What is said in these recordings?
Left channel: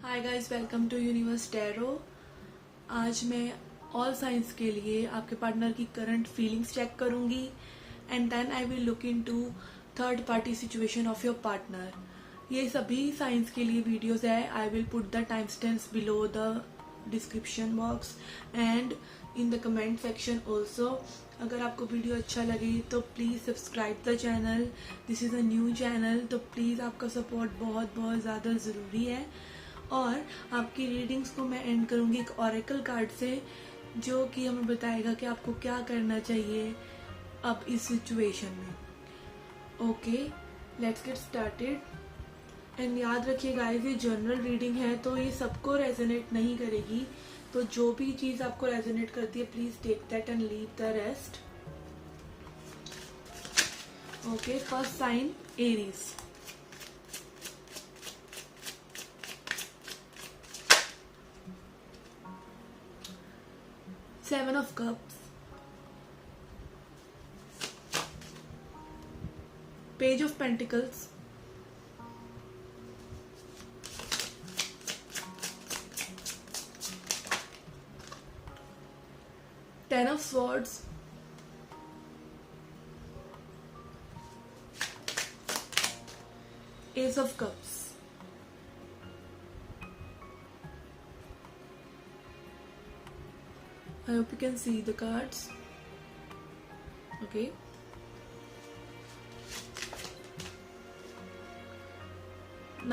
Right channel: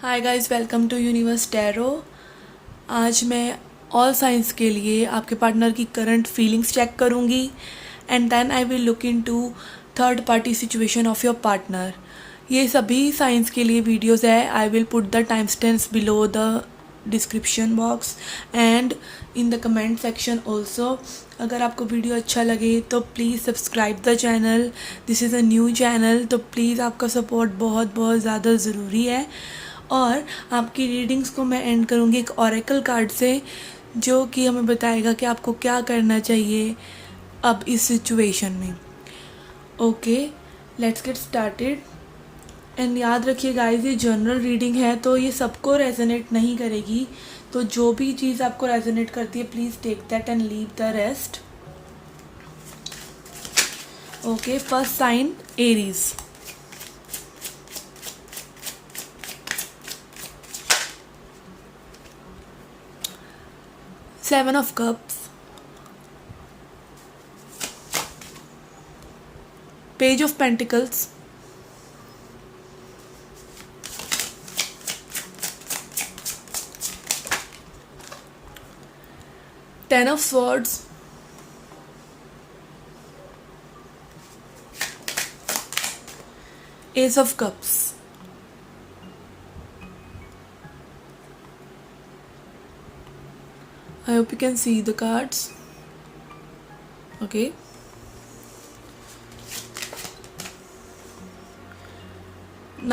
Hi guys, welcome to universe tarot. आज मैं all signs के लिए आपके पार्टनर की करंट फीलिंग्स चेक करूंगी and then I will look into third party situation of your partner. ये सभी साइंस के लिए वीडियोस है। I will put the time stamps below the description box and in the comment section also. अगर आपको वीडियो अच्छा लगे तो please subscribe the channel. This is a new channel, तो प्लीज़ आपका सपोर्ट बहुत बहुत ज़्यादा ज़रूरी है। और आपकी रीडिंग्स को मैं एंड करूँगी एक ऑरेकल कार्ड से, जो कि हमें बताएगा कि आपको क्या करना चाहिए अब इस सिचुएशन में। Okay, let's get started. And याद रखिए गाइस, ये जनरल रीडिंग है तो ये सबको रेजोनेट नहीं करेगी। तो जो भी चीज़ आपको रेजोनेट करती है please take that and leave the rest. Okay, first sign Aries. Seven of Cups, Page of Pentacles, Ten of Swords, Ace of Cups. I hope you can see the cards. Okay.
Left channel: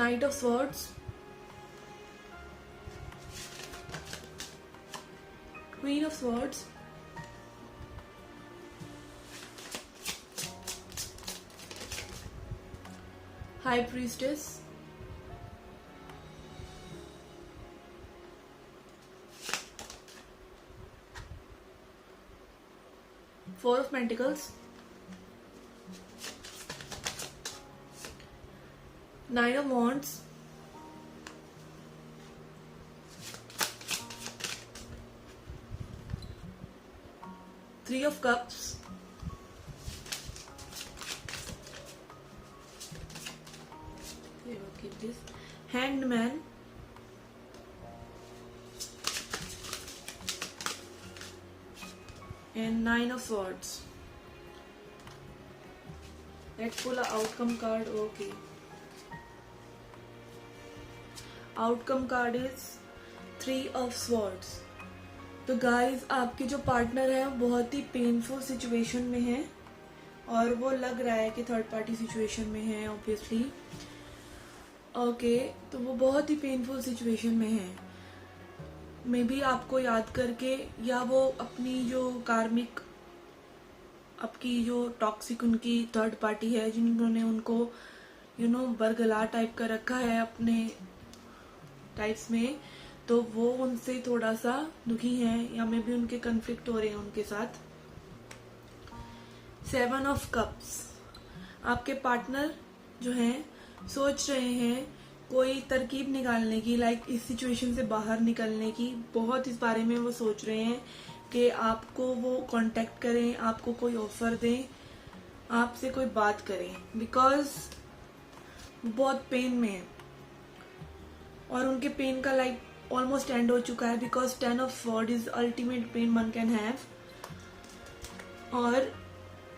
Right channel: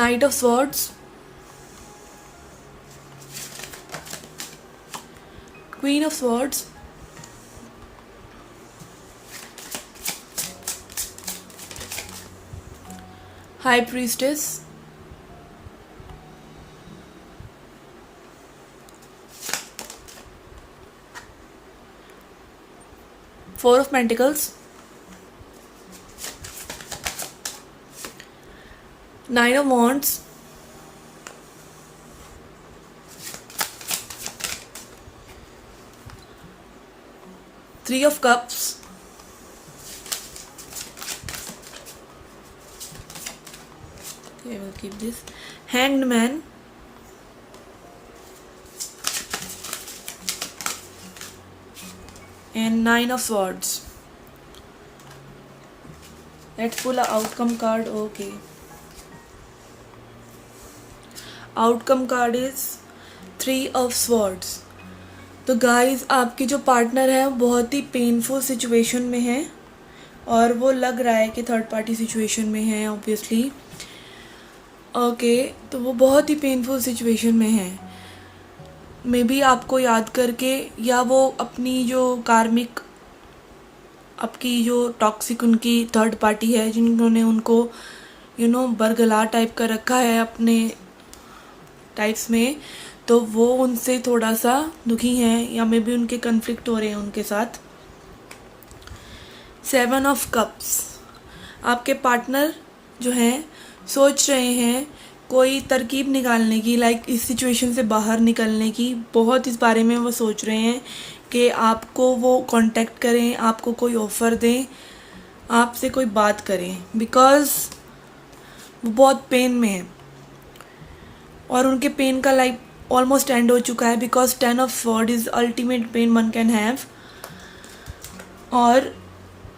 Knight of Swords, Queen of Swords, High Priestess, Four of Pentacles, Nine of Wands, Three of Cups, okay, we'll keep this, Hanged Man, and Nine of Swords. Let's pull a outcome card. Okay, outcome card is Three of Swords. तो guys, आपके जो partner है वो बहुत ही painful situation में है और वो लग रहा है कि थर्ड पार्टी सिचुएशन में है ऑब्वियसली। ओके, तो वो बहुत ही पेनफुल सिचुएशन में है। मे बी आपको याद करके, या वो अपनी जो कार्मिक, आपकी जो टॉक्सिक उनकी थर्ड पार्टी है जिन्होंने उनको बरगला टाइप का रखा है अपने टाइप्स में, तो वो उनसे थोड़ा सा दुखी हैं या मे बी उनके कन्फ्लिक्ट हो रहे हैं उनके साथ। सेवन ऑफ कप्स, आपके पार्टनर जो हैं सोच रहे हैं कोई तरकीब निकालने की, लाइक इस सिचुएशन से बाहर निकलने की। बहुत इस बारे में वो सोच रहे हैं कि आपको वो कांटेक्ट करें, आपको कोई ऑफ़र दें, आपसे कोई बात करें, बिकॉज़ वो बहुत पेन में है और उनके पेन का लाइफ ऑलमोस्ट एंड हो चुका है। Because ten of sword is ultimate pain one can have. और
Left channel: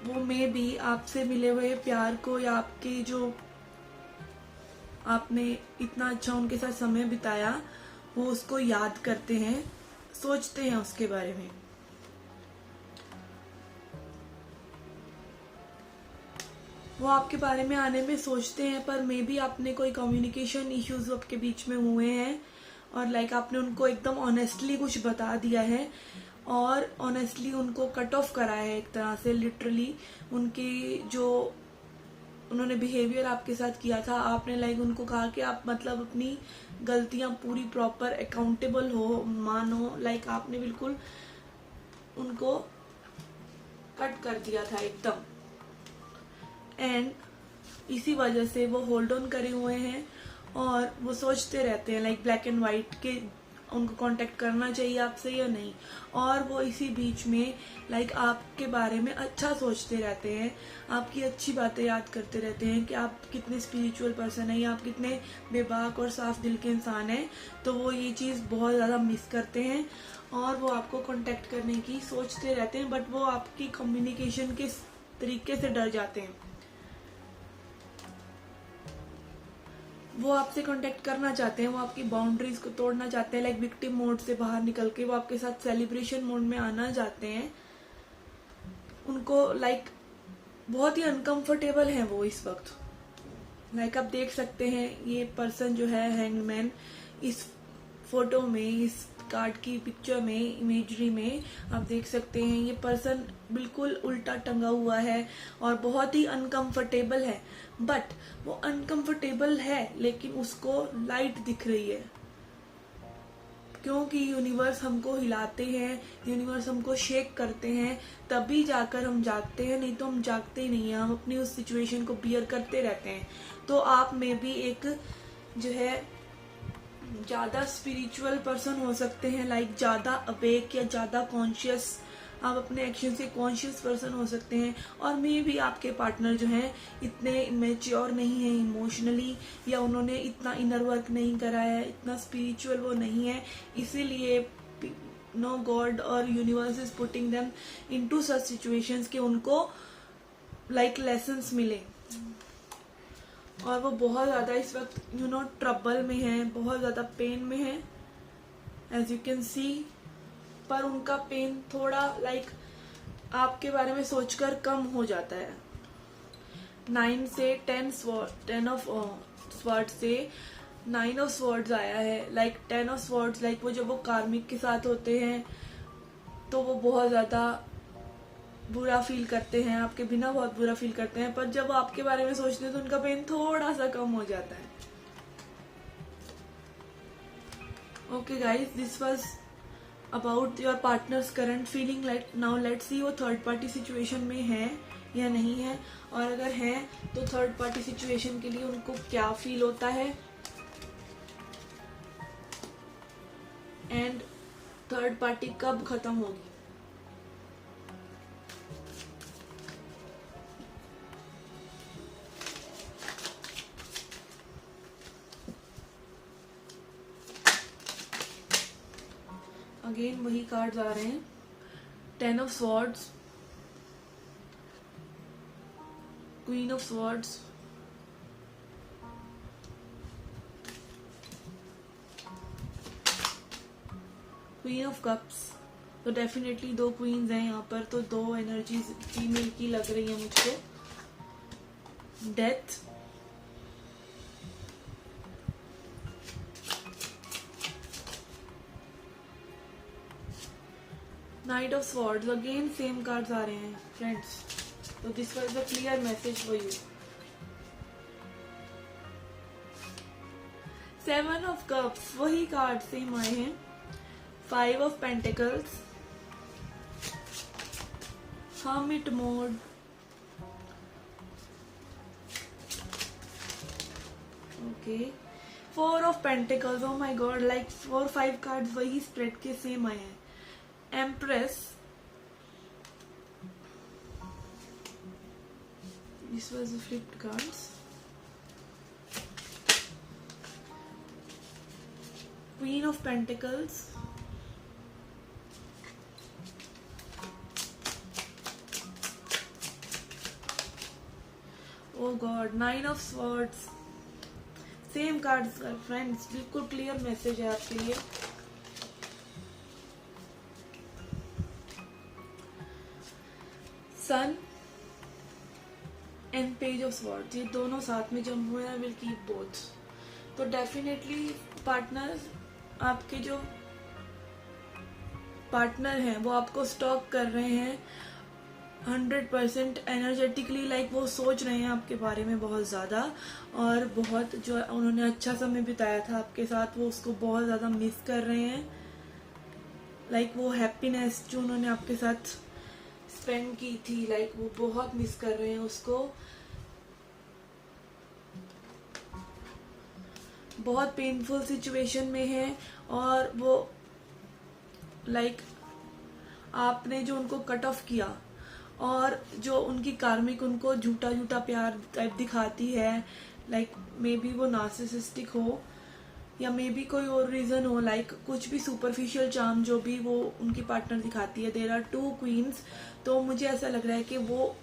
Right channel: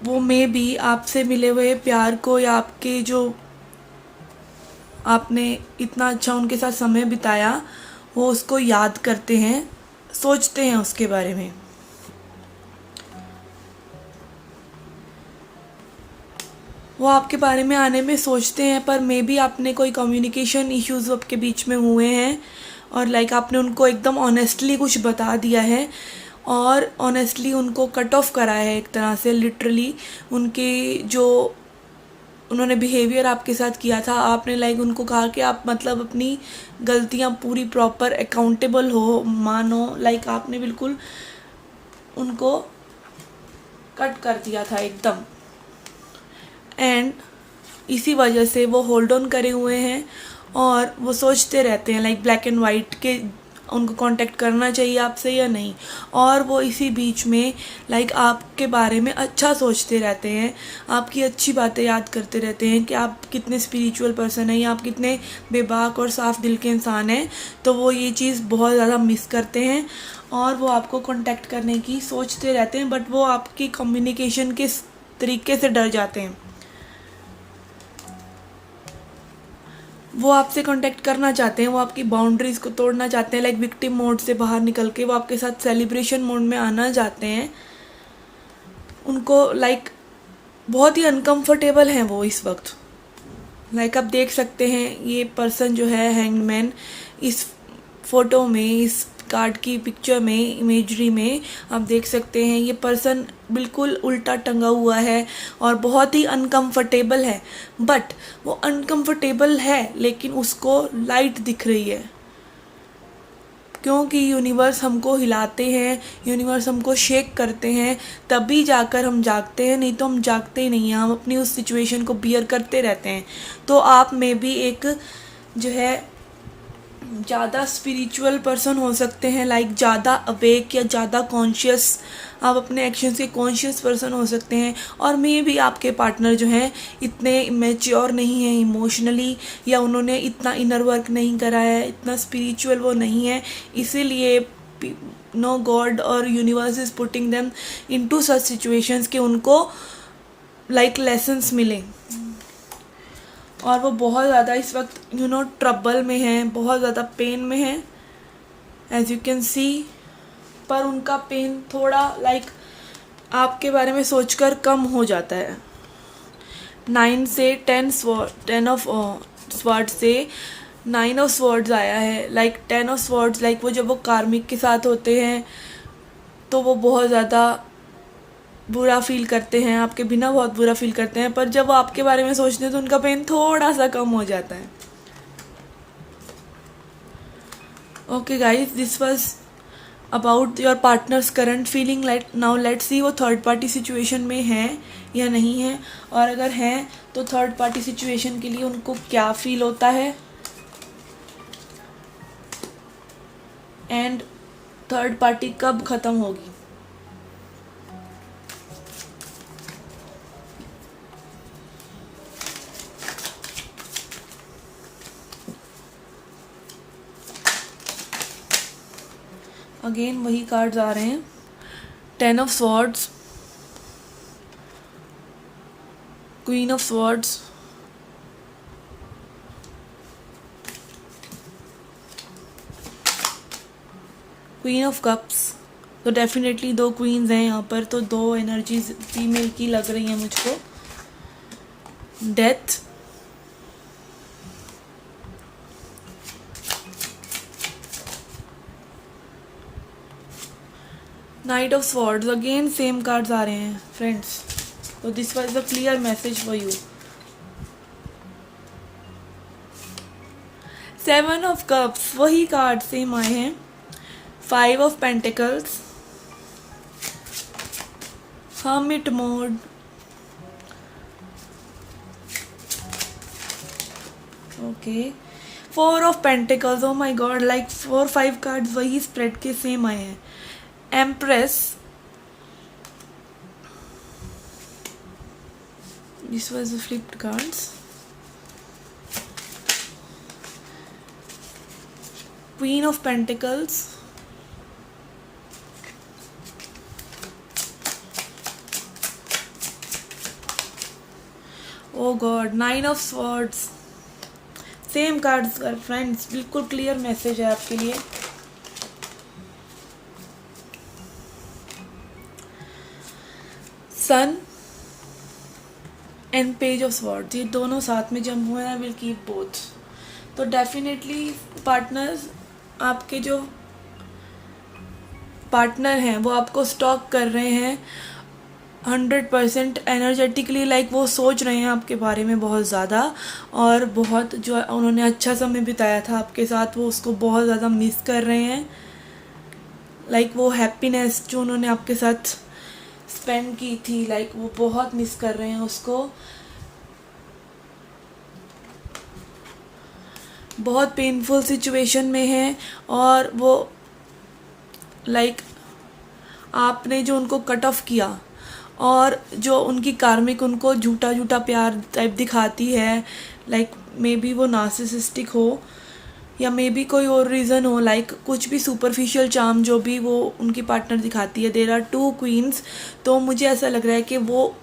वो मे बी आपसे मिले हुए प्यार को, या आपके जो आपने इतना अच्छा उनके साथ समय बिताया, वो उसको याद करते हैं, सोचते हैं उसके बारे में। वो आपके बारे में आने में सोचते हैं, पर मे बी आपने कोई कम्युनिकेशन इश्यूज़ आपके बीच में हुए हैं और लाइक आपने उनको एकदम ऑनेस्टली कुछ बता दिया है और ऑनेस्टली उनको कट ऑफ करा है एक तरह से। लिटरली उनके जो उन्होंने बिहेवियर आपके साथ किया था, आपने लाइक उनको कहा कि आप मतलब अपनी गलतियां पूरी प्रॉपर अकाउंटेबल हो, मानो, लाइक आपने बिल्कुल उनको कट कर दिया था एकदम। एंड इसी वजह से वो होल्ड ऑन करे हुए हैं और वो सोचते रहते हैं, लाइक ब्लैक एंड वाइट के उनको कांटेक्ट करना चाहिए आपसे या नहीं। और वो इसी बीच में लाइक आपके बारे में अच्छा सोचते रहते हैं, आपकी अच्छी बातें याद करते रहते हैं कि आप कितने स्पिरिचुअल पर्सन हैं या आप कितने बेबाक और साफ दिल के इंसान हैं। तो वो ये चीज़ बहुत ज़्यादा मिस करते हैं और वो आपको कांटेक्ट करने की सोचते रहते हैं, बट वो आपकी कम्युनिकेशन के तरीके से डर जाते हैं। वो आपसे कांटेक्ट करना चाहते हैं, वो आपकी बाउंड्रीज़ को तोड़ना चाहते हैं, लाइक विक्टिम मोड से बाहर निकल के वो आपके साथ सेलिब्रेशन मोड में आना चाहते हैं। उनको लाइक बहुत ही अनकंफर्टेबल हैं वो इस वक्त। लाइक आप देख सकते हैं ये पर्सन जो है हैंगमैन, इस फोटो में, इस कार्ड की पिक्चर में, इमेजरी में आप देख सकते हैं ये पर्सन बिल्कुल उल्टा टंगा हुआ है और बहुत ही अनकंफर्टेबल है। बट वो अनकंफर्टेबल है लेकिन उसको लाइट दिख रही है, क्योंकि यूनिवर्स हमको हिलाते हैं, यूनिवर्स हमको शेक करते हैं, तभी जाकर हम जागते हैं, नहीं तो हम जागते ही नहीं हैं, हम अपनी उस सिचुएशन को बियर करते रहते हैं। तो आप में भी एक जो है ज़्यादा स्पिरिचुअल पर्सन हो सकते हैं, लाइक ज़्यादा अवेक या ज़्यादा कॉन्शियस, आप अपने एक्शंस के कॉन्शियस पर्सन हो सकते हैं। और मे भी आपके पार्टनर जो हैं इतने मैच्योर नहीं हैं इमोशनली, या उन्होंने इतना इनर वर्क नहीं करा है, इतना स्पिरिचुअल वो नहीं है, इसीलिए नो गॉड और universe is putting them into such situations कि उनको लाइक लेसन्स मिलें। और वो बहुत ज़्यादा इस वक्त ट्रबल में हैं, बहुत ज़्यादा पेन में हैं एज यू कैन सी। पर उनका पेन थोड़ा लाइक आपके बारे में सोचकर कम हो जाता है। 9 से 10 ऑफ स्वॉर्ड्स से 9 ऑफ स्वॉर्ड्स आया है। लाइक 10 ऑफ स्वॉर्ड्स, लाइक वो जब वो कार्मिक के साथ होते हैं तो वो बहुत ज़्यादा बुरा फील करते हैं, आपके बिना बहुत बुरा फील करते हैं, पर जब वो आपके बारे में सोचते हैं तो उनका पेन थोड़ा सा कम हो जाता है। Okay guys, this was about your partners current feeling. Now let's see वो थर्ड पार्टी सिचुएशन में है या नहीं है, और अगर हैं तो थर्ड पार्टी सिचुएशन के लिए उनको क्या फील होता है, एंड थर्ड पार्टी कब ख़त्म होगी। अगेन वही कार्ड्स आ रहे हैं, 10 of swords, queen of swords, queen of cups. तो डेफिनेटली 2 क्वींस हैं यहाँ पर, तो 2 एनर्जीज फीमेल की लग रही हैं मुझको। Death, night of swords. Again same cards आ रहे हैं फ्रेंड्स, तो this was the clear message for you. 7 of cups, वही कार्ड सेम आए हैं। 5 of pentacles, hermit mode, okay, 4 of pentacles. Oh my god, like 4-5 cards वही spread के same आए हैं। Empress, this was the flipped cards. Queen of Pentacles, oh God, 9 of Swords. Same cards friends, बिल्कुल clear message है आपके लिए। सन and page of swords, ये दोनों साथ में जब हुए हैं, विल कीप बोथ। तो डेफिनेटली पार्टनर्स, आपके जो पार्टनर हैं वो आपको स्टॉक कर रहे हैं 100% एनर्जेटिकली, लाइक वो सोच रहे हैं आपके बारे में बहुत ज़्यादा, और बहुत जो उन्होंने अच्छा समय बिताया था आपके साथ वो उसको बहुत ज़्यादा मिस कर रहे हैं। लाइक वो हैप्पीनेस जो उन्होंने आपके साथ स्पेंड की थी, लाइक वो बहुत मिस कर रहे हैं उसको। बहुत पेनफुल सिचुएशन में हैं और वो लाइक आपने जो उनको कट ऑफ किया और जो उनकी कार्मिक उनको झूठा झूठा प्यार टाइप दिखाती है, लाइक मे बी वो नार्सिसिस्टिक हो या मे बी कोई और रीज़न हो, लाइक कुछ भी सुपरफिशियल चार्म जो भी वो उनकी पार्टनर दिखाती है। There are two queens. तो मुझे ऐसा लग रहा है कि वो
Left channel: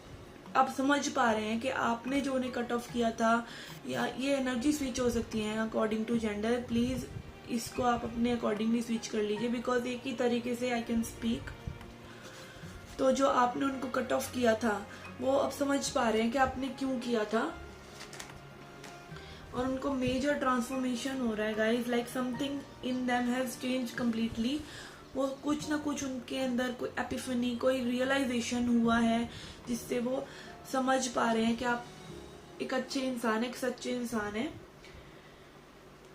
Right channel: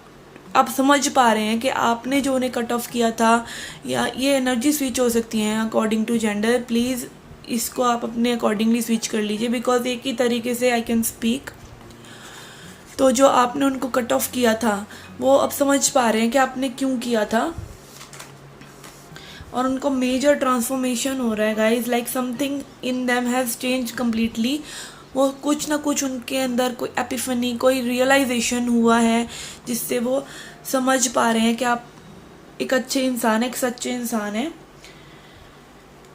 आप समझ पा रहे हैं कि आपने जो उन्हें कट ऑफ किया था, या ये एनर्जी स्विच हो सकती हैं अकॉर्डिंग टू जेंडर। प्लीज़ इसको आप अपने अकॉर्डिंगली स्विच कर लीजिए, बिकॉज एक ही तरीके से आई कैन स्पीक। तो जो आपने उनको कट ऑफ किया था वो अब समझ पा रहे हैं कि आपने क्यों किया था, और उनको मेजर ट्रांसफॉर्मेशन हो रहा है guys, like something in them has change completely. वो कुछ ना कुछ उनके अंदर कोई एपिफनी, कोई रियलाइजेशन हुआ है जिससे वो समझ पा रहे हैं कि आप एक अच्छे इंसान हैं, एक सच्चे इंसान हैं।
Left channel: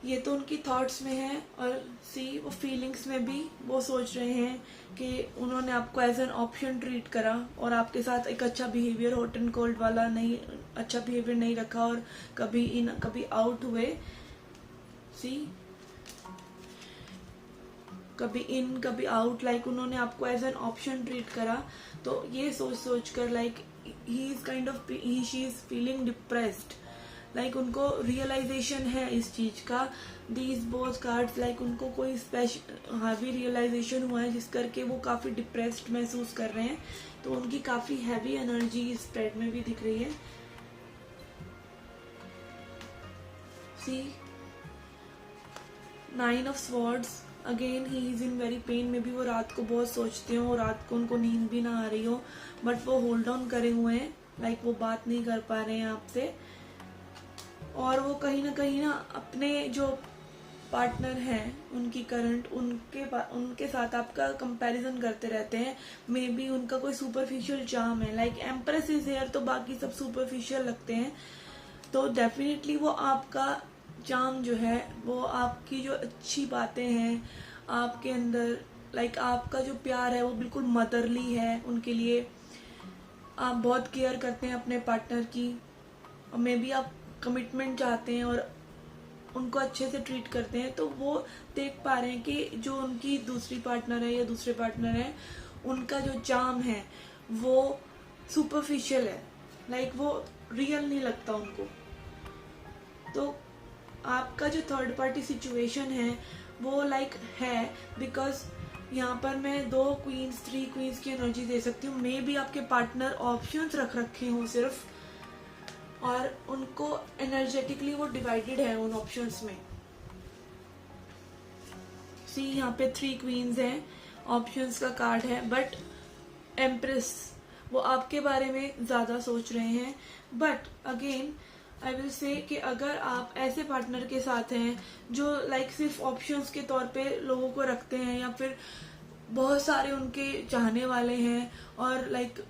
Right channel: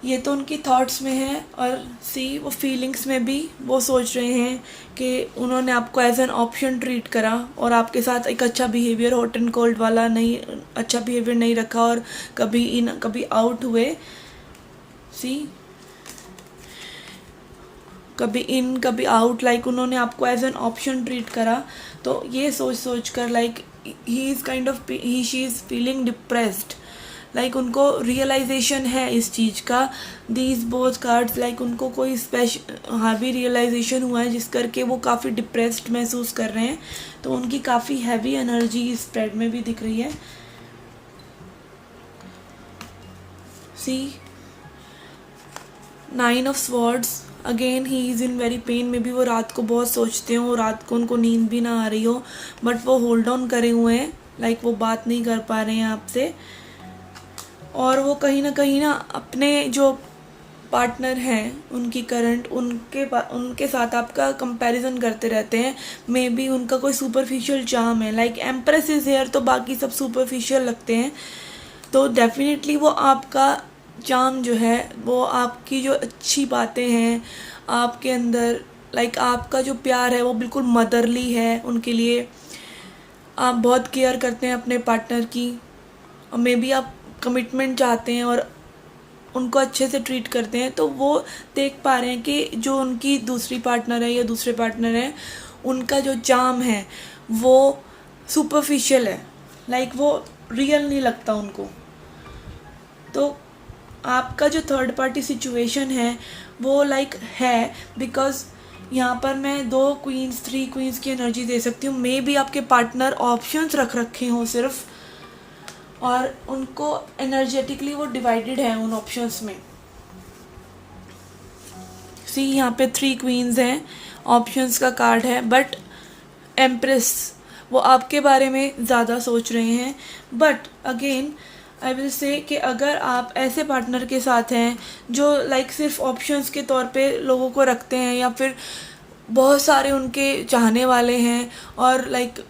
ये तो उनकी थॉट्स में है, और सी वो फीलिंग्स में भी वो सोच रहे हैं कि उन्होंने आपको एज एन ऑप्शन ट्रीट करा और आपके साथ एक अच्छा बिहेवियर, हॉट एंड कोल्ड वाला नहीं, अच्छा बिहेवियर नहीं रखा, और कभी इन कभी आउट हुए। सी कभी इन कभी आउट, लाइक उन्होंने आपको एज एन ऑप्शन ट्रीट करा। तो ये सोच कर like he is kind of he she is feeling depressed, like उनको रियलाइजेशन है इस चीज़ का। दीज बोथ कार्ड्स लाइक उनको कोई स्पेशल हैवी रियलाइजेशन हुआ है जिस करके वो काफ़ी डिप्रेस्ड महसूस कर रहे हैं। तो उनकी काफ़ी हैवी एनर्जी इस स्प्रेड में भी दिख रही है। See 9 of swords, again he is in very pain. में भी वो रात को बहुत सोचते हो, रात को उनको नींद भी ना आ रही हो, बट वो होल्ड ऑन करे हुए हैं, लाइक वो बात नहीं कर पा रहे हैं आपसे। और वो कहीं ना अपने जो पार्टनर हैं उनकी करंट, उनके साथ आपका कंपैरिजन करते रहते हैं। मे बी उनका कोई सुपरफिशियल चार्म है, लाइक एम्प्रेस इज हेयर, तो बाकी सब सुपरफिशियल लगते हैं। तो डेफिनेटली वो आपका चार्म जो है, वो आपकी जो अच्छी बातें हैं आपके अंदर, लाइक आपका जो प्यार है वो बिल्कुल मदरली है उनके लिए। आप बहुत केयर करते हैं अपने पार्टनर की, और मे बी आप कमिटमेंट चाहते हैं और उनको अच्छे से ट्रीट करते हैं। तो वो देख पा रहे हैं कि जो उनकी दूसरी पार्टनर है या दूसरे पार्टनर है, उनका जो चार्म है वो सुपरफिशियल है, लाइक वो रियल नहीं लगता उनको। तो आपका जो थर्ड पार्टी सिचुएशन है वो लाइक है, बिकॉज यहाँ पर मैं 2 क्वींस 3 क्वींस की एनर्जी दे सकती हूँ। मे बी आपके पार्टनर ऑप्शंस रख रखे हों सिर्फ, और उनको एनर्जेटिकली वो डिवाइडेड है उन ऑप्शंस में। सी यहाँ पे 3 क्वींस हैं, ऑप्शंस का कार्ड है, बट एम्प्रेस वो आपके बारे में ज़्यादा सोच रहे हैं। But again I will say कि अगर आप ऐसे पार्टनर के साथ हैं जो लाइक सिर्फ ऑप्शंस के तौर पे लोगों को रखते हैं, या फिर बहुत सारे उनके चाहने वाले हैं, और लाइक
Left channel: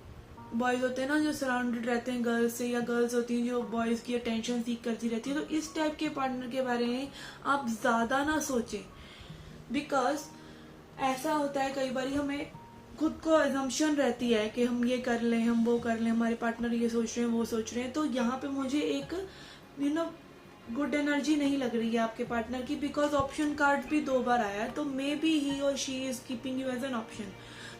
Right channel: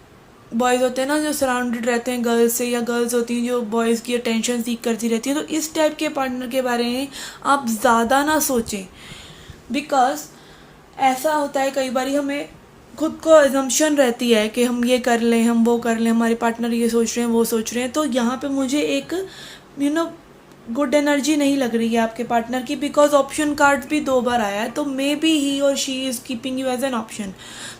बॉयज़ होते हैं ना जो सराउंडेड रहते हैं गर्ल्स से, या गर्ल्स होती हैं जो बॉयज़ की अटेंशन सीख करती रहती हैं, तो इस टाइप के पार्टनर के बारे में आप ज़्यादा ना सोचें। बिकॉज ऐसा होता है कई बार हमें खुद को एजम्पशन रहती है कि हम ये कर लें, हम वो कर लें, हमारे पार्टनर ये सोच रहे हैं, वो सोच रहे हैं। तो यहाँ पे मुझे एक गुड एनर्जी नहीं लग रही है आपके पार्टनर की, बिकॉज ऑप्शन कार्ड भी 2 बार आया है। तो मे बी ही और she is keeping you as an option.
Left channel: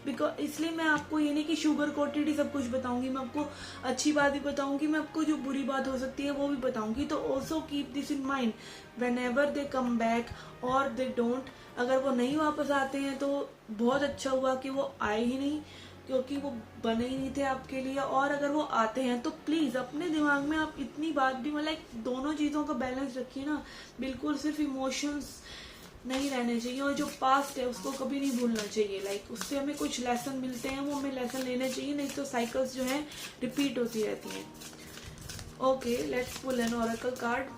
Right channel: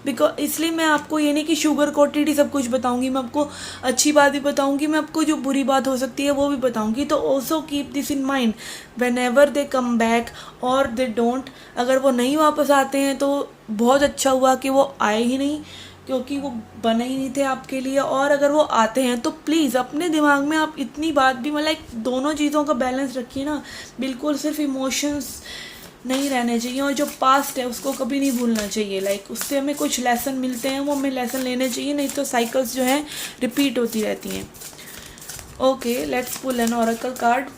Because इसलिए मैं आपको ये नहीं कि शुगर कोटेड ही सब कुछ बताऊंगी, मैं आपको अच्छी बात भी बताऊंगी, मैं आपको जो बुरी बात हो सकती है वो भी बताऊंगी। तो also keep this in mind when ever they come back और दे डोंट। अगर वो नहीं वापस आते हैं तो बहुत अच्छा हुआ कि वो आए ही नहीं, क्योंकि वो बने ही नहीं थे आपके लिए। और अगर वो आते हैं तो प्लीज़ अपने दिमाग में आप इतनी बात भी मतलब दोनों चीज़ों का बैलेंस रखिए ना। बिल्कुल सिर्फ इमोशंस नहीं रहने चाहिए, और जो पास्ट है उसको कभी नहीं भूलना चाहिए। लाइक उससे हमें कुछ लेसन मिलते हैं, वो हमें लेसन लेने चाहिए, नहीं तो साइकिल्स जो हैं रिपीट होती रहती हैं। Okay, let's pull an oracle card.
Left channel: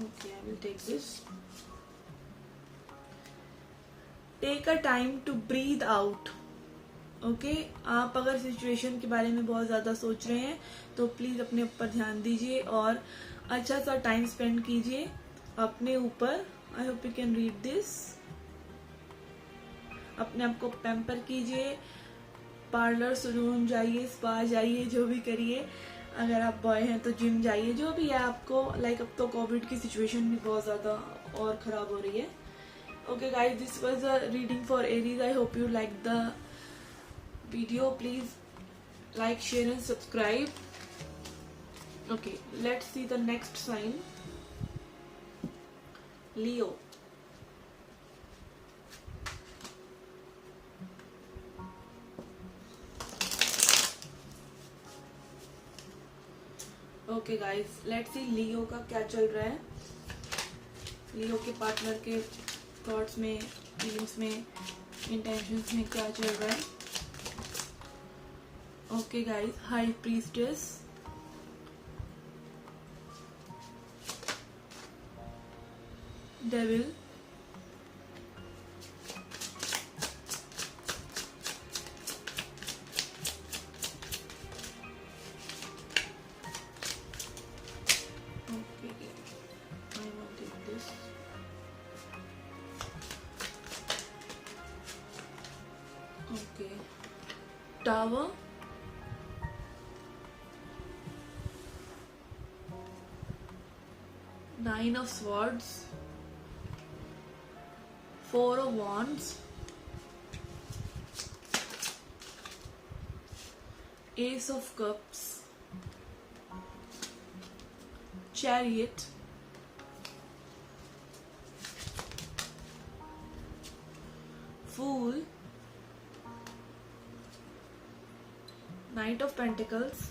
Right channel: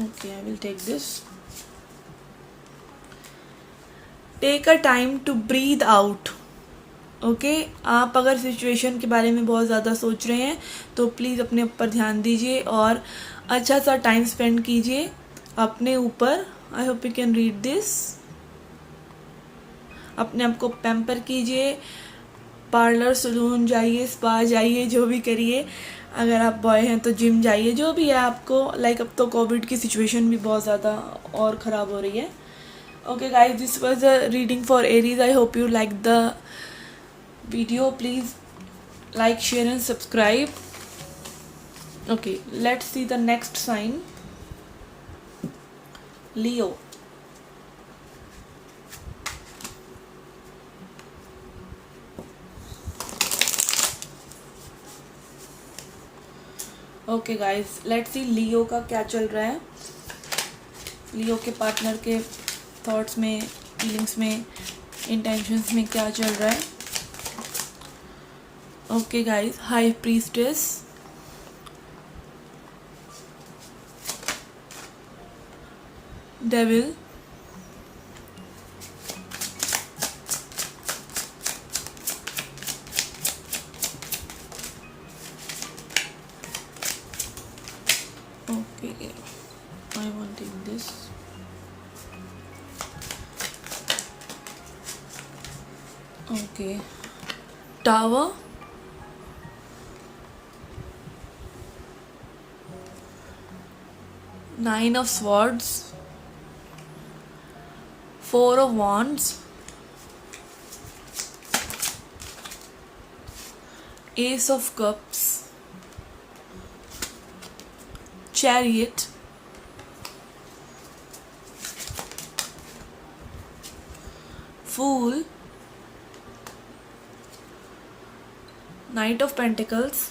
Okay, I will take this. Take a time to breathe out. Okay, आप अगर सिचुएशन के बारे में बहुत ज़्यादा सोच रहे हैं तो प्लीज़ अपने ऊपर ध्यान दीजिए और अच्छा सा टाइम स्पेंड कीजिए अपने ऊपर। I hope you can read this. अपने आप को पैम्पर कीजिए, पार्लर सलून जाइए, स्पा जाइए, जो भी करिए, अगर आप बॉय हैं तो जिम जाइए, जो भी है आपको, लाइक अब तो कोविड की सिचुएशन भी बहुत ज़्यादा और ख़राब हो रही है. Okay guys, this was a reading for Aries. I hope you liked the video. Please like, share and subscribe. Okay, let's see the next sign. Leo. Okay guys, let's see Leo का क्या चल रहा है. लियो के partner के thoughts में, feelings में, intentions में क्या चल रहा है. Okay guys, high priestess, devil, okay I want to take this. Okay, Tower, Nine of Swords, Four of Wands, Ace of Cups, Chariot, Fool, Knight of Pentacles,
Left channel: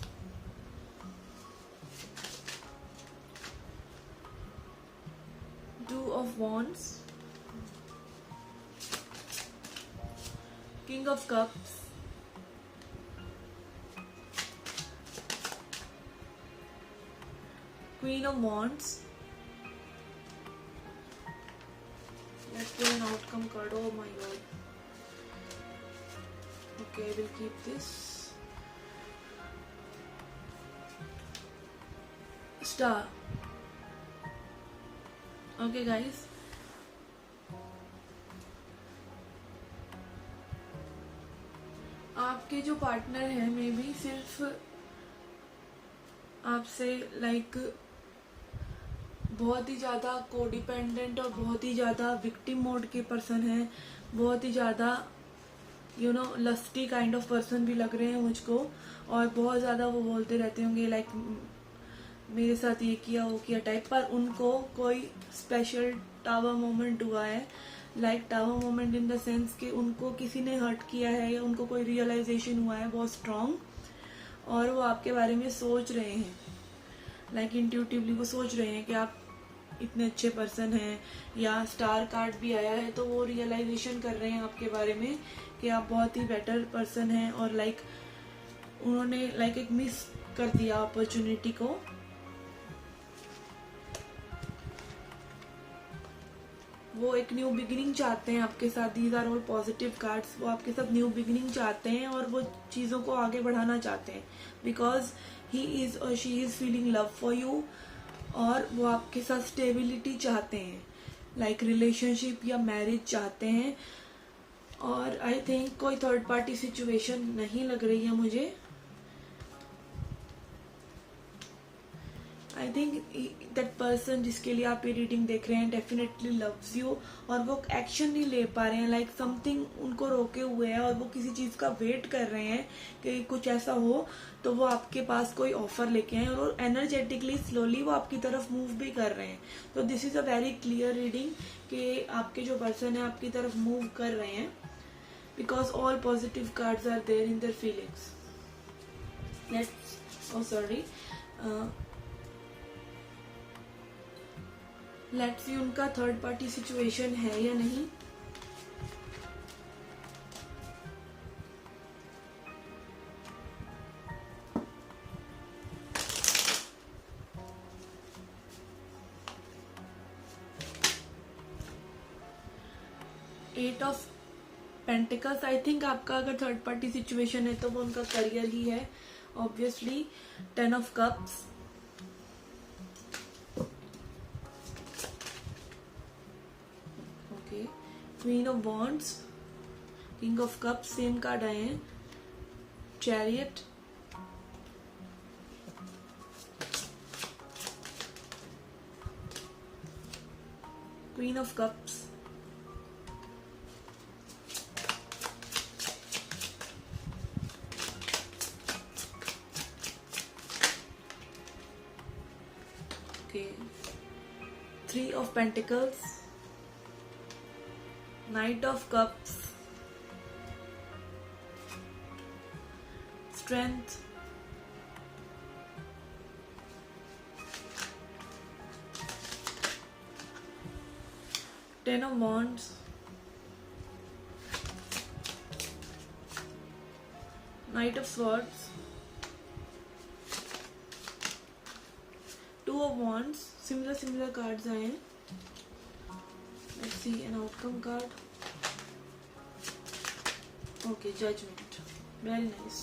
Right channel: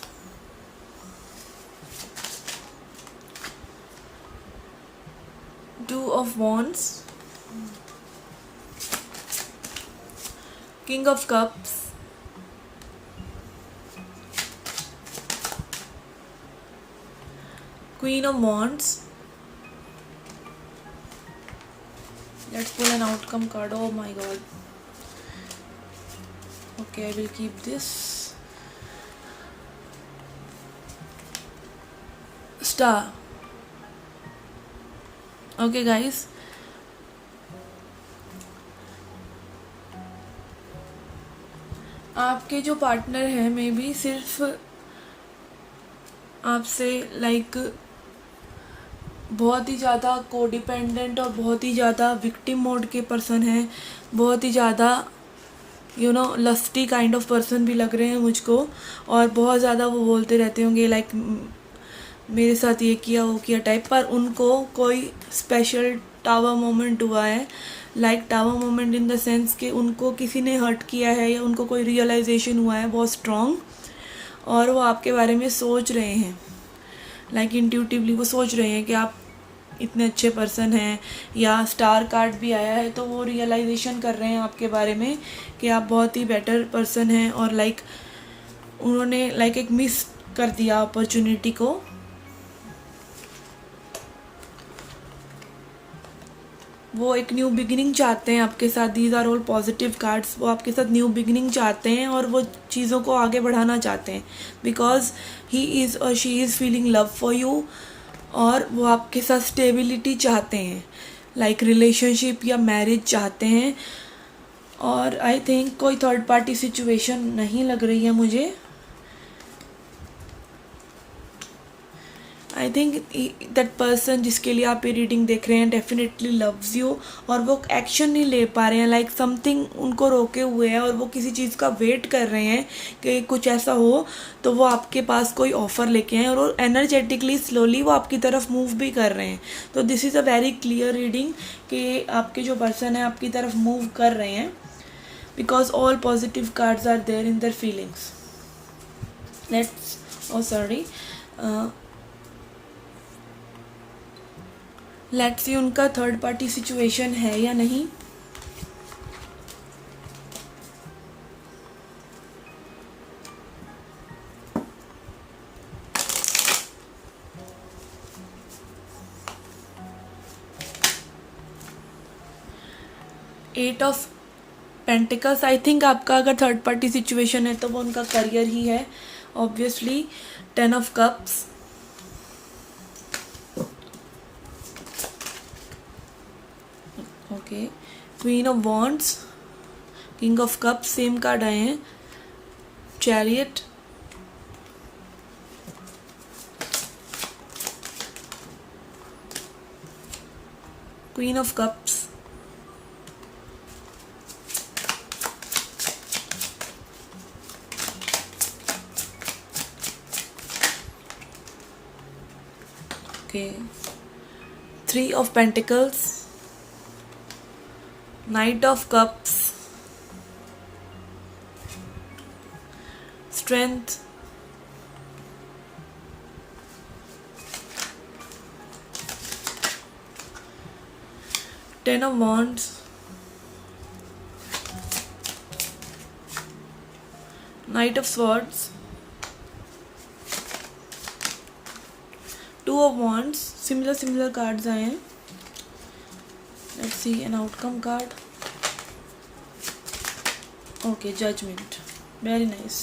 Two of Wands, King of Cups, Queen of Wands. Let's pull an outcome card. Oh my god. Okay, I will keep this. Star. Okay guys, आपके जो partner हैं may be सिर्फ आपसे like बहुत ही ज़्यादा codependent और बहुत ही ज़्यादा विक्टिम मोड के पर्सन हैं, बहुत ही ज़्यादा लस्टी काइंड ऑफ पर्सन भी लग रहे हैं मुझको. और बहुत ज़्यादा वो बोलते रहते होंगे लाइक मेरे साथ ये किया वो किया टाइप. पर उनको कोई स्पेशल टावर मोमेंट हुआ है, like tower moment in the sense कि उनको किसी ने हर्ट किया है या उनको कोई रियलाइजेशन हुआ है बहुत स्ट्रॉन्ग, और वो आपके बारे में सोच रहे हैं. लाइक इंट्यूटिवली वो सोच रहे हैं कि आप इतने अच्छे पर्सन हैं. या स्टार कार्ड भी आया है तो वो रियलाइजेशन कर रहे हैं आपके बारे में कि आप बहुत ही बेटर पर्सन हैं. और लाइक उन्होंने लाइक एक मिस कर दिया अपॉर्चुनिटी को. वो एक न्यू बिगिनिंग चाहते हैं आपके साथ. These are all positive cards. वो आपके साथ न्यू बिगिनिंग चाहते हैं और वो चीज़ों को आगे बढ़ाना चाहते हैं बिकॉज ही इज़ और she is feeling love for you. और वो आपके साथ स्टेबिलिटी चाहते हैं, लाइक रिलेशनशिप या मैरिज चाहते हैं. और आई थिंक कोई थर्ड पार्टी सिचुएशन नहीं लग रही है मुझे. आई थिंक दैट पर्सन जिसके लिए आप ये रीडिंग देख रहे हैं डेफिनेटली लव्स यू. और वो एक्शन नहीं ले पा रहे हैं, लाइक समथिंग उनको रोके हुए है और वो किसी चीज़ का वेट कर रहे हैं कि कुछ ऐसा हो तो वो आपके पास कोई ऑफ़र लेके आए. और वो एनर्जेटिकली स्लोली वो आपकी तरफ मूव भी कर रहे हैं. तो this is a very clear reading कि आपके जो पर्सन है आपकी तरफ मूव कर रहे हैं because all positive cards are there in their feelings. Let's see उनका थर्ड पार्टी सिचुएशन है या नहीं. Eight of pentacles. I think आपका अगर थर्ड पार्टी सिचुएशन है तो वो उनका करियर ही है obviously. Ten of cups, okay, queen of wands, king of cups, same card आए हैं. Chariot, Queen of Cups, okay, Three of Pentacles, Knight of Cups, Strength, Ten of Wands, Knight of Swords, Two of Wands. Similar cards आए हैं. Let's see an outcome card. Okay, Judgment. Very nice.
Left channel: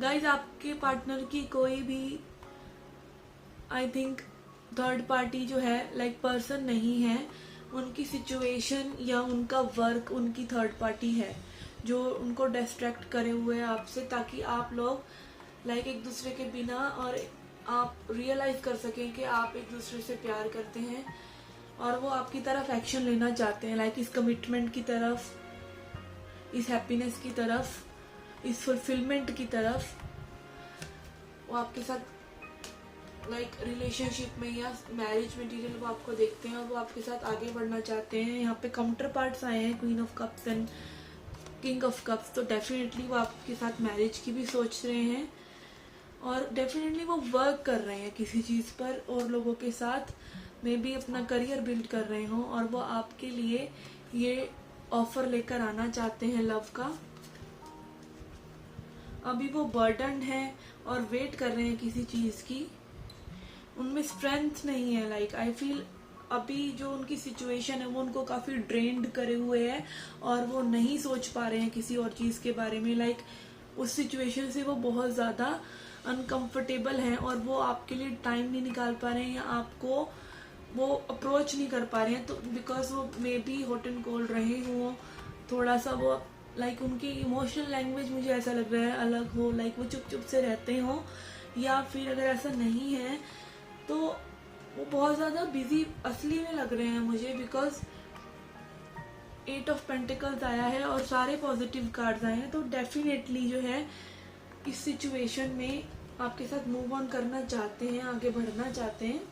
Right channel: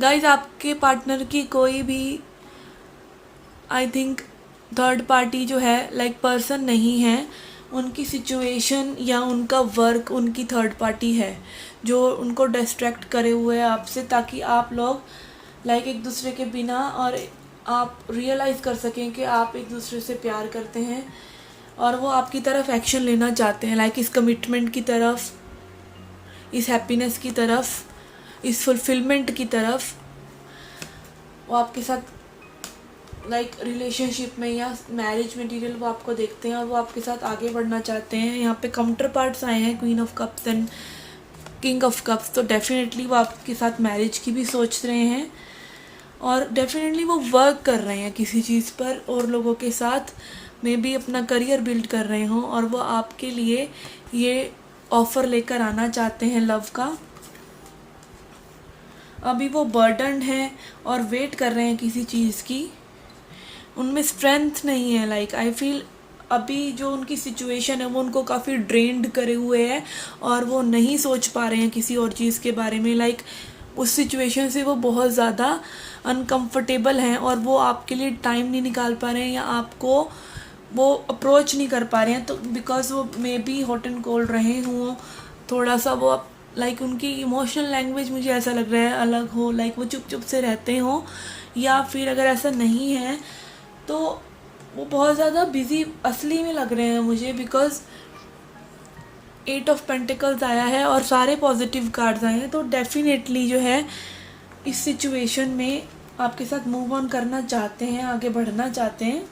Guys आपके partner की कोई भी I think third party जो है like person नहीं है, उनकी सिचुएशन या उनका वर्क उनकी थर्ड पार्टी है जो उनको डिस्ट्रैक्ट करे हुए है आपसे, ताकि आप लोग लाइक एक दूसरे के बिना और आप रियलाइज़ कर सकें कि आप एक दूसरे से प्यार करते हैं और वो आपकी तरफ एक्शन लेना चाहते हैं, लाइक इस कमिटमेंट की तरफ, इस हैप्पीनेस की तरफ, इस फुलफिलमेंट की तरफ वो आपके साथ लाइक रिलेशनशिप में या मैरिज मटेरियल वो आपको देखते हैं और वो आपके साथ आगे बढ़ना चाहते हैं. यहाँ पे काउंटर पार्ट्स आए हैं, queen of cups and king of cups, तो डेफिनेटली वो आपके साथ मैरिज की भी सोच रहे हैं और डेफिनेटली वो वर्क कर रहे हैं किसी चीज़ पर और लोगों के साथ मे भी अपना करियर बिल्ड कर रहे हों और वो आपके लिए ये ऑफ़र लेकर आना चाहते हैं लव का. अभी वो बर्डन्ड हैं और वेट कर रहे हैं किसी चीज़ की, उनमें स्ट्रेंथ नहीं है. लाइक आई फील अभी जो उनकी सिचुएशन है वो उनको काफ़ी ड्रेन्ड करे हुए है और वो नहीं सोच पा रहे हैं किसी और चीज़ के बारे में. लाइक उस सिचुएशन से वो बहुत ज़्यादा अनकंफर्टेबल हैं और वो आपके लिए टाइम नहीं निकाल पा रहे हैं या आपको वो अप्रोच नहीं कर पा रहे हैं, तो बिकॉज वो may be hot and cold रहे हों, थोड़ा सा वो लाइक उनकी इमोशनल लैंग्वेज मुझे ऐसा लग रहा है अलग हो, लाइक वो चुप चुप से रहते हों, या फिर अगर ऐसा नहीं है तो वो बहुत ज़्यादा बिजी असली में लग रहे हैं मुझे, बिकॉज 8 ऑफ पेंटिकल्स आया है और सारे पॉजिटिव कार्ड्स आए हैं. तो डेफिनेटली जो है इस सिचुएशन में आपके साथ मूव ऑन करना चाहते हैं, आगे बढ़ना चाहते हैं.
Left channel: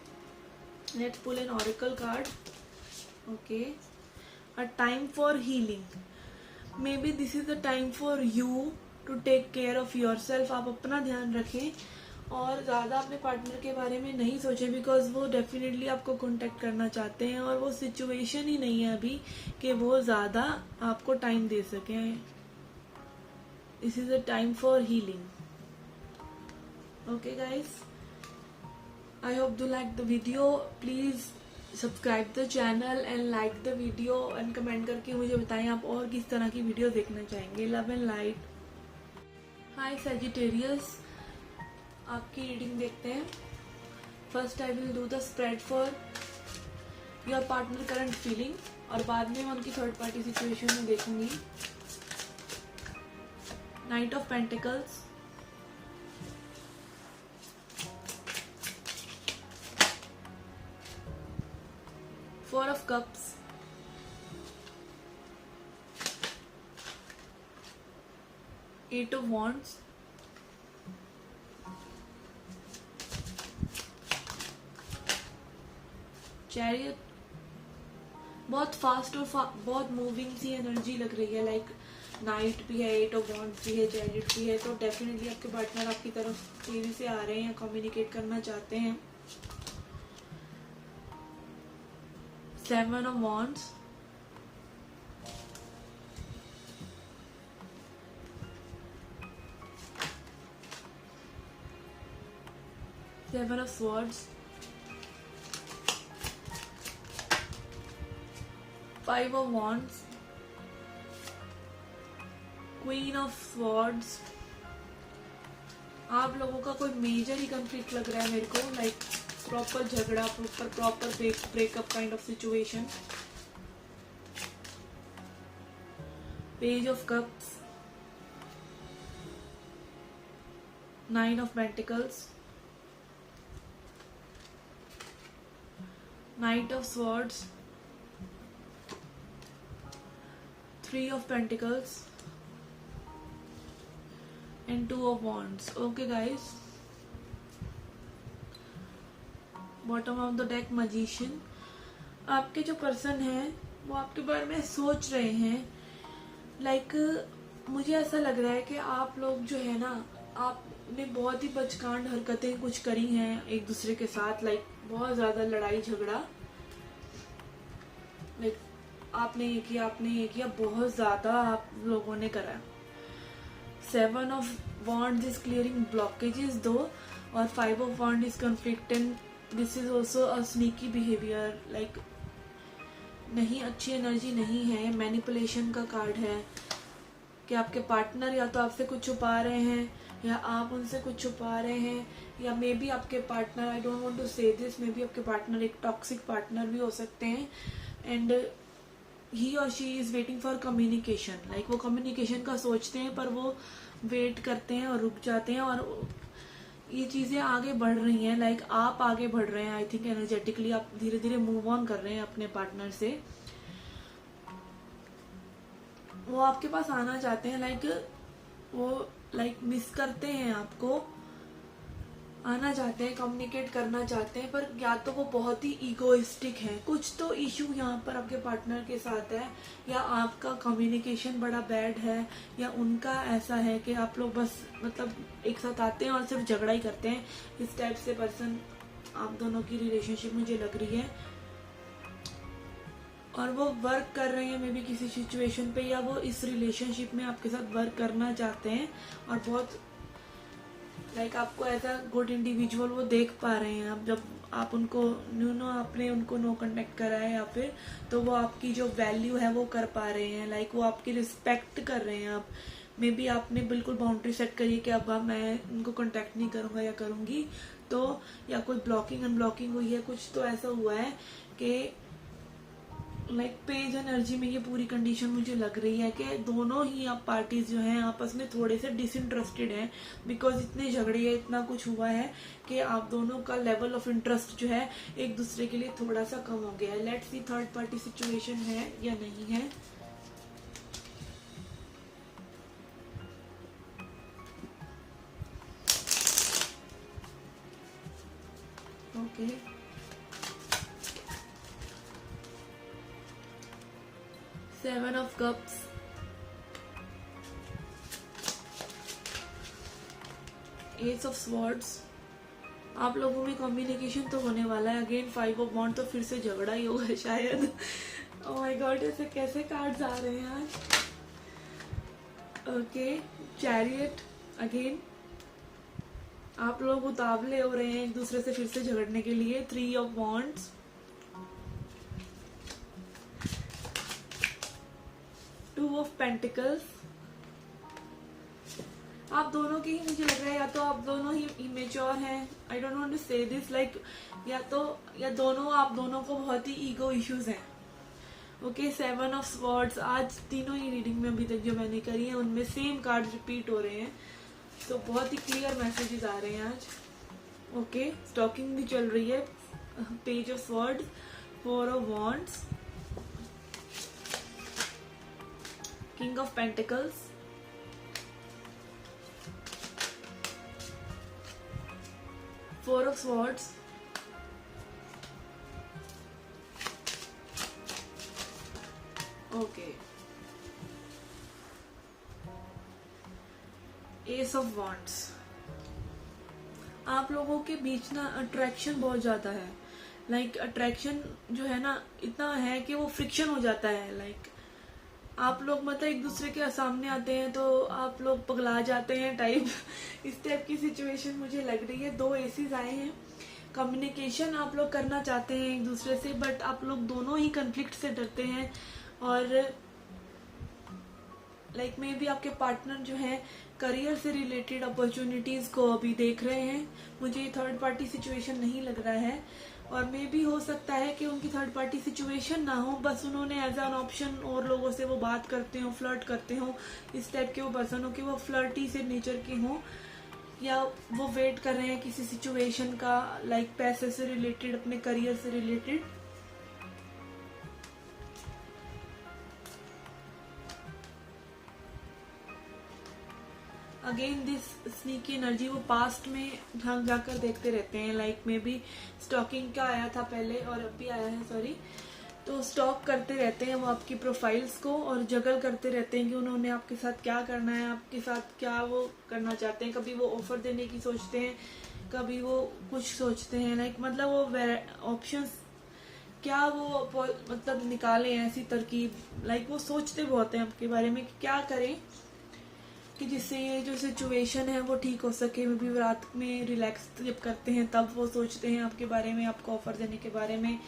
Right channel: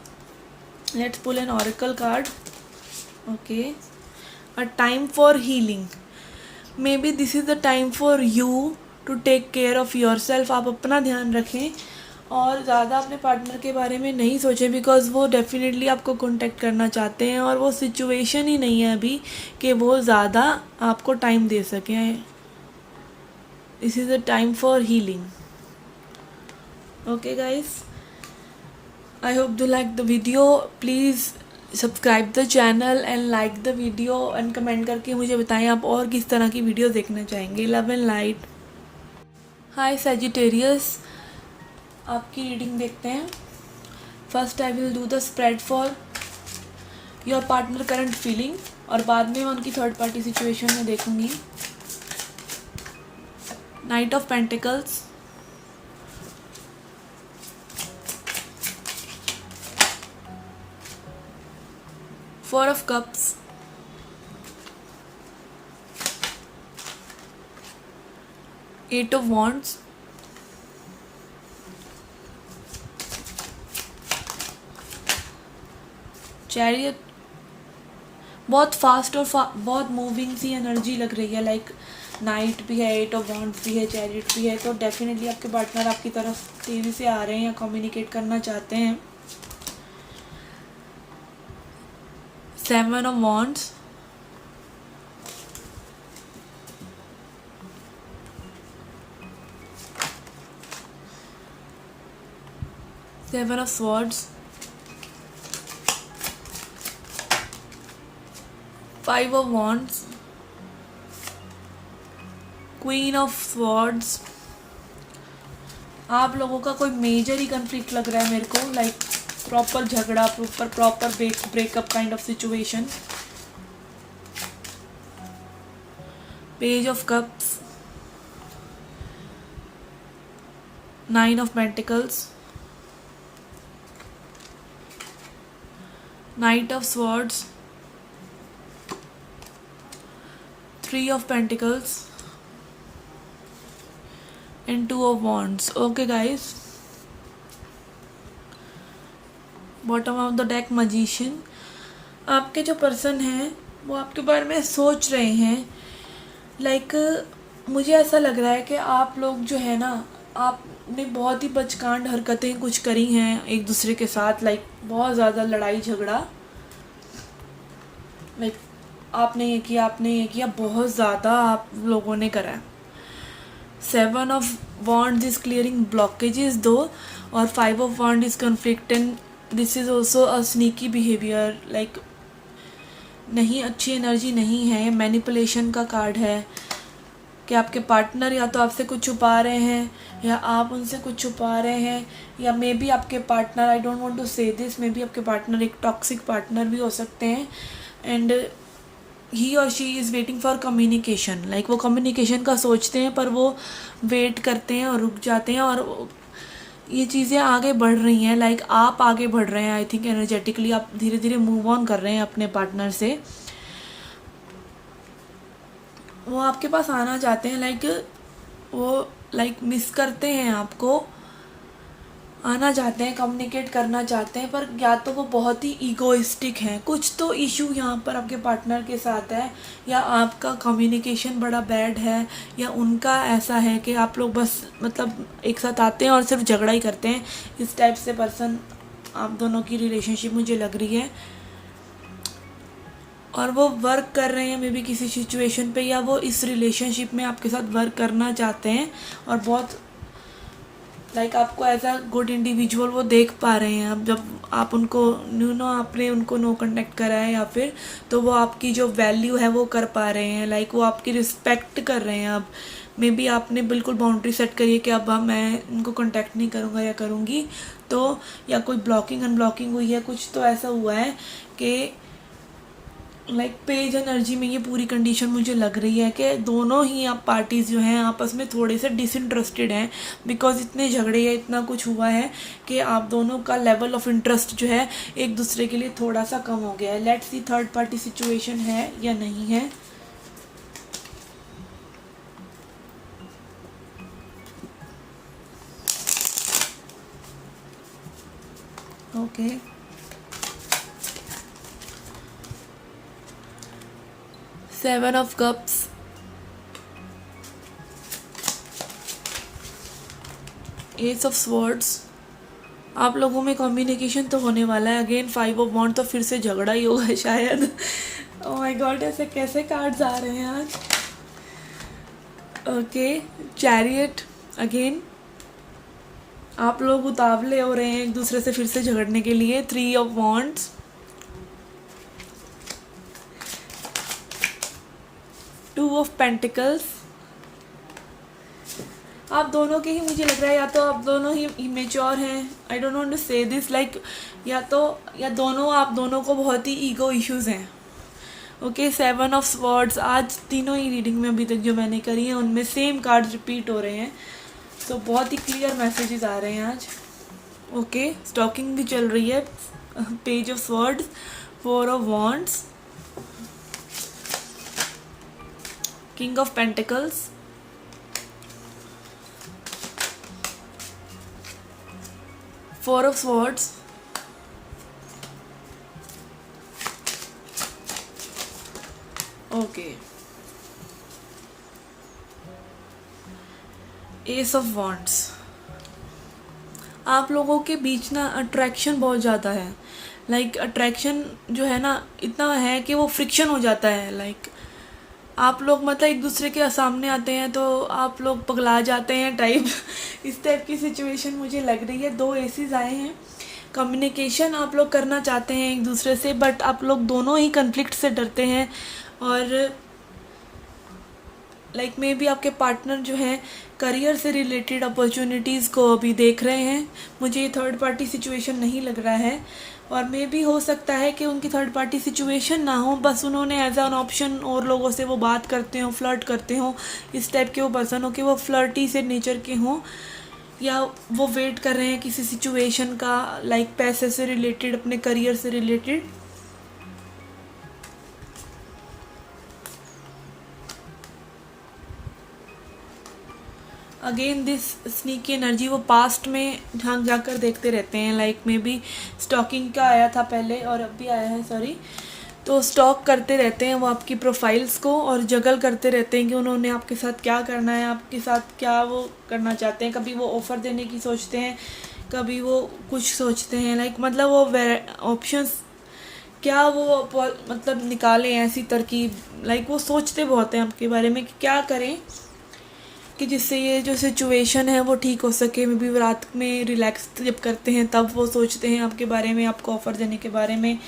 Let's pull an oracle card. Okay, a time for healing. Maybe this is the time for you to take care of yourself. आप अपना ध्यान रखें और ज़्यादा अपने पार्टनर के बारे में नहीं सोचें, बिकॉज़ वो डेफिनेटली आपको कांटेक्ट करना चाहते हैं और वो सिचुएशन ही नहीं है अभी कि वो ज़्यादा आपको टाइम दे सकें. This is the time for healing. Okay guys, I hope you like the video. Please subscribe the channel and like the video and comment करके मुझे बताएं आप और किस तरह की वीडियो देखना चाहेंगे. Love and light. Hi Sagittarius, आपकी रीडिंग देखते हैं. First I will do the spread for your partner current feeling और बाद में मैं उनकी थर्ड पार्टी सिचुएशन में देखूंगी. Knight of pentacles, four of cups, eight of wands, chariot. बहुत फास्ट और बहुत मूविंग सी एनर्जी लग रही है. लाइक नाइट भी है, एट ऑफ वॉन्ड्स भी है, चैरियट भी है. तो डेफिनेटली आपके पार्टनर आपकी तरफ तेज़ी से आ रहे हैं या कम्युनिकेट करना चाहते हैं. Seven of wands, seven of swords, five of wands, queen of swords. आप लोगों का कोई मेजर ही कन्फ्लिक्ट लग रहा है मेरे को, लाइक प्रॉपर झगड़ा, proper breakup kind of situation. Page of cups, 9 of Pentacles, Knight of Swords, 3 of Pentacles and 2 of Wands. Okay guys, bottom of the deck magician. आपके जो पर्सन हैं वो आपके बारे में सोच रहे हैं, लाइक मुझे ऐसा लग रहा है कि आप लोग जो है ना, आपने बहुत ही बचकांड हरकतें कुछ करी हैं एक दूसरे के साथ, लाइक बहुत ज़्यादा लड़ाई झगड़ा, लाइक आपने ये किया, बहुत ज़्यादा आप लोगों ने करा है। 7 of Wands is clearing blockages दो, और 5 of Wands is conflict, and this is also a sneaky behaviour, like नहीं, अच्छी एनर्जी नहीं है। मैनिपुलेशन का कार्ड है कि आपके पार्टनर या तो आपसे कुछ छुपा रहे हैं या आप उनसे कुछ छुपा रहे हैं, या मे बी आपके partner, I don't want to say this, maybe आपके पार्टनर एक टॉक्सिक पार्टनर भी हो सकते हैं, एंड ही और she is waiting for communication, like वो कम्युनिकेशन का सोचते हैं पर वो वेट करते हैं और रुक जाते हैं, और ये चीज़ें आगे बढ़ रही हैं, लाइक आप आगे बढ़ रहे हैं, आई थिंक एनर्जेटिकली आप धीरे धीरे मूव ऑन कर रहे हैं अपने पार्टनर से। वो आपके पास आना चाहते हैं, लाइक वो मिस करते हैं आपको, आना चाहते हैं, कम्युनिकेट करना चाहते हैं, पर या तो वो बहुत ही ईगोइस्टिक हैं, कुछ तो इशू यहाँ पर आपके पार्टनर के साथ है, या आपका कम्युनिकेशन बड़ा बैड है, या उनका ऐसा है कि आप लोग बस मतलब एक साथ आते हैं और सिर्फ झगड़ा ही करते हैं। इस टाइप से पर्सन आप दोनों की रिलेशनशिप मुझे लग रही है, और वो वर्क कर रहे हैं मे बी किसी सिचुएशन पे, या वो इस रिलेशनशिप में आपके साथ वर्क करना चाहते हैं, और बहुत लाइक आपको एज अ गुड इंडिविजुअल वो देख पा रहे हैं। अब जब आप उनको आपने उनको नो कांटेक्ट करा है, या फिर तो वो आपकी जो वैल्यू है वो कर पा रहे हैं, लाइक वो आपकी रिस्पेक्ट कर रहे हैं। अब मे बी आपने बिल्कुल बाउंड्री सेट करी है कि अब मैं उनको कांटेक्ट नहीं करूँगा या करूँगी, तो या कोई ब्लॉकिंग अनब्लॉकिंग हुई है, कुछ तो ऐसा हुआ है कि लाइक पेज एनर्जी में ये पूरी कंडीशन मुझे लग रही है कि दोनों ही आप पार्टीज़ जो हैं आपस में थोड़े से डिसइंटरेस्टेड हैं, बिकॉज इतने झगड़े या इतना कुछ हुआ है कि आप दोनों का लेवल ऑफ इंटरेस्ट जो है एक दूसरे के लिए थोड़ा सा कम हो गया है। Let's see third party situation है या नहीं है। Okay, seven of cups, S of swords. आप लोगों में कम्युनिकेशन तो होने वाला है। अगेन 5 ऑफ वॉन्ड, तो फिर से झगड़ा ही होगा शायद। ओह माय गॉड, ऐसे कैसे कार्ड्स आ रहे हैं आज। Okay, chariot. अगेन आप लोग उतावले हो रहे हैं एक दूसरे से फिर से झगड़ने के लिए। 3 ऑफ वॉन्ड्स, 2 ऑफ पेंटिकल्स। आप दोनों के ही मुझे लग रहा है, या तो आप दोनों ही इमेच्योर हैं, आई don't want to say this, like या दोनों आप दोनों को बहुत ही ईगो इश्यूज हैं। Okay, 7 of swords. आज तीनों ही रीडिंग में अभी तक जो मैंने करी है उनमें सेम कार्ड्स रिपीट हो रहे हैं, तो बहुत ही क्लियर मैसेजेस आ रहे हैं आज। ओके, स्टॉकिंग भी चल रही है। Page of swords, 4 of wands, king of pentacles, four of swords, okay, ace of wands. आप लोगों के बीच ना अट्रैक्शन बहुत ज़्यादा है, लाइक अट्रैक्शन जो है ना इतना है कि वो फ्रिक्शन हो जाता है। लाइक आप लोग मतलब एक दूसरे के सामने आते हैं तो आप लोग पगला जाते हैं टाइप। इस टाइप की सिचुएशन मुझे लग रही है। 2 एसेस आए हैं। कम्युनिकेशन आप लोग करना चाहते हैं एक दूसरे से, बट आप लोग दोनों ही कन्फ्लिक्ट से डरते हैं, और लाइक मे बी आपके पार्टनर जो हैं करियर से रिलेटेड अपॉर्चुनिटीज़ को अभी देख रहे हैं। मुझे ये थर्ड पार्टी सिचुएशन नहीं लग रहा है, और मे भी हो सकता है कि उनकी थर्ड पार्टी सिचुएशन ना हो, बस उन्होंने एज एन ऑप्शन और लोगों से वो बात करते हों, फ्लर्ट करते हों। इस टाइप के वो पर्सन हो कि वो फ्लर्टी से नेचर के हों, या वो वेट कर रहे हैं किसी सिचुएशन का, लाइक पैसे से रिलेटेड, अपने करियर से related. Again this sneaky energy, वो पास्ट में झांक जाकर देखते रहते हैं, लाइक मे बी स्टॉकिंग का आया था पहले और अब भी आया है, सॉरी। तो स्टॉक करते रहते हैं वो आपकी प्रोफाइल्स को, और जगल करते रहते हैं कि उन्होंने आपके साथ क्या करना है, आपके साथ क्या वो करना चाहते हैं। कभी वो ऑफ़र देने की सोचते हैं, कभी वो कुछ सोचते हैं, लाइक मतलब वो ऑप्शंस क्या वो मतलब निकालें ऐसी तरकीब, लाइक वो सोचते बहुत हैं आपके बारे में कि क्या करें कि जिससे ये जो सिचुएशन है वो ठीक हो सके। मे बी वो रात में रिलैक्स जब करते हैं तब वो सोचते हैं आपके बारे में, आपको ऑफ़र देने के बारे में,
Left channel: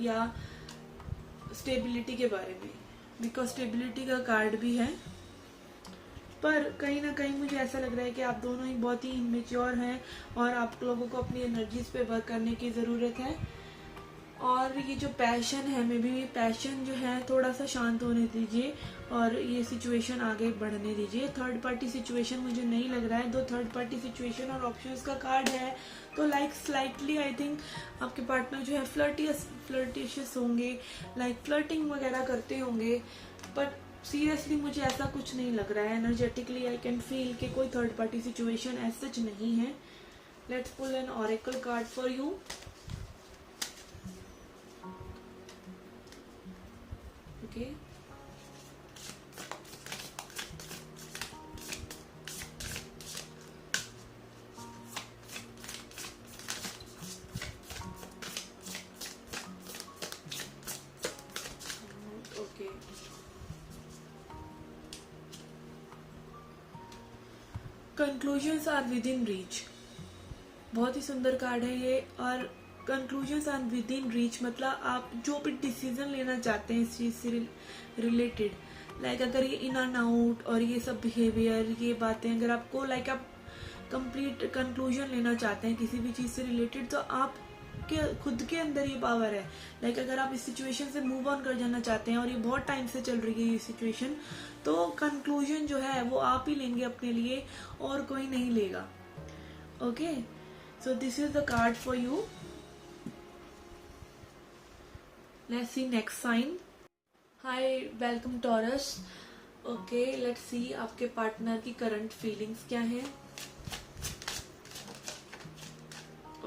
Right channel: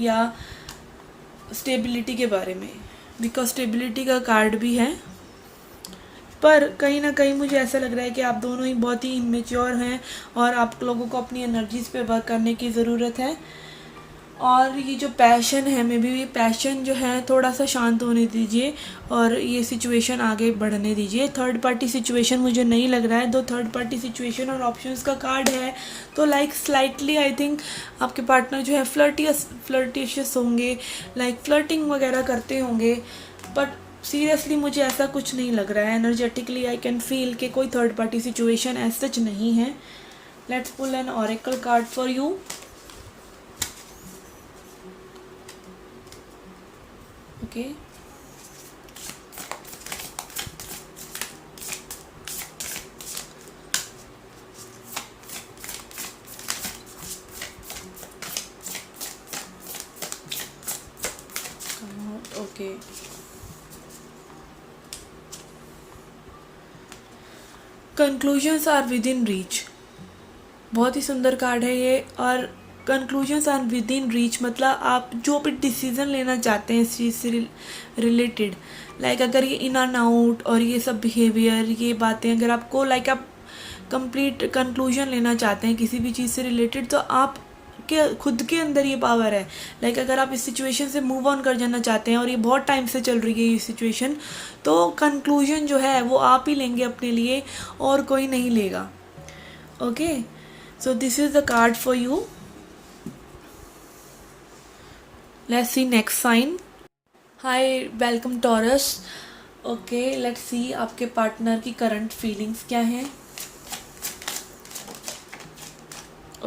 या स्टेबिलिटी के बारे में, बिकॉज स्टेबिलिटी का कार्ड भी है। पर कहीं ना कहीं मुझे ऐसा लग रहा है कि आप दोनों ही बहुत ही इमेच्योर हैं और आप लोगों को अपनी एनर्जीज़ पे वर्क करने की ज़रूरत है। और ये जो पैशन है, मे बी ये पैशन जो है थोड़ा सा शांत होने दीजिए और ये सिचुएशन आगे बढ़ने दीजिए। थर्ड पार्टी सिचुएशन मुझे नहीं लग रहा है, दो थर्ड पार्टी सिचुएशन और ऑप्शंस का कार्ड है, तो लाइक स्लाइटली आई थिंक आपके पार्टनर जो है फ्लर्टिशियस होंगे, लाइक फ्लर्टिंग वगैरह करते होंगे। बट सीरियसली मुझे ऐसा कुछ नहीं लग रहा है। एनर्जेटिकली आई कैन फील कि कोई third party situation as such नहीं है। Let's pull an oracle card for you. Okay. Okay. Conclusions are within reach, बहुत ही सुंदर कार्ड है ये। और conclusions are within reach मतलब आप जो भी डिसीज़न लेना चाहते हैं इस चीज़ से रिलेटेड, लाइक अगर ये इन एंड आउट और ये सब बिहेवियर, ये बातें अगर आपको लाइक आप कंप्लीट कंक्लूजन लेना चाहते हैं किसी भी चीज़ से रिलेटेड, तो आप के खुद के अंदर ये पावर है। लाइक अगर आप इस सिचुएशन से मूव ऑन कर जाना चाहते हैं और ये बहुत टाइम से चल रही है ये सिचुएशन, तो कंक्लूजन जो है वो आप ही लेंगे अपने लिए और कोई नहीं लेगा। Okay, so this is the card for you. Let's see next sign. Hi, welcome Taurus. Okay, let's see आपके पार्टनर की करंट फीलिंग्स क्या हैं।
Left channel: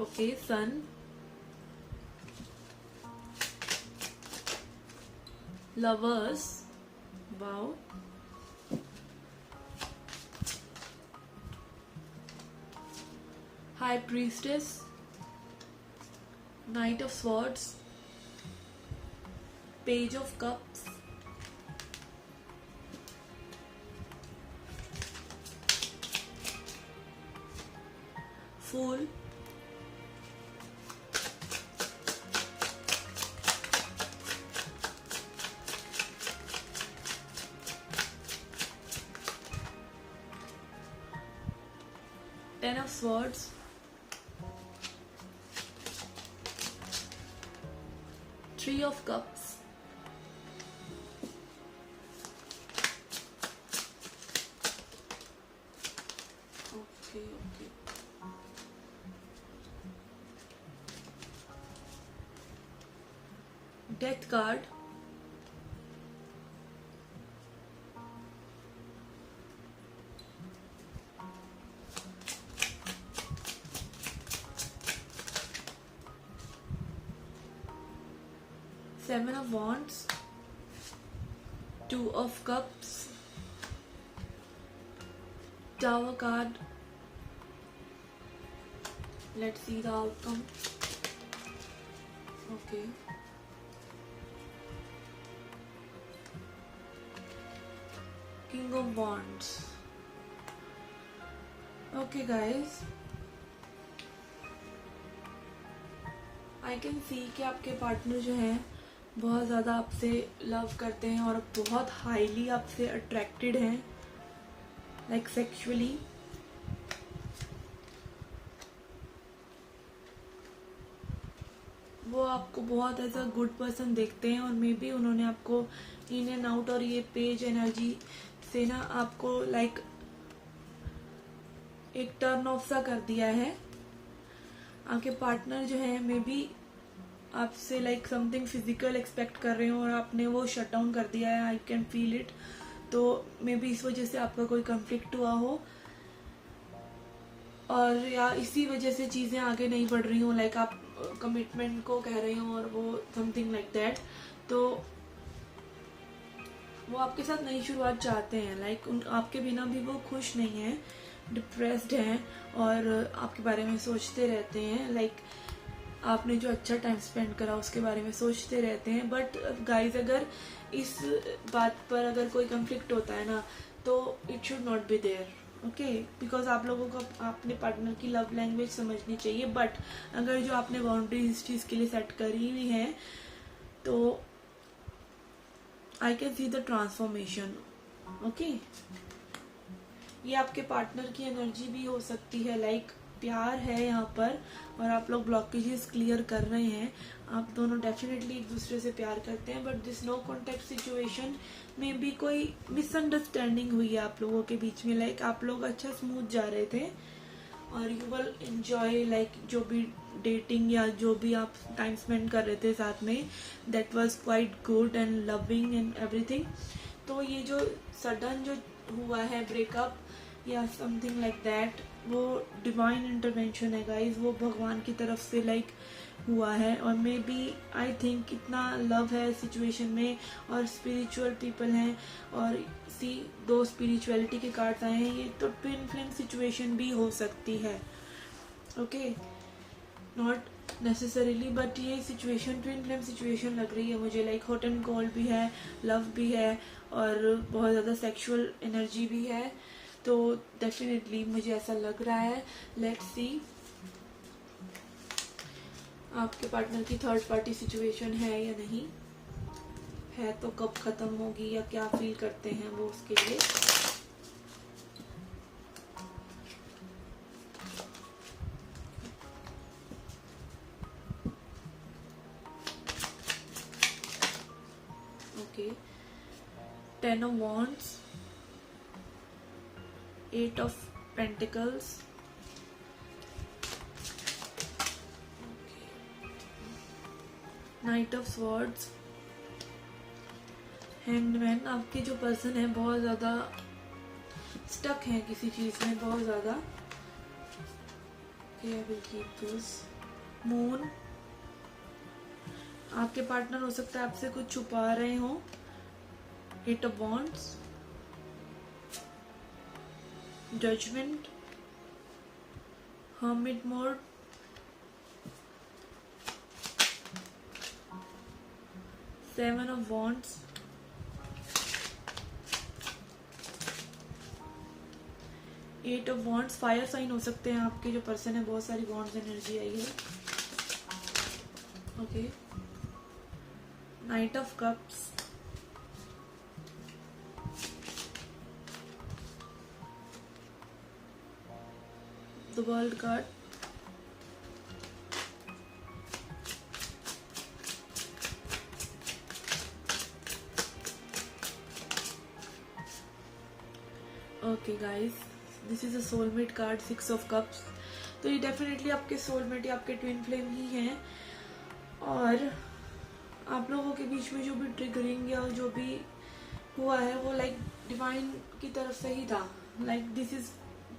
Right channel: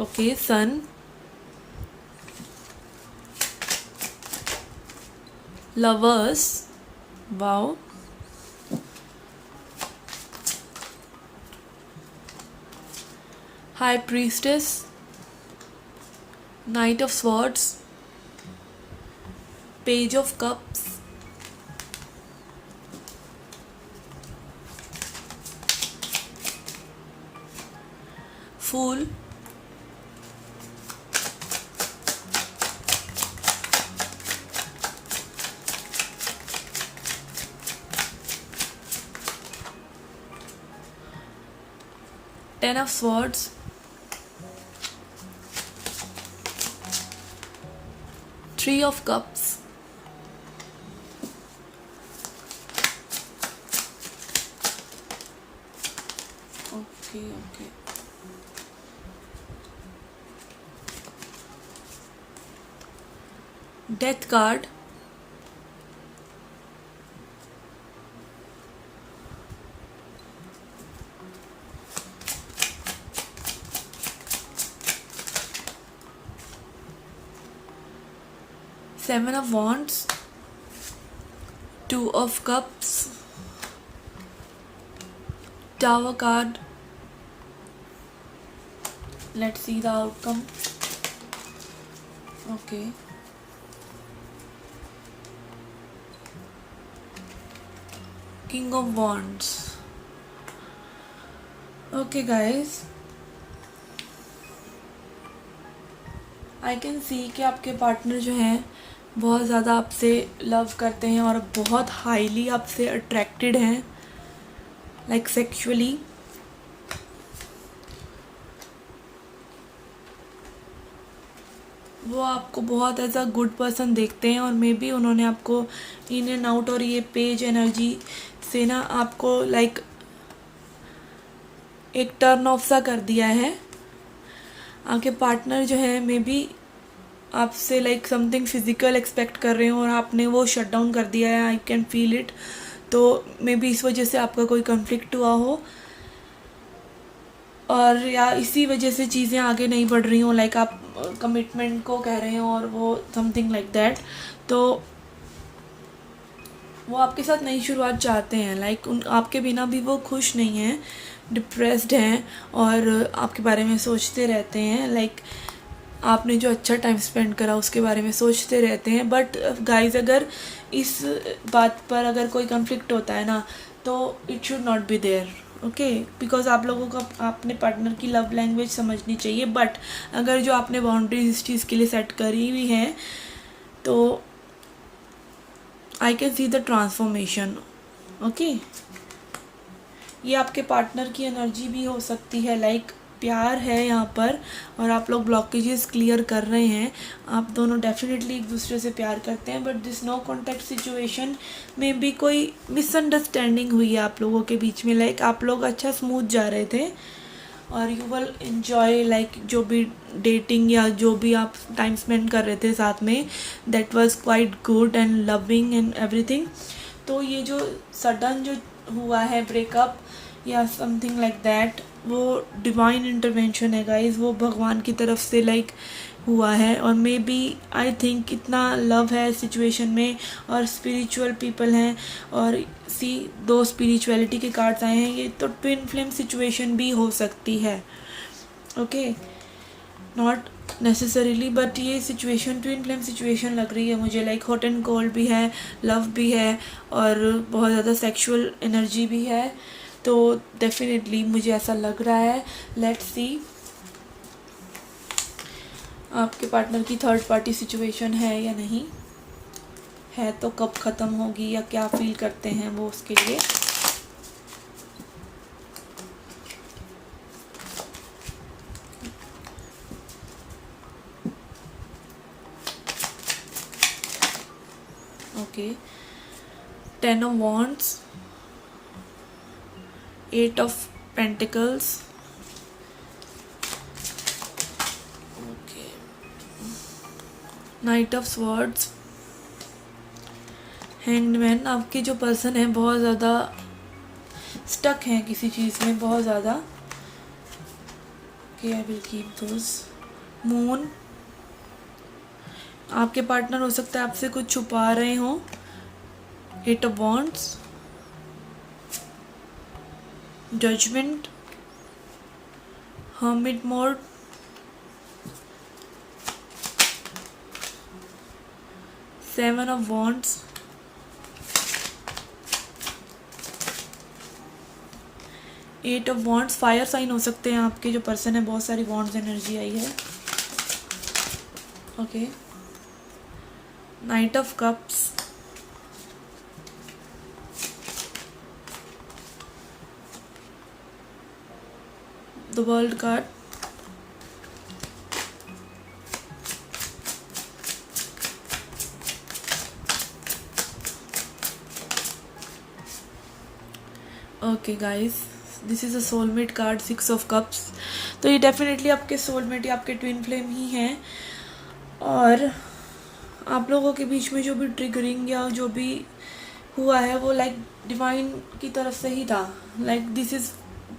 Okay, sun, lovers, wow, high priestess, knight of swords, page of cups, fool, ten of swords, three of cups, okay okay, death card, seven of wands, two of cups, tower card. Let's see the outcome. Okay, king of wands. Okay guys, I can see कि आपके partner जो हैं बहुत ज़्यादा आपसे love करते हैं और बहुत हाईली आपसे अट्रैक्टेड हैं, लाइक सेक्सुअली। वो आपको बहुत एज अ गुड पर्सन देखते हैं और मे बी उन्होंने आपको इन एंड आउट और ये पेज एनर्जी से ना आपको लाइक एक टर्न ऑफ सा कर दिया है। आपके पार्टनर जो है मे बी आपसे लाइक समथिंग फिजिकल एक्सपेक्ट कर रहे हो और आपने वो शट डाउन कर दिया है। I can feel it. तो मे बी इस वजह से आपका कोई कन्फ्लिक्ट हुआ हो, और या इसी वजह से चीज़ें आगे नहीं बढ़ रही हो, लाइक आप कमिटमेंट को कह रहे हो और वो समथिंग लाइक दैट। तो वो आपके साथ नई शुरुआत चाहते हैं, लाइक उन आपके बिना भी वो खुश नहीं हैं, डिप्रेस्ड हैं और आपके बारे में सोचते रहते हैं। लाइक आपने जो अच्छा टाइम स्पेंड करा उसके बारे में सोचते रहते हैं। बट गाइस, अगर इस बात पर अगर कोई कन्फ्लिक्ट होता है ना, तो it should not be there, okay. Because आप लोगों को अपने पार्टनर की लव लैंग्वेज समझनी चाहिए। बट अगर जो आपने बाउंड्रीज इस चीज़ के लिए सेट करी हुई हैं, तो आई can see the transformation, okay. ये आपके पार्टनर की एनर्जी भी हो सकती है, लाइक प्यार है यहाँ पर और आप लोग ब्लॉकेजेस क्लियर कर रहे हैं। आप दोनों डेफिनेटली एक दूसरे से प्यार करते हैं, but this no contact situation में भी कोई मिसअंडरस्टैंडिंग हुई है आप लोगों के बीच में। लाइक आप लोग अच्छा स्मूथ जा रहे थे और यू विल इन्जॉय लाइक जो भी डेटिंग या जो भी आप टाइम स्पेंड कर रहे थे साथ में, that was quite good and loving and everything. तो ये जो सडन जो हुआ है ब्रेकअप या समथिंग लाइक दैट, वो डिवाइन इंटरवेंशन है गाइज। वो भगवान की तरफ से लाइक हुआ है और मे बी आई थिंक इतना लव है सिचुएशन में और स्पिरिचुअल पीपल हैं। और सी, दो स्पिरिचुअलिटी के कार्ड्स आए हैं, ये तो ट्विन फ्लेम सिचुएशन भी हो सकती है, ओके। नॉट नेसेसरीली, बट ये सिचुएशन ट्विन फ्लेम सिचुएशन लग रही है मुझे। लाइक हॉट एंड कोल्ड भी है, लव भी है और बहुत ज़्यादा सेक्सुअल एनर्जी भी है। तो डेफिनेटली मुझे ऐसा लग रहा है। लेट्स सी आपके पार्टनर की थर्ड पार्टी सिचुएशन है या नहीं है, तो कब ख़त्म होगी या क्या फील करते हैं वो उसके लिए। Okay, 10 of Wands, 8 of Pentacles, okay, Knight of Swords, Hangman। आपके जो पर्सन है बहुत ज़्यादा स्टक हैं किसी चीज़ में, बहुत ज़्यादा। Okay, I will keep those. Moon, आपके पार्टनर हो सकता है आपसे कुछ छुपा रहे हों। 8 of Wands, judgement, hermit mode, seven of wands, eight of wands. Fire sign हो सकते हैं आपके जो पर्सन है, बहुत सारी वॉन्ड्स एनर्जी आई है, okay. Knight of cups, the world card, okay guys, this is a soulmate card, 6 of cups. तो ये डेफिनेटली आपके सोलमेट या आपके ट्विन फ्लेम ही हैं और आप लोगों के बीच में जो भी ट्रिगरिंग या जो भी हुआ है वो लाइक डिवाइन की तरफ से ही था। Like this is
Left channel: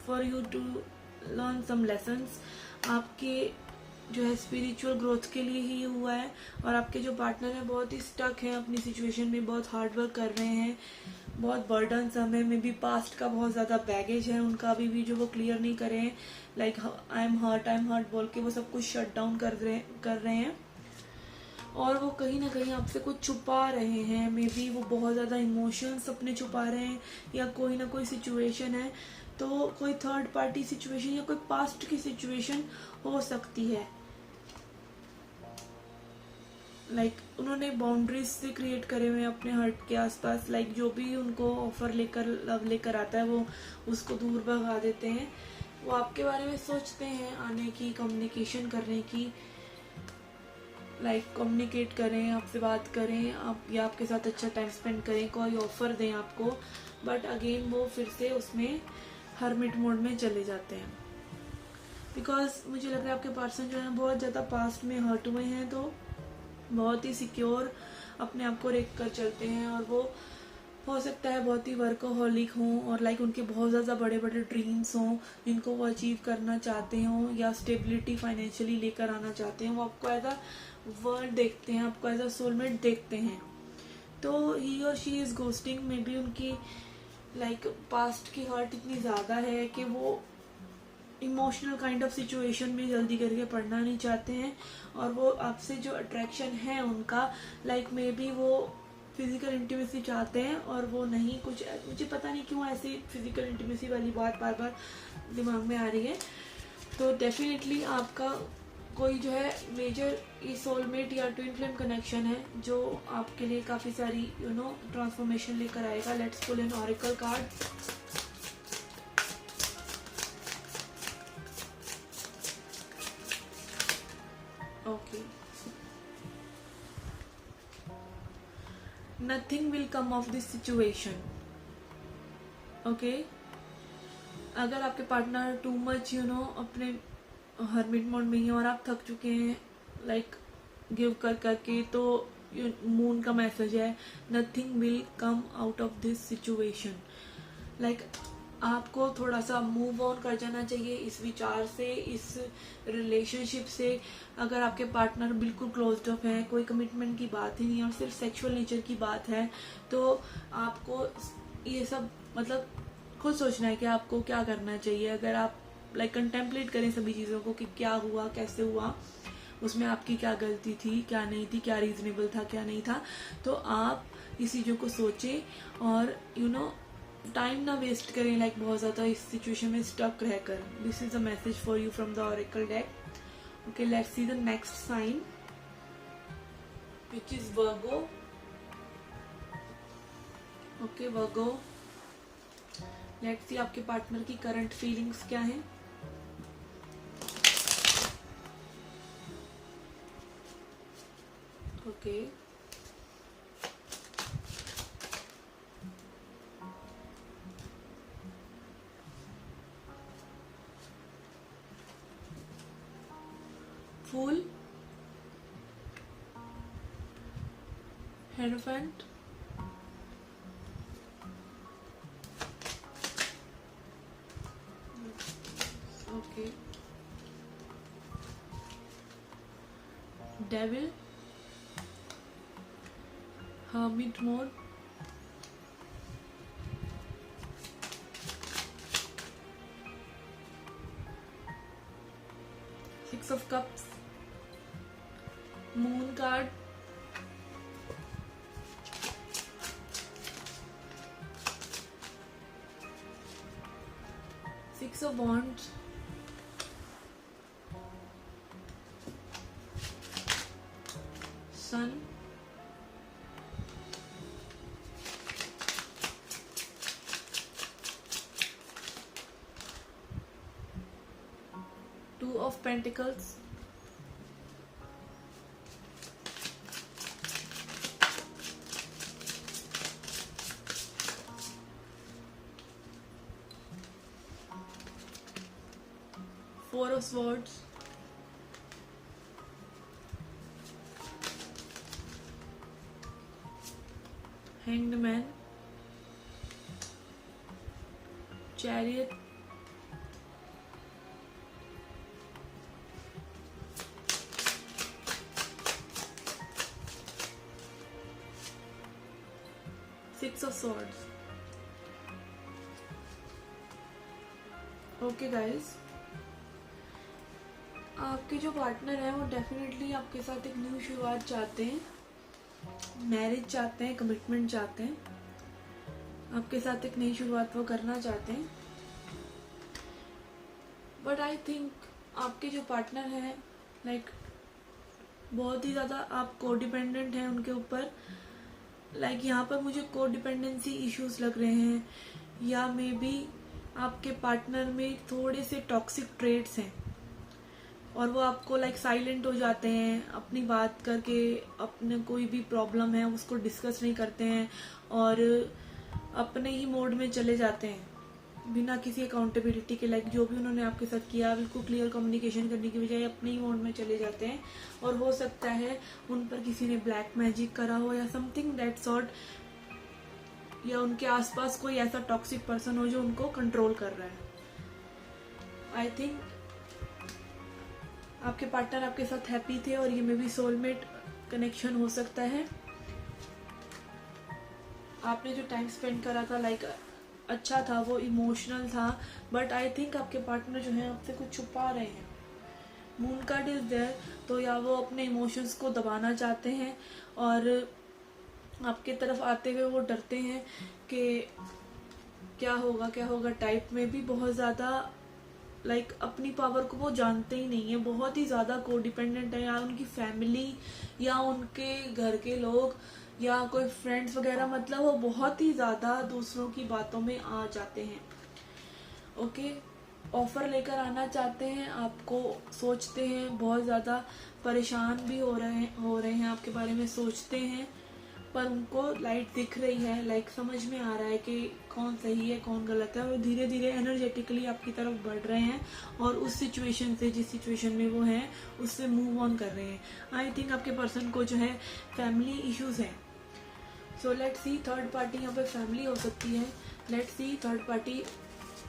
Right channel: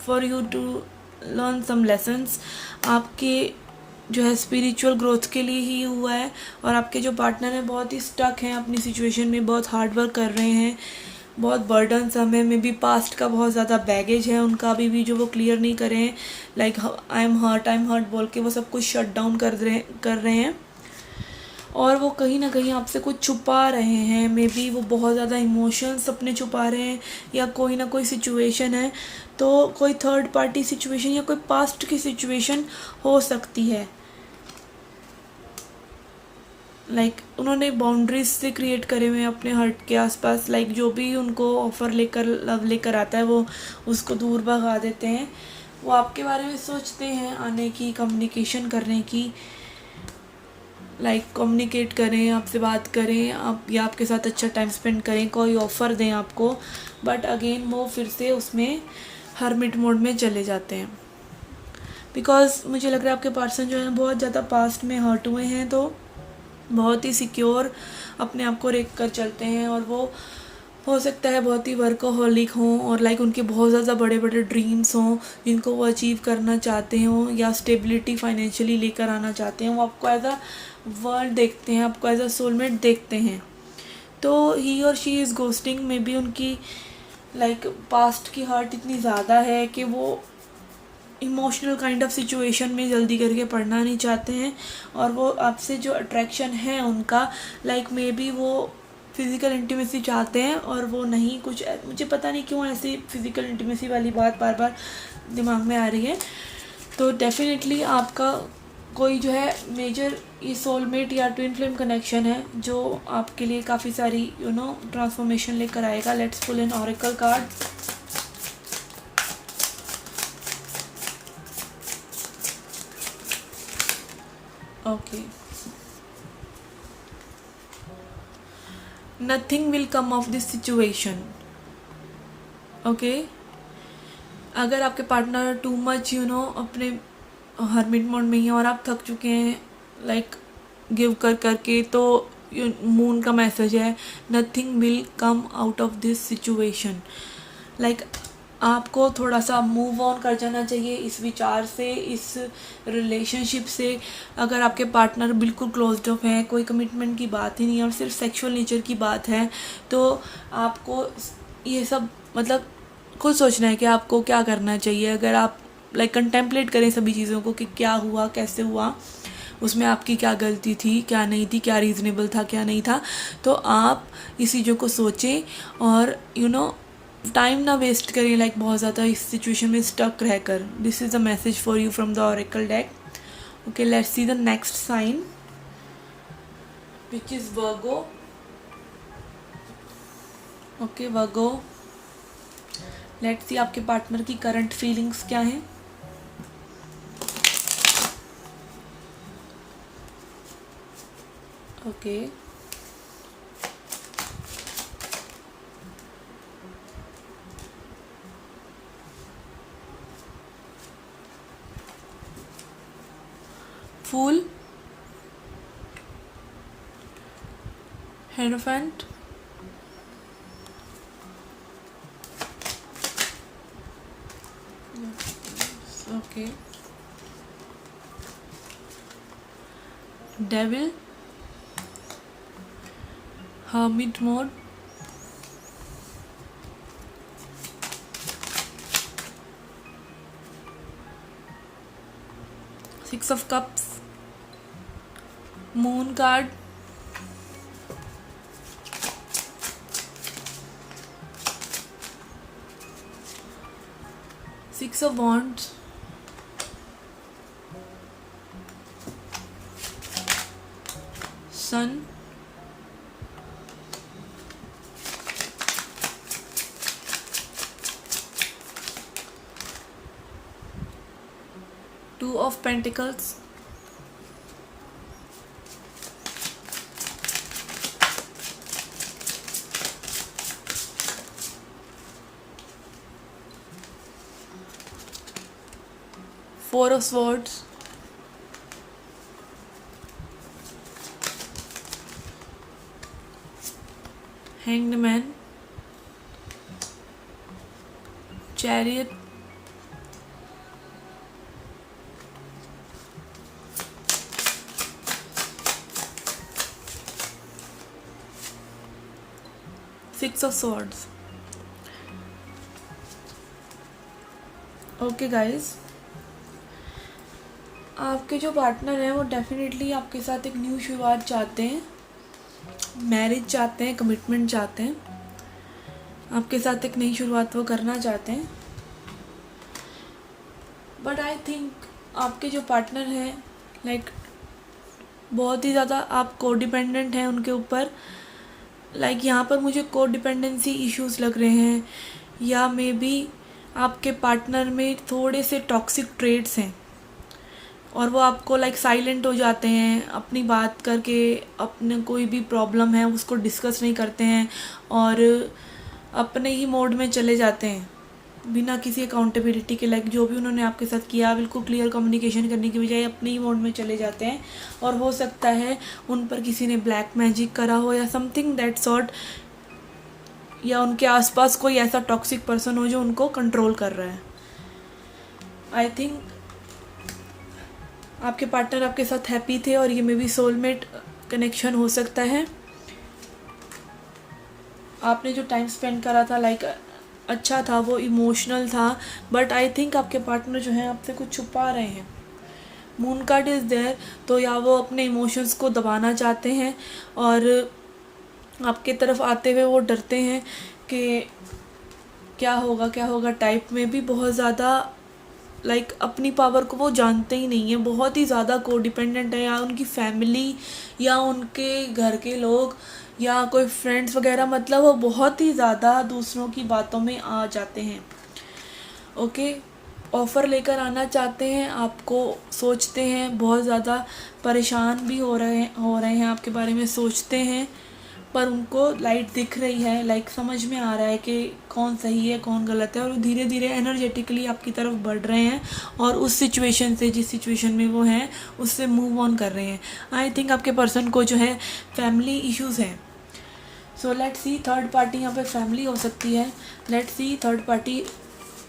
for you to learn some lessons. आपके जो है स्पिरिचुअल ग्रोथ के लिए ही हुआ है और आपके जो पार्टनर हैं बहुत ही स्टक हैं अपनी सिचुएशन में, बहुत हार्ड वर्क कर रहे हैं, बहुत बर्डन समय में भी पास्ट का बहुत ज़्यादा बैगेज है उनका अभी भी जो वो क्लियर नहीं करे हैं। लाइक आई एम हर्ट बोल के वो सब कुछ शट डाउन कर रहे हैं और वो कहीं ना कहीं आपसे कुछ छुपा रहे हैं। मे बी वो बहुत ज़्यादा इमोशंस अपने छुपा रहे हैं या कोई ना कोई सिचुएशन है, तो कोई थर्ड पार्टी सिचुएशन या कोई पास्ट की सिचुएशन हो सकती है। लाइक उन्होंने बाउंड्रीज से क्रिएट करे हुए हैं अपने हर्ट के आसपास। लाइक जो भी उनको ऑफ़र लेकर लव लेकर आता है वो उसको दूर भगा देते हैं। वो आपके बारे में सोचते हैं आने की, कम्युनिकेशन करने की, लाइक कम्युनिकेट करें, आपसे बात करें, आप या आपके साथ अच्छा टाइम स्पेंड करें, कोई ऑफ़र दें आपको। बट अगेन वो फिर से उसमें हर्मिट मोड में चले जाते हैं। बिकॉज मुझे लग रहा है आपके पर्सन जो है बहुत ज़्यादा पास्ट में हर्ट हुए हैं, तो बहुत ही सिक्योर अपने आप को रख कर चलते हैं, और वो हो सकता है बहुत ही वर्कोहॉलिक हों, और लाइक उनके बहुत ज़्यादा बड़े बड़े ड्रीम्स हों जिनको वो अचीव करना चाहते हों, या स्टेबिलिटी फाइनेंशियली लेकर आना चाहते हैं। वो आपको एज अ वर्ल्ड देखते हैं, आपको एज अ सोलमेट देखते हैं। तो ही और she is ghosting, may be उनकी लाइक पास्ट की हर्ट इतनी ज़्यादा है कि वो इमोशनल काइंड ऑफ सिचुएशन में जल्दी करके पढ़ना नहीं चाहते हैं, और वो आपसे जो अट्रैक्शन है उनका लाइक मे बी वो फिज़िकल इंटीमेसी चाहते हैं, और वो नहीं, कुछ मुझे पता नहीं क्यों ऐसी फिज़िकल इंटीमेसी वाली बात बार बार दिमाग में आ रही है। तो डेफिनेटली आपका कोई जो है मेजर ये सोलमेट या ट्विन फ्लेम कनेक्शन है जो आपके लिए काफ़ी सारी ट्रांसफॉर्मेशन लेकर आएगा। Let's pull an oracle card. Okay, nothing will come of this situation. Okay, अगर आपके पार्टनर टू मच अपने हर्मिट मोड में ही है और आप थक चुके हैं लाइक गिव कर करके, तो मून का मैसेज है nothing will come out of this situation. Like आपको थोड़ा सा मूव ऑन कर जाना चाहिए इस विचार से, इस रिलेशनशिप से। अगर आपके पार्टनर बिल्कुल क्लोज्ड अप है, कोई कमिटमेंट की बात ही नहीं है और सिर्फ सेक्सुअल नेचर की बात है, तो आपको ये सब मतलब खुद सोचना है कि आपको क्या करना चाहिए। अगर आप लाइक कंटेम्पलेट करें सभी चीज़ों को कि क्या हुआ, कैसे हुआ, उसमें आपकी क्या गलती थी, क्या नहीं थी, क्या रीज़नेबल था, क्या नहीं था, तो आप इस चीज़ों को सोचें और टाइम ना वेस्ट करिए लाइक बहुत ज़्यादा इस सिचुएशन में स्टक रहकर। This is a message for you from the oracle deck. Okay, let's see the next sign which is Virgo. Okay Virgo, let's see आपके पार्टनर की करंट फीलिंग्स क्या हैं। Okay, fool, hierophant, okay, devil, hermit mode, Six of Cups, Moon card, Six of Wands, Sun, Two of Pentacles, Four of Swords, Hanged Man, Chariot, Six of Swords. Okay guys, आपके जो partner हैं वो definitely आपके साथ एक new शुरुआत चाहते हैं, मैरिज चाहते हैं, कमिटमेंट चाहते हैं, आपके साथ एक नई शुरुआत वो करना चाहते हैं। बट आई थिंक आपके जो पार्टनर हैं लाइक बहुत ही ज़्यादा आप कोडिपेंडेंट हैं उनके ऊपर। लाइक यहाँ पर मुझे कोडिपेंडेंसी इश्यूज़ लग रहे हैं, या मे बी आपके पार्टनर में थोड़े से टॉक्सिक ट्रेड्स हैं और वो आपको लाइक साइलेंट हो जाते हैं, अपनी बात करके अपने कोई भी प्रॉब्लम है उसको डिस्कस नहीं करते हैं और अपने ही मोड में चले जाते हैं। बिना किसी अकाउंटेबिलिटी के, लाइक जो भी उन्होंने आपके साथ किया बिल्कुल क्लियर कम्युनिकेशन करने की बजाय अपने ही मोड में चले जाते हैं। और हो सकता है उन पर किसी ने ब्लैक मैजिक करा हो या समथिंग दैट सॉर्ट, या उनके आसपास कोई ऐसा टॉक्सिक पर्सन हो जो उनको कंट्रोल कर रहा है। आई थिंक आपके पार्टनर आपके साथ हैप्पी थे और ये मे बी सोलमेट कनेक्शन हो सकता है। आपने जो टाइम स्पेंड करा था लाइक अच्छा था, वो इमोशनल था, बट आई थिंक आपके पार्टनर जो है आपसे कुछ छुपा रहे हैं। मून कार्ड इज़ देयर, तो या वो अपने इमोशंस को दबाना चाहते हैं और आपके तरफ आते हुए वो डरते हैं कि क्या होगा टाइप में भी बहुत ज़्यादा, लाइक अपनी पावर को वो जानते ही नहीं है, बहुत ही ज़्यादा कोडिपेंडेंट है, या उनकी फैमिली या उनके घर के लोग या कोई फ्रेंड्स वगैरह, मतलब वो बहुत ही ज़्यादा दूसरों की बातों में आ जाते हैं। ओके, ऑफ़र लेकर आना चाहते हैं, आपको सोचते हैं, बहुत ज़्यादा परेशान भी हो रहे हैं आपके बारे में सोचते हैं, पर उनको लाइट दिख रही है, लाइक समझ में आ रहा है कि कौन सही है कौन गलत है, और वो धीरे धीरे एनर्जेटिकली आपकी तरफ बढ़ रहे हैं और उस सिचुएशन से, जिस सिचुएशन में वो हैं उससे मूव ऑन कर रहे हैं। आई थिंक आपके पर्सन को जो है फैमिली इश्यूज़ हैं। So let's see, third party यहाँ पे फैमिली हो सकती है। लेट्स सी थर्ड पार्टी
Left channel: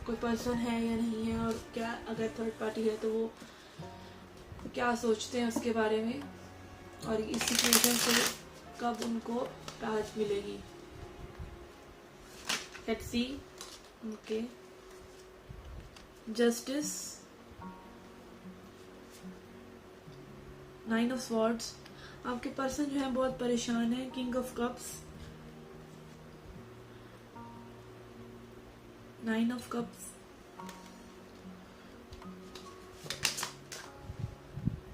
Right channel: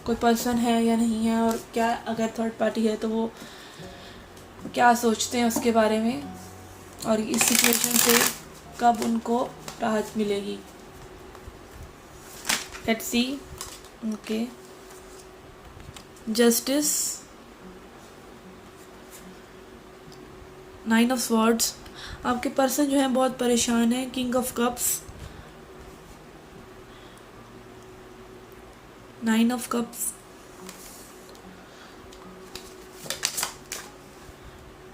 कोई पर्सन है या नहीं है, और क्या अगर थर्ड पार्टी है तो वो क्या सोचते हैं उसके बारे में, और इस सिचुएशन से कब उनको राहत मिलेगी। Let's see. Okay, justice, 9 of swords, आपके पर्सन जो है बहुत परेशान है। King of cups, 9 of cups,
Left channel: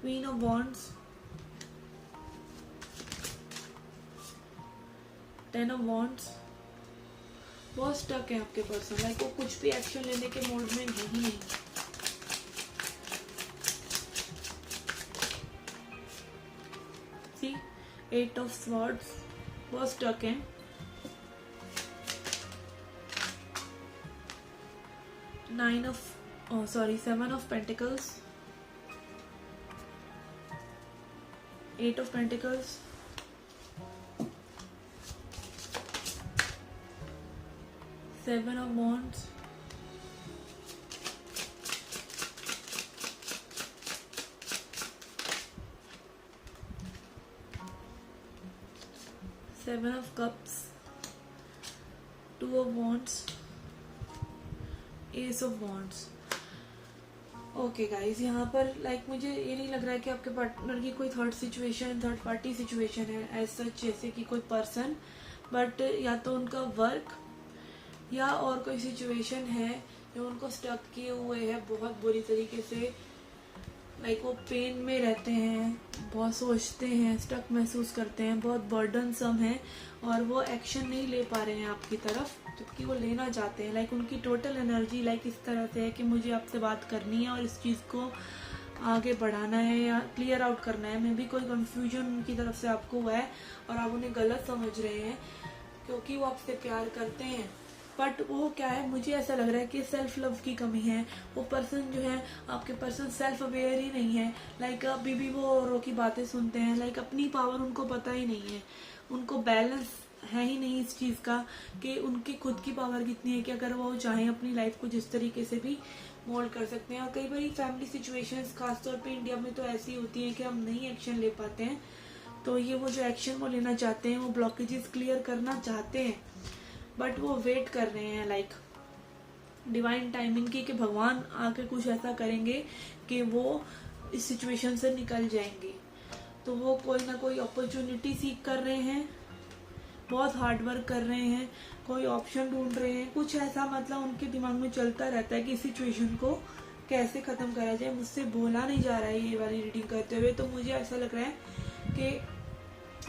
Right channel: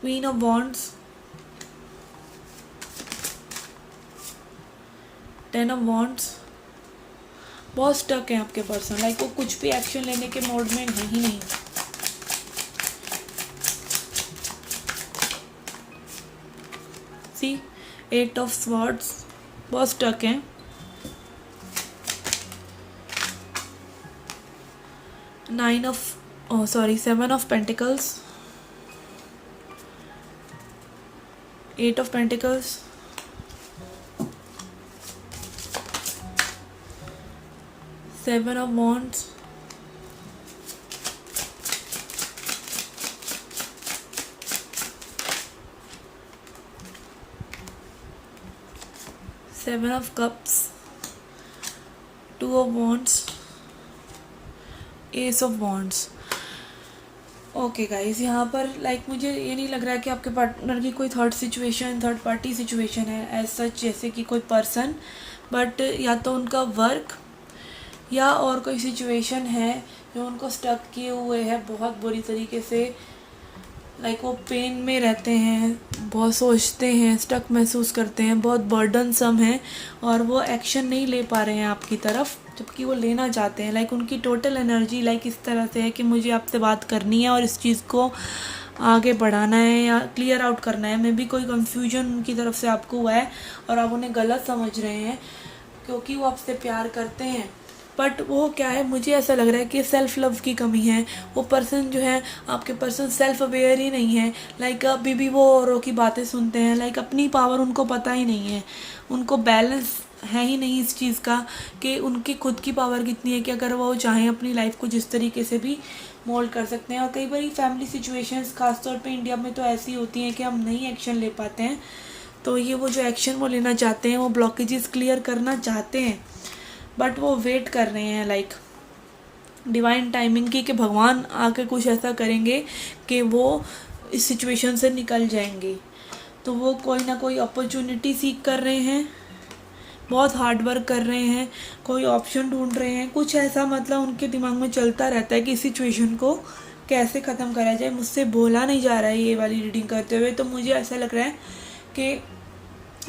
queen of wands, 10 of wands, बहुत स्टक है आपके पर्सन, लाइक वो कुछ भी एक्शन लेने के मोड में है ही नहीं। सी, 8 ऑफ स्वॉर्ड्स, बहुत स्टक हैं। 7 of pentacles, 8 of pentacles, 7 of wands, 7 of cups, 2 of wands, S of wands। Okay guys, यहाँ पर लाइक मुझे ये नहीं लग रहा है कि आपके पार्टनर की कोई थर्ड पार्टी सिचुएशन है एज सच, जैसे कि कोई पर्सन, बट या तो उनका वर्क या और कोई सिचुएशन है जो उनको स्टक किए हुए है बहुत बुरी तरीके से, लाइक वो पेन में रहते हैं, बहुत सोचते हैं, स्टक महसूस करते हैं, बहुत बर्डनसम है और वो एक्शन नहीं ले पा रहे हैं आपकी तरफ, जबकि वो लेना चाहते हैं। लाइक उनकी टोटल एनर्जी लाइक इस तरह से है कि मुझे आपसे बात करनी है और इस चीज़ को आगे बढ़ाना है या क्लियर आउट करना है। मे बी कोई कंफ्यूजन उनकी तरफ से आपको हुआ है और आप उन्हें गलत समझ रहे हैं, क्योंकि वो आपसे प्यार करते हैं, बट वो क्या है, मुझे ऐसा लग रहा है कि सेल्फ़ लव की कमी है। वो पर्सन जो है, आपके पर्सन सेल्फ़ अवेयर ही नहीं है, लाइक अभी भी वो औरों की बातें सुनते हैं, लाइक अपनी पावर उनको पता ही नहीं है, उनको बैलेंस है ही नहीं इस चीज़ का कि उनकी खुद की पावर कितनी है कि अगर वो चाहें अपनी लाइफ को जिस तरीके से भी मोल्ड कर सकते हैं। और कई बार फैमिली सिचुएशंस खासतौर पे इंडिया में तो ऐसी होती हैं कि हम नहीं एक्शन ले पाते हैं, तो ये वो जो एक्शन वो लेना चाहते हैं, वो ब्लॉकेजेस क्लियर करना चाहते हैं, बट वो वेट कर रहे हैं लाइक डिवाइन टाइमिंग की कि भगवान आके कुछ ऐसा करेंगे कि वो इस सिचुएशन से निकल जाएंगे। तो वो कोई ना कोई अपॉर्चुनिटी सीख कर रहे हैं, बहुत हार्ड वर्क कर रहे हैं, कोई ऑप्शन ढूंढ रहे हैं, कुछ ऐसा मतलब उनके दिमाग में चलता रहता है कि इस सिचुएशन को कैसे ख़त्म करा जाए। मुझसे बोला नहीं जा रहा है ये वाली रीडिंग करते हुए, तो मुझे ऐसा लग रहा है कि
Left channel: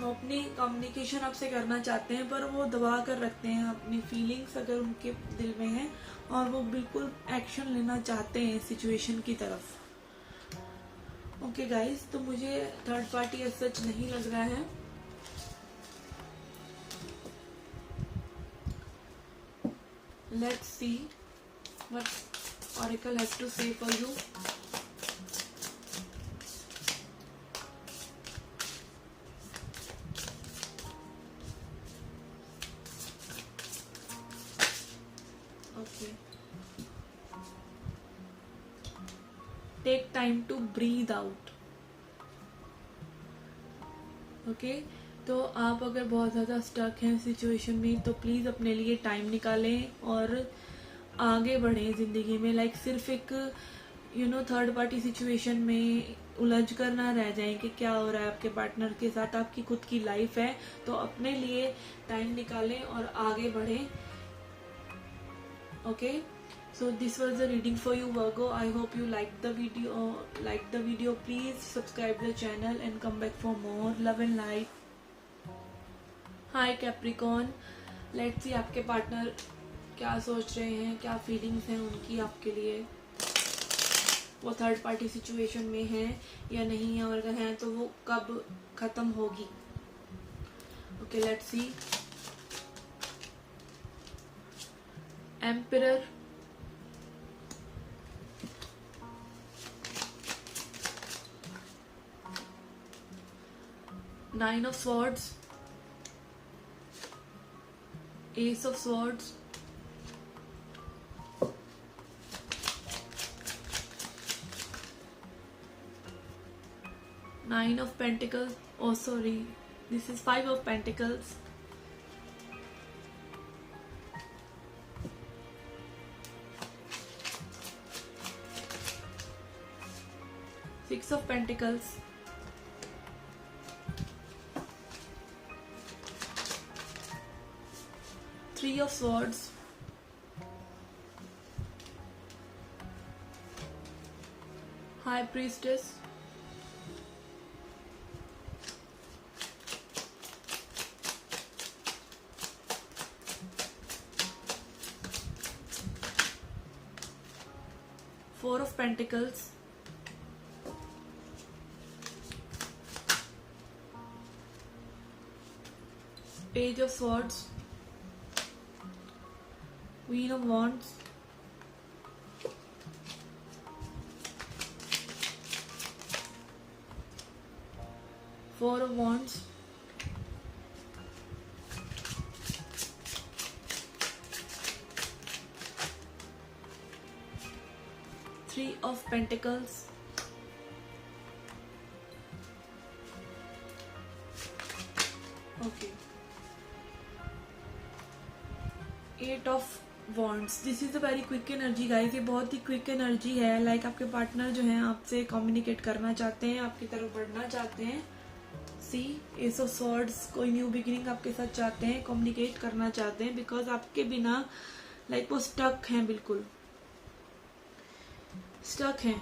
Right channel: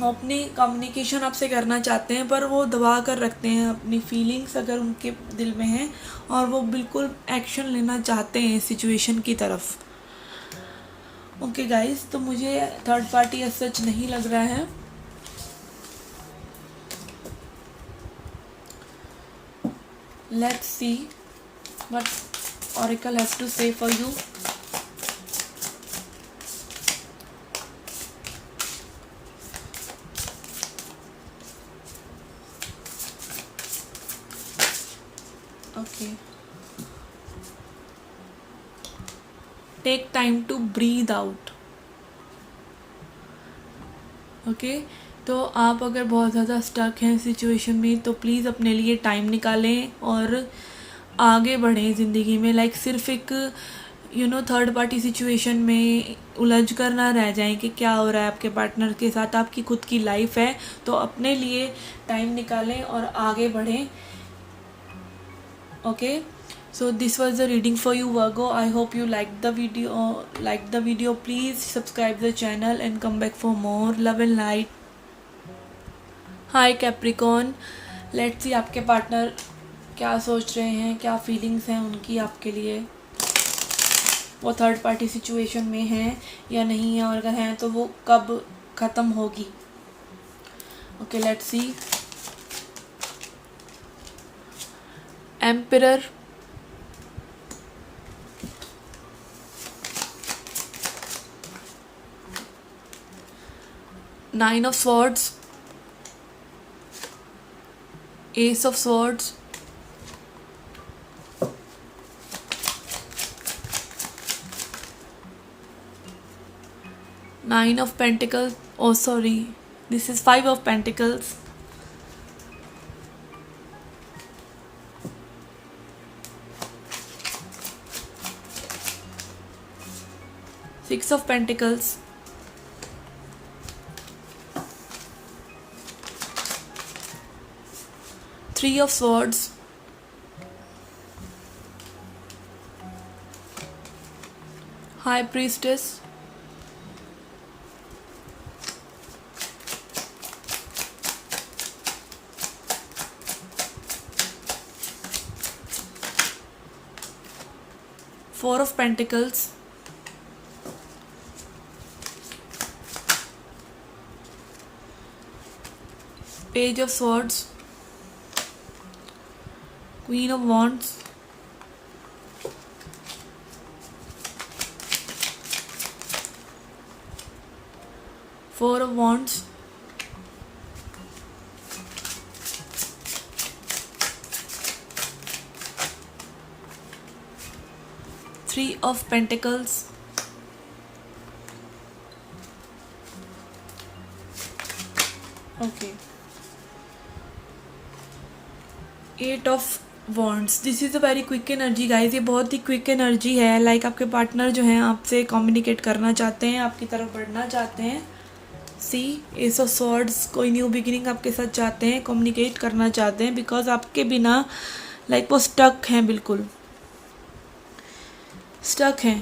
अपनी कम्युनिकेशन आपसे करना चाहते हैं, पर वो दबा कर रखते हैं अपनी फीलिंग्स अगर उनके दिल में हैं, और वो बिल्कुल एक्शन लेना चाहते हैं सिचुएशन की तरफ। ओके गाइस, तो मुझे थर्ड पार्टी एज सच नहीं लग रहा है। Let's see what Oracle has to say for you. Okay. Take time to breathe out. Okay तो आप अगर बहुत ज़्यादा स्टक हैं सिचुएशन में तो प्लीज़ अपने लिए टाइम निकालें और आगे बढ़ें ज़िंदगी में। लाइक सिर्फ एक थर्ड पार्टी सिचुएशन में उलझ कर ना रह जाएं कि क्या हो रहा है आपके पार्टनर के साथ। आपकी खुद की लाइफ है तो अपने लिए टाइम निकालें और आगे बढ़ें। Okay, so this was the reading for you, Virgo. I hope you liked the video. Please subscribe the channel and come back for more. Love and light. Hi Capricorn, let's see आपके partner क्या सोच रहे हैं, क्या feelings हैं उनकी आपके लिए। वो थर्ड पार्टी सिचुएशन में हैं या नहीं है, और अगर हैं तो वो कब ख़त्म होगी। Okay, let's C. Emperor, Nine of Swords, Ace of Swords, Nine of Pentacles. Oh sorry, this is Five of Pentacles, Six of Pentacles, Three of Swords, High Priestess, Four of Pentacles, Page of Swords, Queen of Wands, Four of Wands, Three of Pentacles, okay, Eight of Wands. This is a very quick energy guys, ये बहुत ही quick energy है। Like आपके partner जो हैं आपसे communicate करना चाहते हैं, आपकी तरफ बढ़ना चाहते हैं। सी, एस ऑफ सॉर्ड्स, कोई न्यू बिगिनिंग आपके साथ चाहते हैं, कम्युनिकेट करना चाहते हैं, बिकॉज आपके बिना लाइक वो स्टक हैं, बिल्कुल स्टक हैं।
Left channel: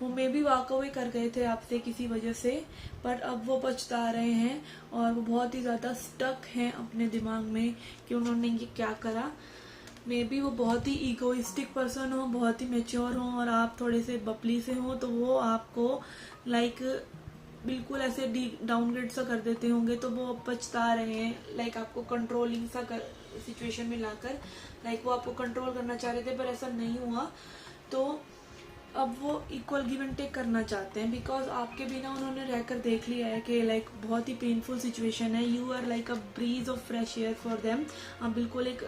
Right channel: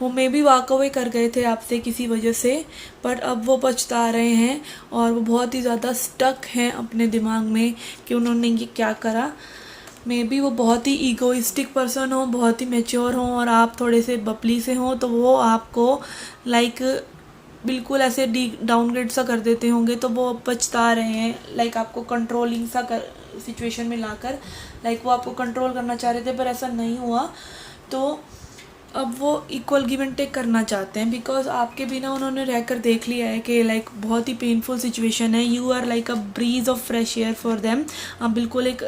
वो मे भी वॉक अवे कर गए थे आपसे किसी वजह से, पर अब वो पछता रहे हैं और वो बहुत ही ज़्यादा स्टक हैं अपने दिमाग में कि उन्होंने ये क्या करा। मे बी वो बहुत ही ईगोइस्टिक पर्सन हो, बहुत ही मैच्योर हों, और आप थोड़े से बपली से हों, तो वो आपको लाइक बिल्कुल ऐसे डाउनग्रेड सा कर देते होंगे। तो वो पछता रहे हैं, लाइक आपको कंट्रोलिंग सा कर सिचुएशन में लाकर, लाइक वो आपको कंट्रोल करना चाह रहे थे पर ऐसा नहीं हुआ। तो अब वो इक्वल गिव एंड टेक करना चाहते हैं, बिकॉज आपके बिना उन्होंने रहकर देख लिया है कि लाइक बहुत ही पेनफुल सिचुएशन है। You are like a breeze of fresh air for them. आप बिल्कुल एक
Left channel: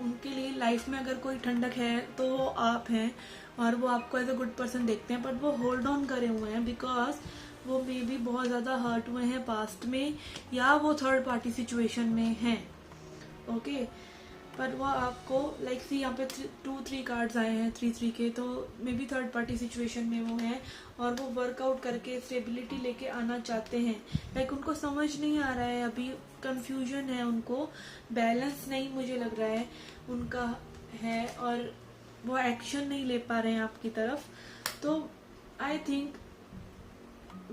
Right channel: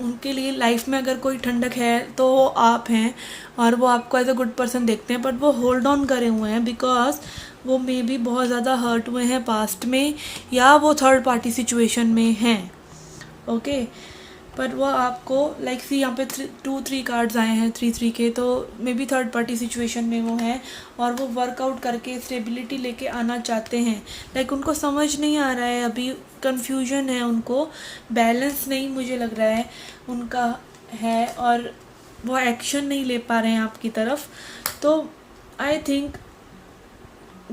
उनके लिए लाइफ में अगर कोई ठंडक है तो वो आप हैं, और वो आपको एज अ गुड पर्सन देखते हैं। बट वो होल्ड ऑन करे हुए हैं बिकॉज वो मे बी बहुत ज़्यादा हर्ट हुए हैं पास्ट में, या वो थर्ड पार्टी सिचुएशन में हैं। ओके, पर वो आपको लाइक सी यहाँ पे 2-3 कार्ड्स आए हैं 3-3 के, तो may be third party situation में वो हैं और वो वर्कआउट करके स्टेबिलिटी लेके आना चाहते हैं। लाइक उनको समझ नहीं आ रहा है, अभी कंफ्यूजन है, उनको बैलेंस नहीं मुझे लग रहा है उनका है, और वो एक्शन नहीं ले पा रहे हैं आपकी तरफ। तो आई थिंक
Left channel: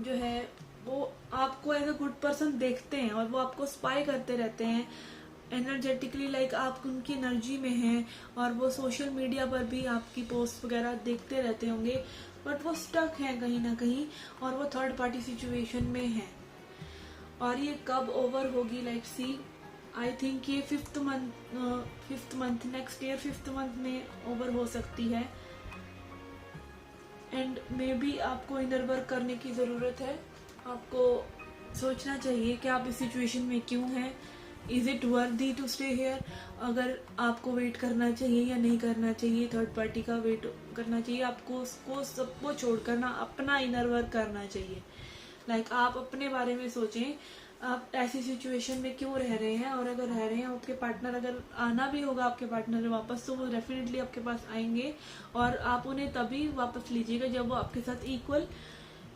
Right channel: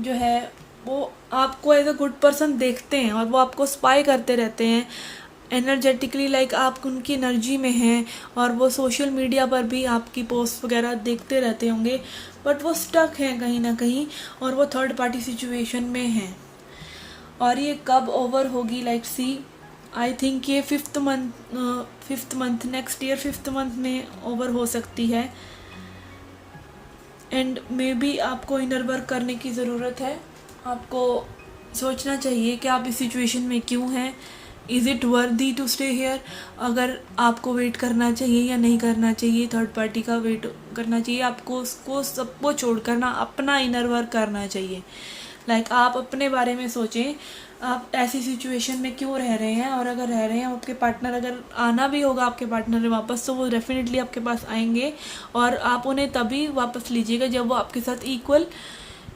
जो है वो आपको एज अ गुड पर्सन देखते हैं, और वो आपको स्पाई करते रहते हैं एनर्जेटिकली, लाइक आप उनकी एनर्जी में हैं, और वो सोशल मीडिया पर भी आपकी पोस्ट वगैरह देखते रहते होंगे। बट वो स्टक हैं कहीं ना कहीं, और वो थर्ड पार्टी सिचुएशन में हैं। और ये कब ओवर होगी, लाइक सी आई थिंक ये fifth month next year 5th month में ओवर हो सकती है। एंड मे बी आपको इनर वर्क करने की ज़रूरत है। आपको सोचना चाहिए कि आप इस सिचुएशन में क्यों हैं, is it worthy to stay here. अगर आपको वेट करना चाहिए या नहीं करना चाहिए, थर्ड पार्टी का वेट करना चाहिए, आपको उसको सबको छोड़कर ना अपना इनर वर्क करना चाहिए। लाइक आप अपने बारे में सोचें, आप ऐसी सिचुएशन में क्यों रह रहे हैं, और अगर रह रहे हैं आपके पार्टनर, अगर आना भी होगा आपके पार्टनर ने वापस, तो वो डेफिनेटली आपके पास आएंगे, और आप उन्हें तभी वापस लीजिएगा जब वो आपके साथ इक्वल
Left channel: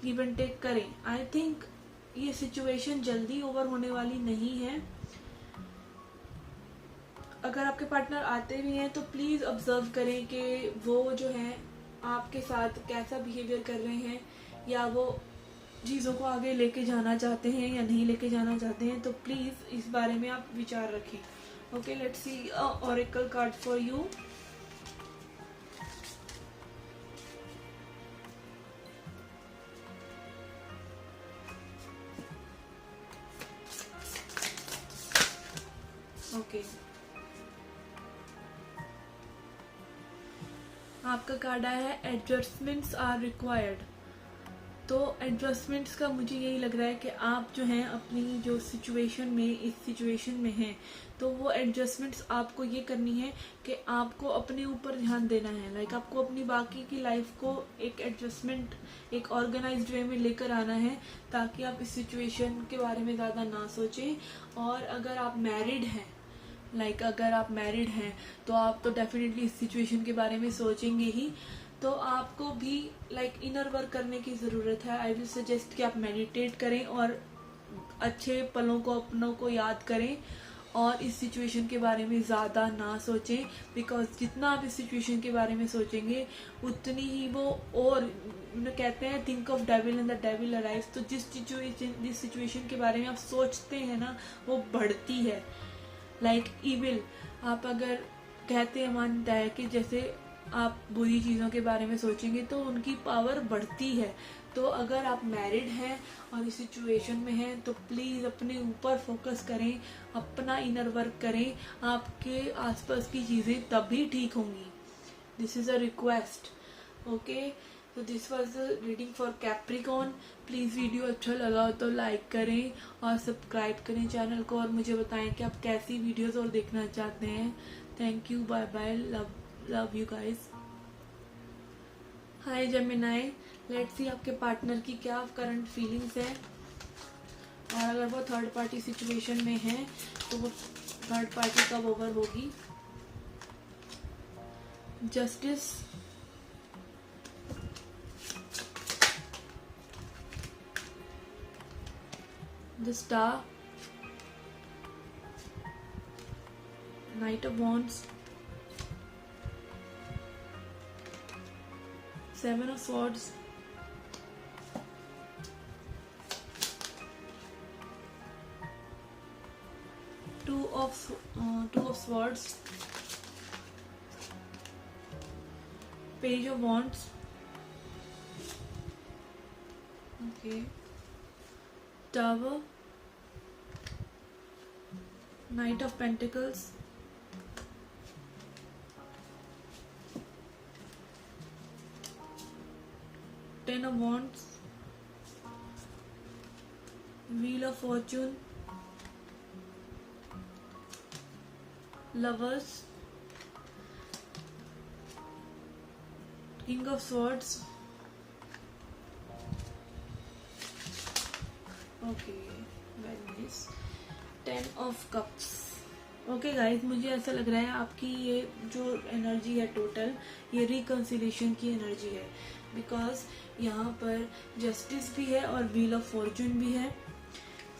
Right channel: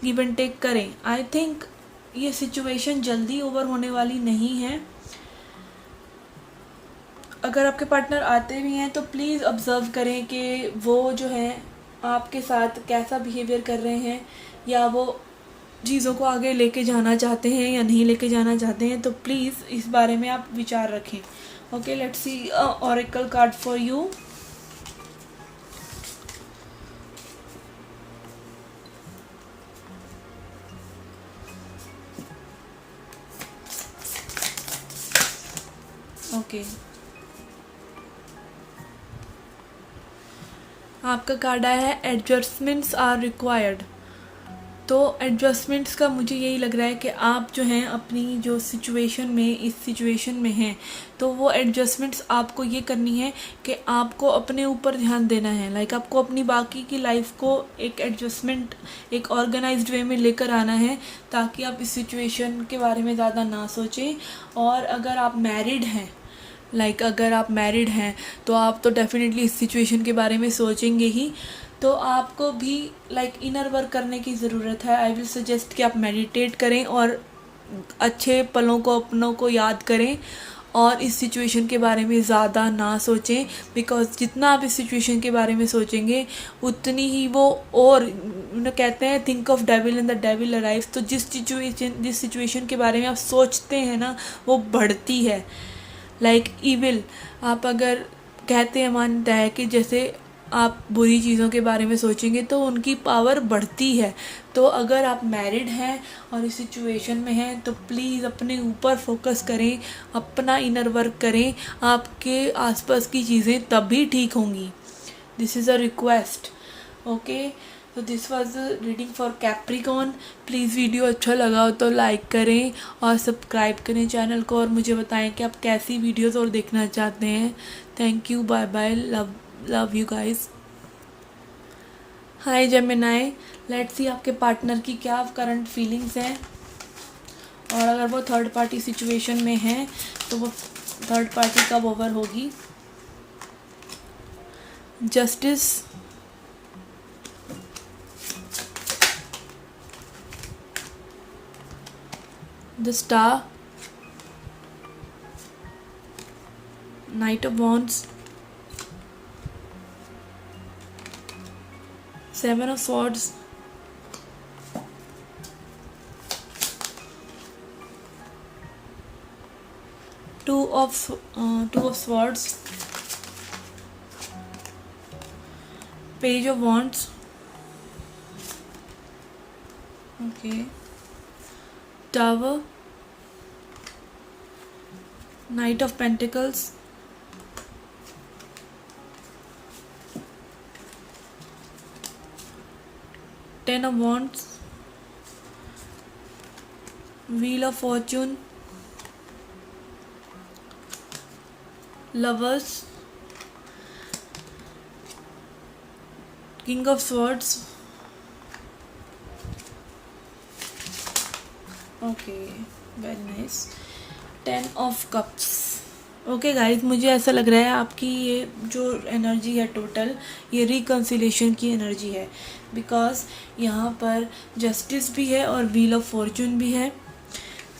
गिव एंड टेक करें। आई थिंक ये सिचुएशन जल्दी ओवर होने वाली नहीं है। अगर आपके पार्टनर आते भी हैं तो प्लीज़ ऑब्ज़र्व करें कि वो जो है आपके साथ कैसा बिहेवियर कर रहे हैं, या वो चीज़ों को आगे लेके जाना चाहते हैं या नहीं लेके जाना चाहते हैं। तो प्लीज़ इस बारे में आप विचार रखें। Okay, let's C oracle card for you. Okay, आपका कार्ड आया है एडजस्टमेंट्स आर रिक्वायर्ड। तो एडजस्टमेंट्स का मुझे यही लग रहा है कि आप जो हैं अपनी जो सिचुएशन में, इस सिचुएशन में हैं, तो वो एडजस्टमेंट्स आपको ये करनी है कि आपको अपने ऊपर ध्यान देना है। लाइक आपको अपनी बाकी की लाइफ को एक एडजस्टमेंट, एक ऑर्गेनाइज्ड वे में लेकर आना है, ताकि आप इस सिचुएशन के बारे में ज़्यादा ना सोचें। और अगर आप मैरिड हैं, अगर आप मैरिड हैं तो आप तो डेफिनेटली इस सिचुएशन के बारे में सोचेंगे ही। तो आपको भी इनर वर्क करने की ज़रूरत है। आई विल सजेस्ट कि आप मेडिटेट करें और अच्छे पलों को, अपनों को याद करें, और इस सिचुएशन के बारे में ज़्यादा ना सोचें। बिकॉज जितना आप इस सिचुएशन के बारे में सोचेंगे उतनी ही वो, और कहते हैं think of devil and the devil arrives. तो जिस सिचुएशन के बारे में आप सोचते हैं ना, वो बढ़ती है। ईविल, आप अगर कहते हैं, मानता है कि जैसे आप बुरी चीज़ों के बारे में सोचेंगे तो उनकी पावर बढ़ती है। तो अगर आप मैरिड हैं और इस सिचुएशन में हैं तो प्लीज़ अपने ऊपर फोकस करें, अपना इनर वर्क करें। आपके आसपास की चीज़ें तभी ठीक होंगी। This is a request. Okay, तो this was the reading for Capricorn. Please video अच्छा लगा हो तो लाइक करें और सब्सक्राइब करें चैनल को, और मुझे बताएं कि आप कैसी वीडियोस और देखना चाहते हैं। Thank you, bye bye, love you guys. Hi Gemini, let's see आपके पार्टनर की क्या करंट फीलिंग्स हैं, और अगर वो थर्ड पार्टी सिचुएशन में है तो वो थर्ड पार्टी कब ओवर होगी। Justice, the star, night of wands, 7 of swords, two of swords, page of wands, okay, tower, knight of pentacles, ten of wands, wheel of fortune, lovers, king of swords, okay, very nice, 10 of cups। Okay guys, मुझे ऐसा लग रहा है आपकी ये जो energy है total, ये रिकन्सिलेशन की एनर्जी है। बिकॉज यहाँ पर जस्टिस भी है और व्हील ऑफ फॉर्चून भी है।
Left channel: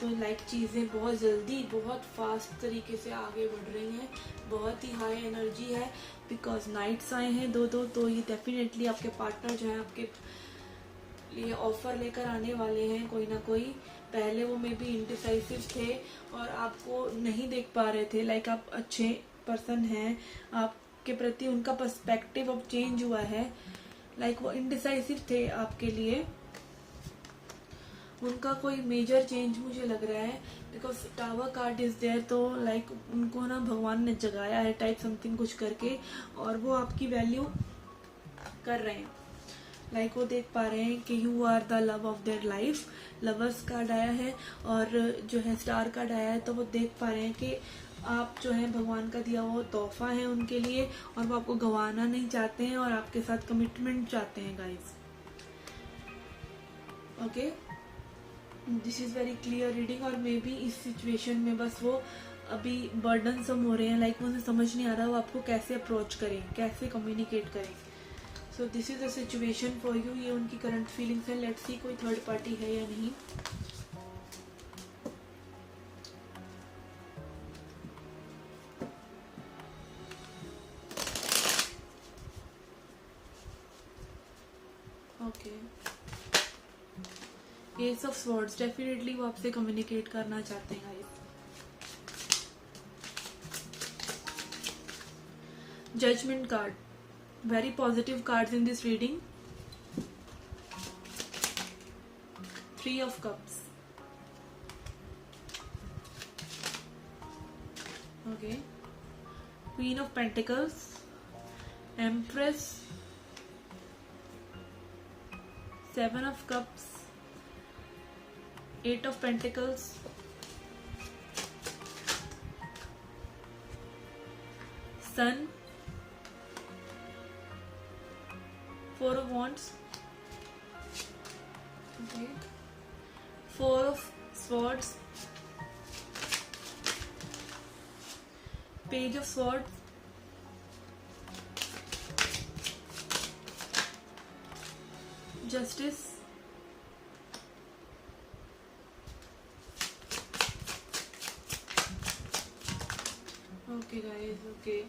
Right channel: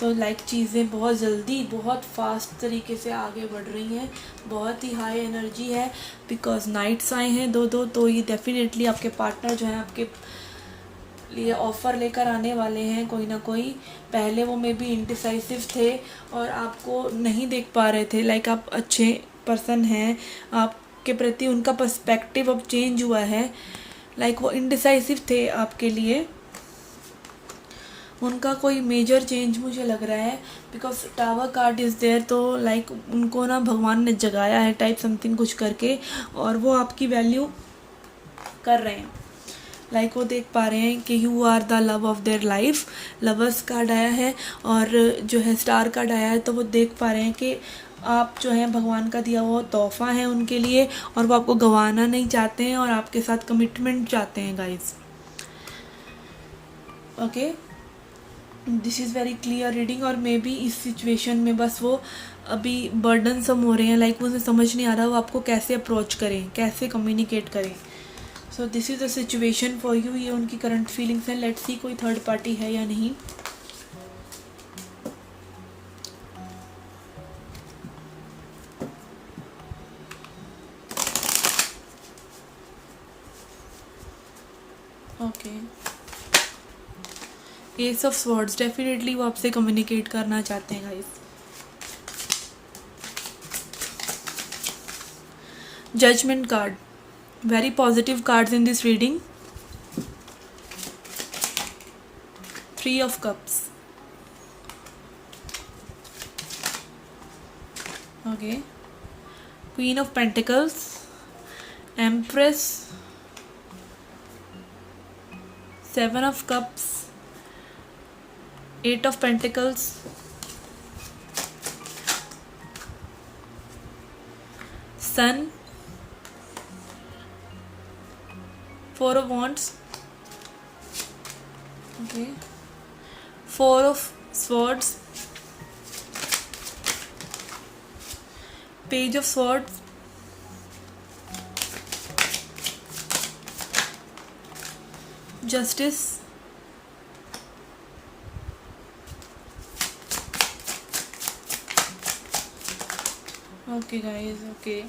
तो चीज़ें बहुत जल्दी, बहुत फास्ट तरीके से आगे बढ़ रही हैं, बहुत ही हाई एनर्जी है। बिकॉज नाइट्स आए हैं दो, तो ये डेफिनेटली आपके पार्टनर जो हैं आपके लिए ऑफ़र लेकर आने वाले हैं कोई ना कोई। पहले वो मे बी इंडिसाइसिव थे और आपको नहीं देख पा रहे थे। आप अच्छे पर्सन हैं, आपके प्रति उनका पर्सपेक्टिव अब चेंज हुआ है। वो इंडिसाइसिव थे आपके लिए, उनका कोई मेजर चेंज मुझे लग रहा है, because tower card is there, तो लाइक उनको ना भगवान ने जगाया है टाइप समथिंग कुछ करके, और वो आपकी वैल्यू कर रहे हैं। लाइक वो देख पा रहे हैं कि you are the love of their life. Lovers card आया है और जो है स्टार कार्ड आया है, तो वो देख पा रहे हैं कि आप जो है भगवान का दिया हुआ तोहफा है उनके लिए, और वो आपको गंवाना नहीं चाहते हैं और आपके साथ कमिटमेंट चाहते हैं guys. Okay, this is very clear reading. और मे बी इस सिचुएशन में बस वो अभी बर्डन सम हो रहे हैं, लाइक उन्हें समझ नहीं आ रहा वो आपको कैसे अप्रोच करें, कैसे कम्युनिकेट करें। So this is the situation for you. ये उनकी करंट फीलिंग्स हैं। लेट्स सी कोई थर्ड पार्टी है या नहीं। Okay, ace of swords, definitely वो आपसे कम्युनिकेट करना चाहते हैं guys. Judgement card, very positive cards in this reading. Three of Cups. Okay. Queen of Pentacles, Empress, Seven of Cups, Eight of Pentacles, Sun, Four of Wands, okay, Four of Swords, Page of Swords, Justice, okay guys, okay.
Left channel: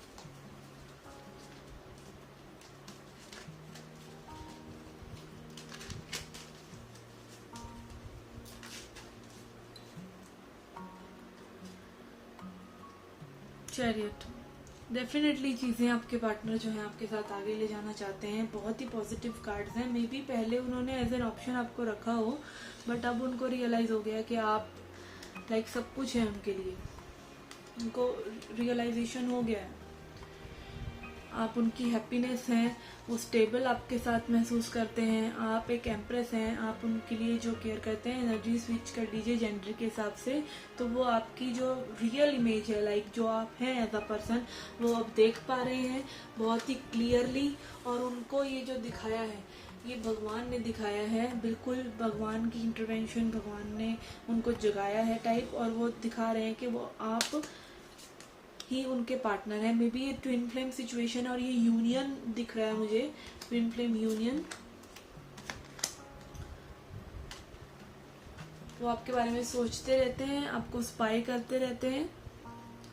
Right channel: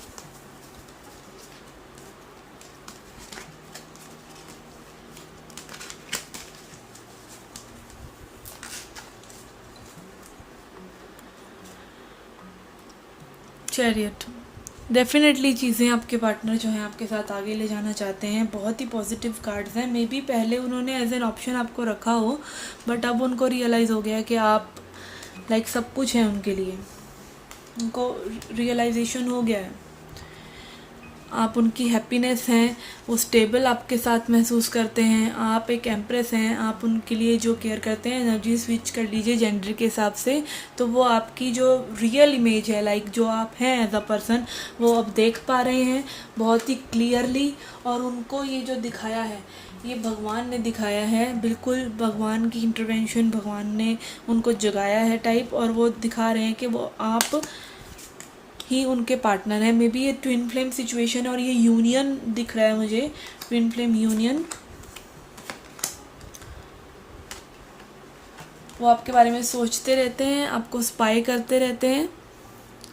Chariot, definitely चीज़ें आपके partner जो हैं आपके साथ आगे ले जाना चाहते हैं। बहुत ही पॉजिटिव कार्ड्स हैं। मे बी पहले उन्होंने एज एन ऑप्शन आपको रखा हो, बट अब उनको रियलाइज़ हो गया कि आप लाइक सब कुछ है उनके लिए। उनको रियलाइजेशन हो गया है, आप उनकी हैप्पीनेस हैं, वो स्टेबल आपके साथ महसूस करते हैं। आप एक एम्प्रेस हैं, आप उनके लिए जो केयर करते हैं। एनर्जी स्विच कर लीजिए जेंडर के हिसाब से, तो वो आपकी जो रियल इमेज है, लाइक जो आप हैं एज अ पर्सन, वो अब देख पा रहे हैं बहुत ही क्लियरली। और उनको ये जो दिखाया है, ये भगवान ने दिखाया है, बिल्कुल भगवान की इंटरवेंशन, भगवान ने उनको जगाया है टाइप। और वो दिखा रहे हैं कि वो आप ही उनके पार्टनर है। मे बी ये ट्विन फ्लेम सिचुएशन है और ये यूनियन दिख रहा है मुझे, ट्विन फ्लेम यूनियन। वो आपके बारे में सोचते रहते हैं, आपको स्पाई करते रहते हैं,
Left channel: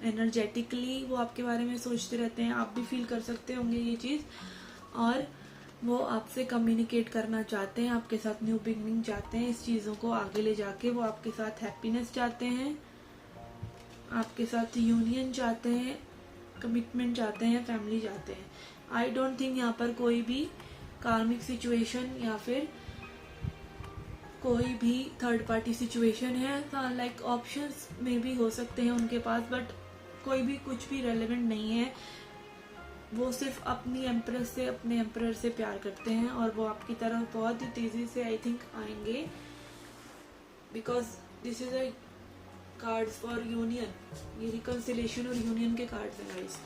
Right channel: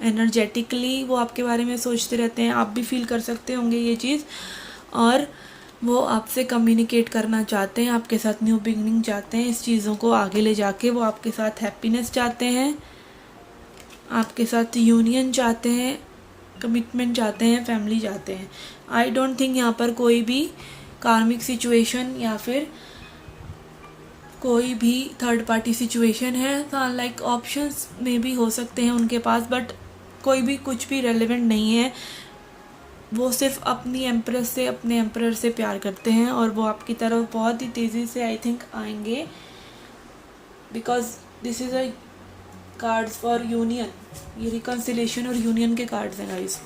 एनर्जेटिकली वो आपके बारे में सोचते रहते हैं। आप भी फील कर सकते होंगे ये चीज़। और वो आपसे कम्युनिकेट करना चाहते हैं, आपके साथ न्यू बिगनिंग चाहते हैं, इस चीज़ों को आगे ले जाके वो आपके साथ हैप्पीनेस चाहते हैं, आपके साथ यूनियन चाहते हैं, कमिटमेंट चाहते हैं, फैमिली चाहते हैं। आई डोंट थिंक यहाँ पर कोई भी कार्मिक सिचुएशन या फिर कोई भी थर्ड पार्टी सिचुएशन है। लाइक ऑप्शंस में भी हो सकते हैं उनके पास, बट कोई भी कुछ भी रेलेवेंट नहीं है। वो सिर्फ अपनी एम्प्रेस से, अपने एम्परर से प्यार करते हैं और वो आपकी तरफ बहुत ही तेज़ी से आई थिंक आएंगे, because this is a cards for union. ये रिकन्सिलेशन और यूनियन के कार्ड्स हैं guys.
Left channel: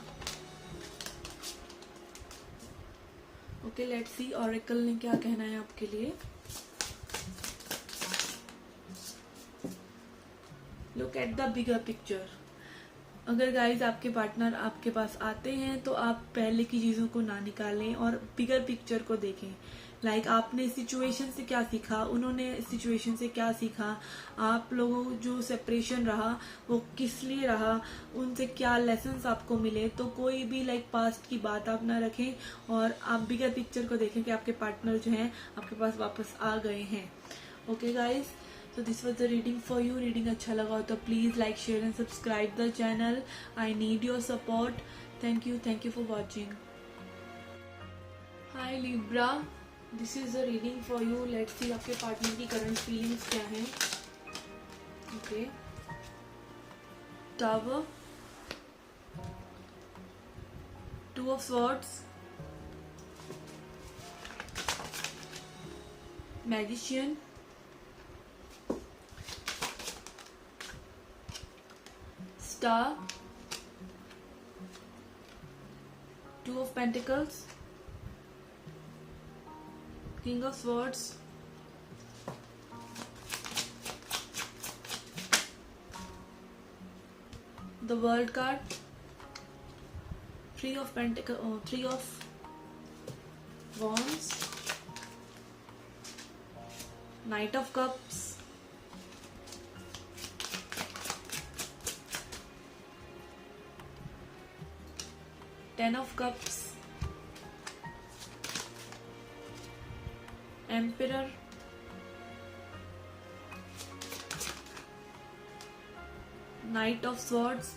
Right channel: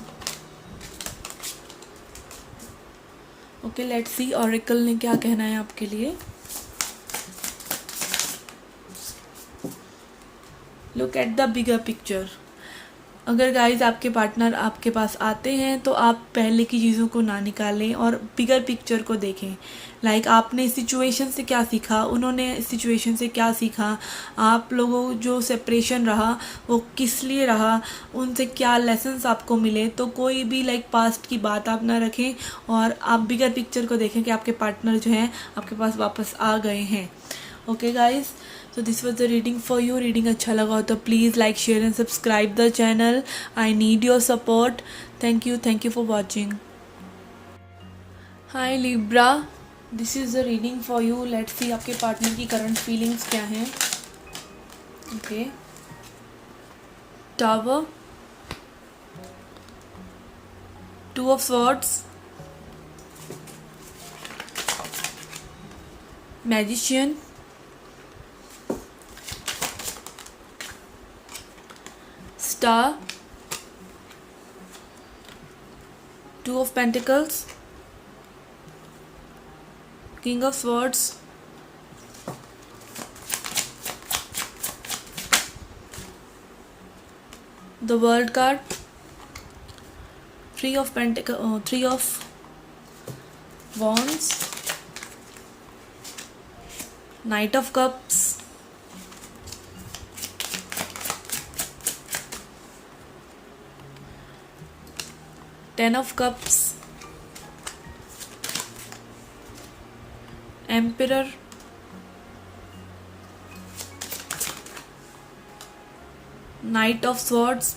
Okay, let's C oracle ने क्या कहना है आपके लिए। Look at the bigger picture. अगर गाइस आपके पार्टनर आपके पास आते हैं तो आप पहले की चीज़ों को ना निकालें और बिगर पिक्चर को देखें। लाइक आपने इस सिचुएशन से क्या सीखा, उन्होंने इस सिचुएशन से क्या सीखा, आप लोगों जो सेपरेशन रहा वो किस लिए रहा, उनसे क्या लेसन्स आपको मिले। तो कोई भी लाइक पास्ट की बात आप ना रखें और आप बिगर पिक्चर को देखें कि आपके पार्टनर जो हैं आपके पास वापस आ गए हैं। Okay guys, so this was the reading for you. Reading अच्छा लगा हो तो please like, share and subscribe the channel. I need your support. Thank you for watching. Hi Libra, this is the reading for you. Let's see आपके partner की current feelings क्या हैं। Okay, tower, two of swords, magician, star, two of pentacles, king of swords, the world card, three of wands, knight of cups, ten of cups, emperor, knight of swords,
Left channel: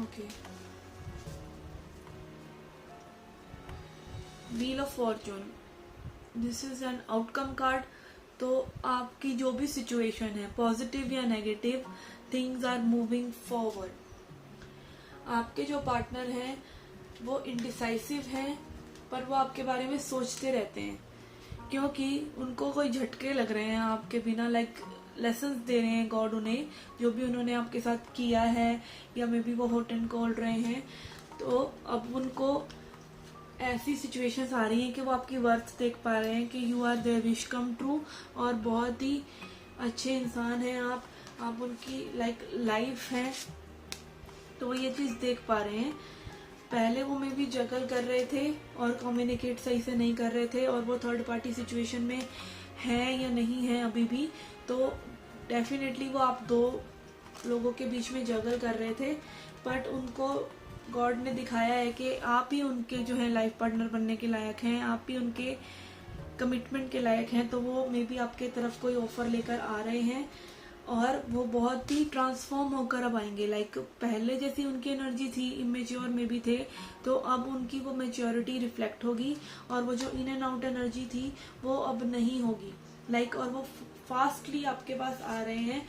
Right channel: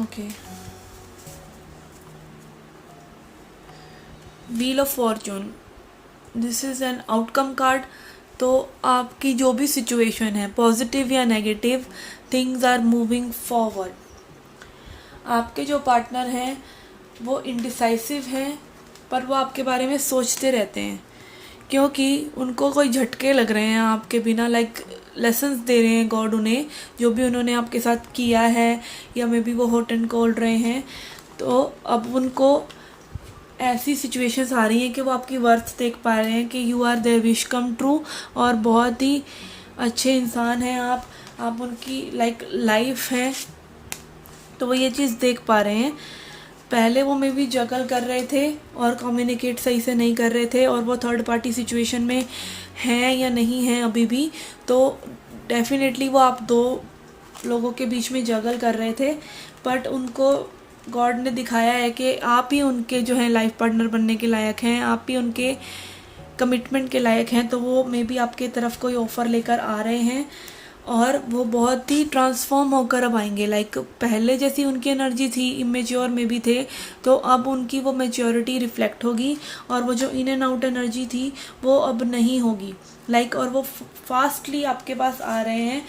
okay, wheel of fortune, this is an outcome card. तो आपकी जो भी situation है, positive या negative, things are moving forward. आपके जो partner हैं वो इंडिसाइसिव हैं, पर वो आपके बारे में सोचते रहते हैं, क्योंकि उनको कोई झटके लग रहे हैं आपके बिना, लाइक लेसन्स दे रहे हैं गॉड उन्हें, जो भी उन्होंने आपके साथ किया है, या मे बी वो हॉट एंड कोल्ड रहे हैं। तो अब उनको ऐसी सिचुएशंस आ रही हैं कि वो आपकी वर्थ देख पा रहे हैं कि you are their wish come true, और बहुत ही अच्छे इंसान हैं आप उनकी लाइफ है। तो वो ये चीज़ देख पा रहे हैं। पहले वो मे भी जगल कर रहे थे और कम्युनिकेट सही से नहीं कर रहे थे, और वो थर्ड पार्टी सिचुएशन में हैं या नहीं हैं अभी भी, तो डेफिनेटली वो आप दो लोगों के बीच में जगल कर रहे थे। बट उनको गॉड ने दिखाया है कि आप ही उनके जो है लाइफ पार्टनर बनने के लायक हैं, आप ही उनके कमिटमेंट के लायक हैं। तो वो मे बी आपके तरफ कोई ऑफ़र लेकर आ रहे हैं, और वो बहुत ही ट्रांसफॉर्म होकर अब आएंगे। लाइक पहले जैसी उनकी एनर्जी थी, इमेच्योर में भी थे, तो अब उनकी वो मैच्योरिटी रिफ्लेक्ट होगी, और वो जो इन एंड आउट एनर्जी थी वो अब नहीं होगी। और वो फास्टली आपके पास आ रहे हैं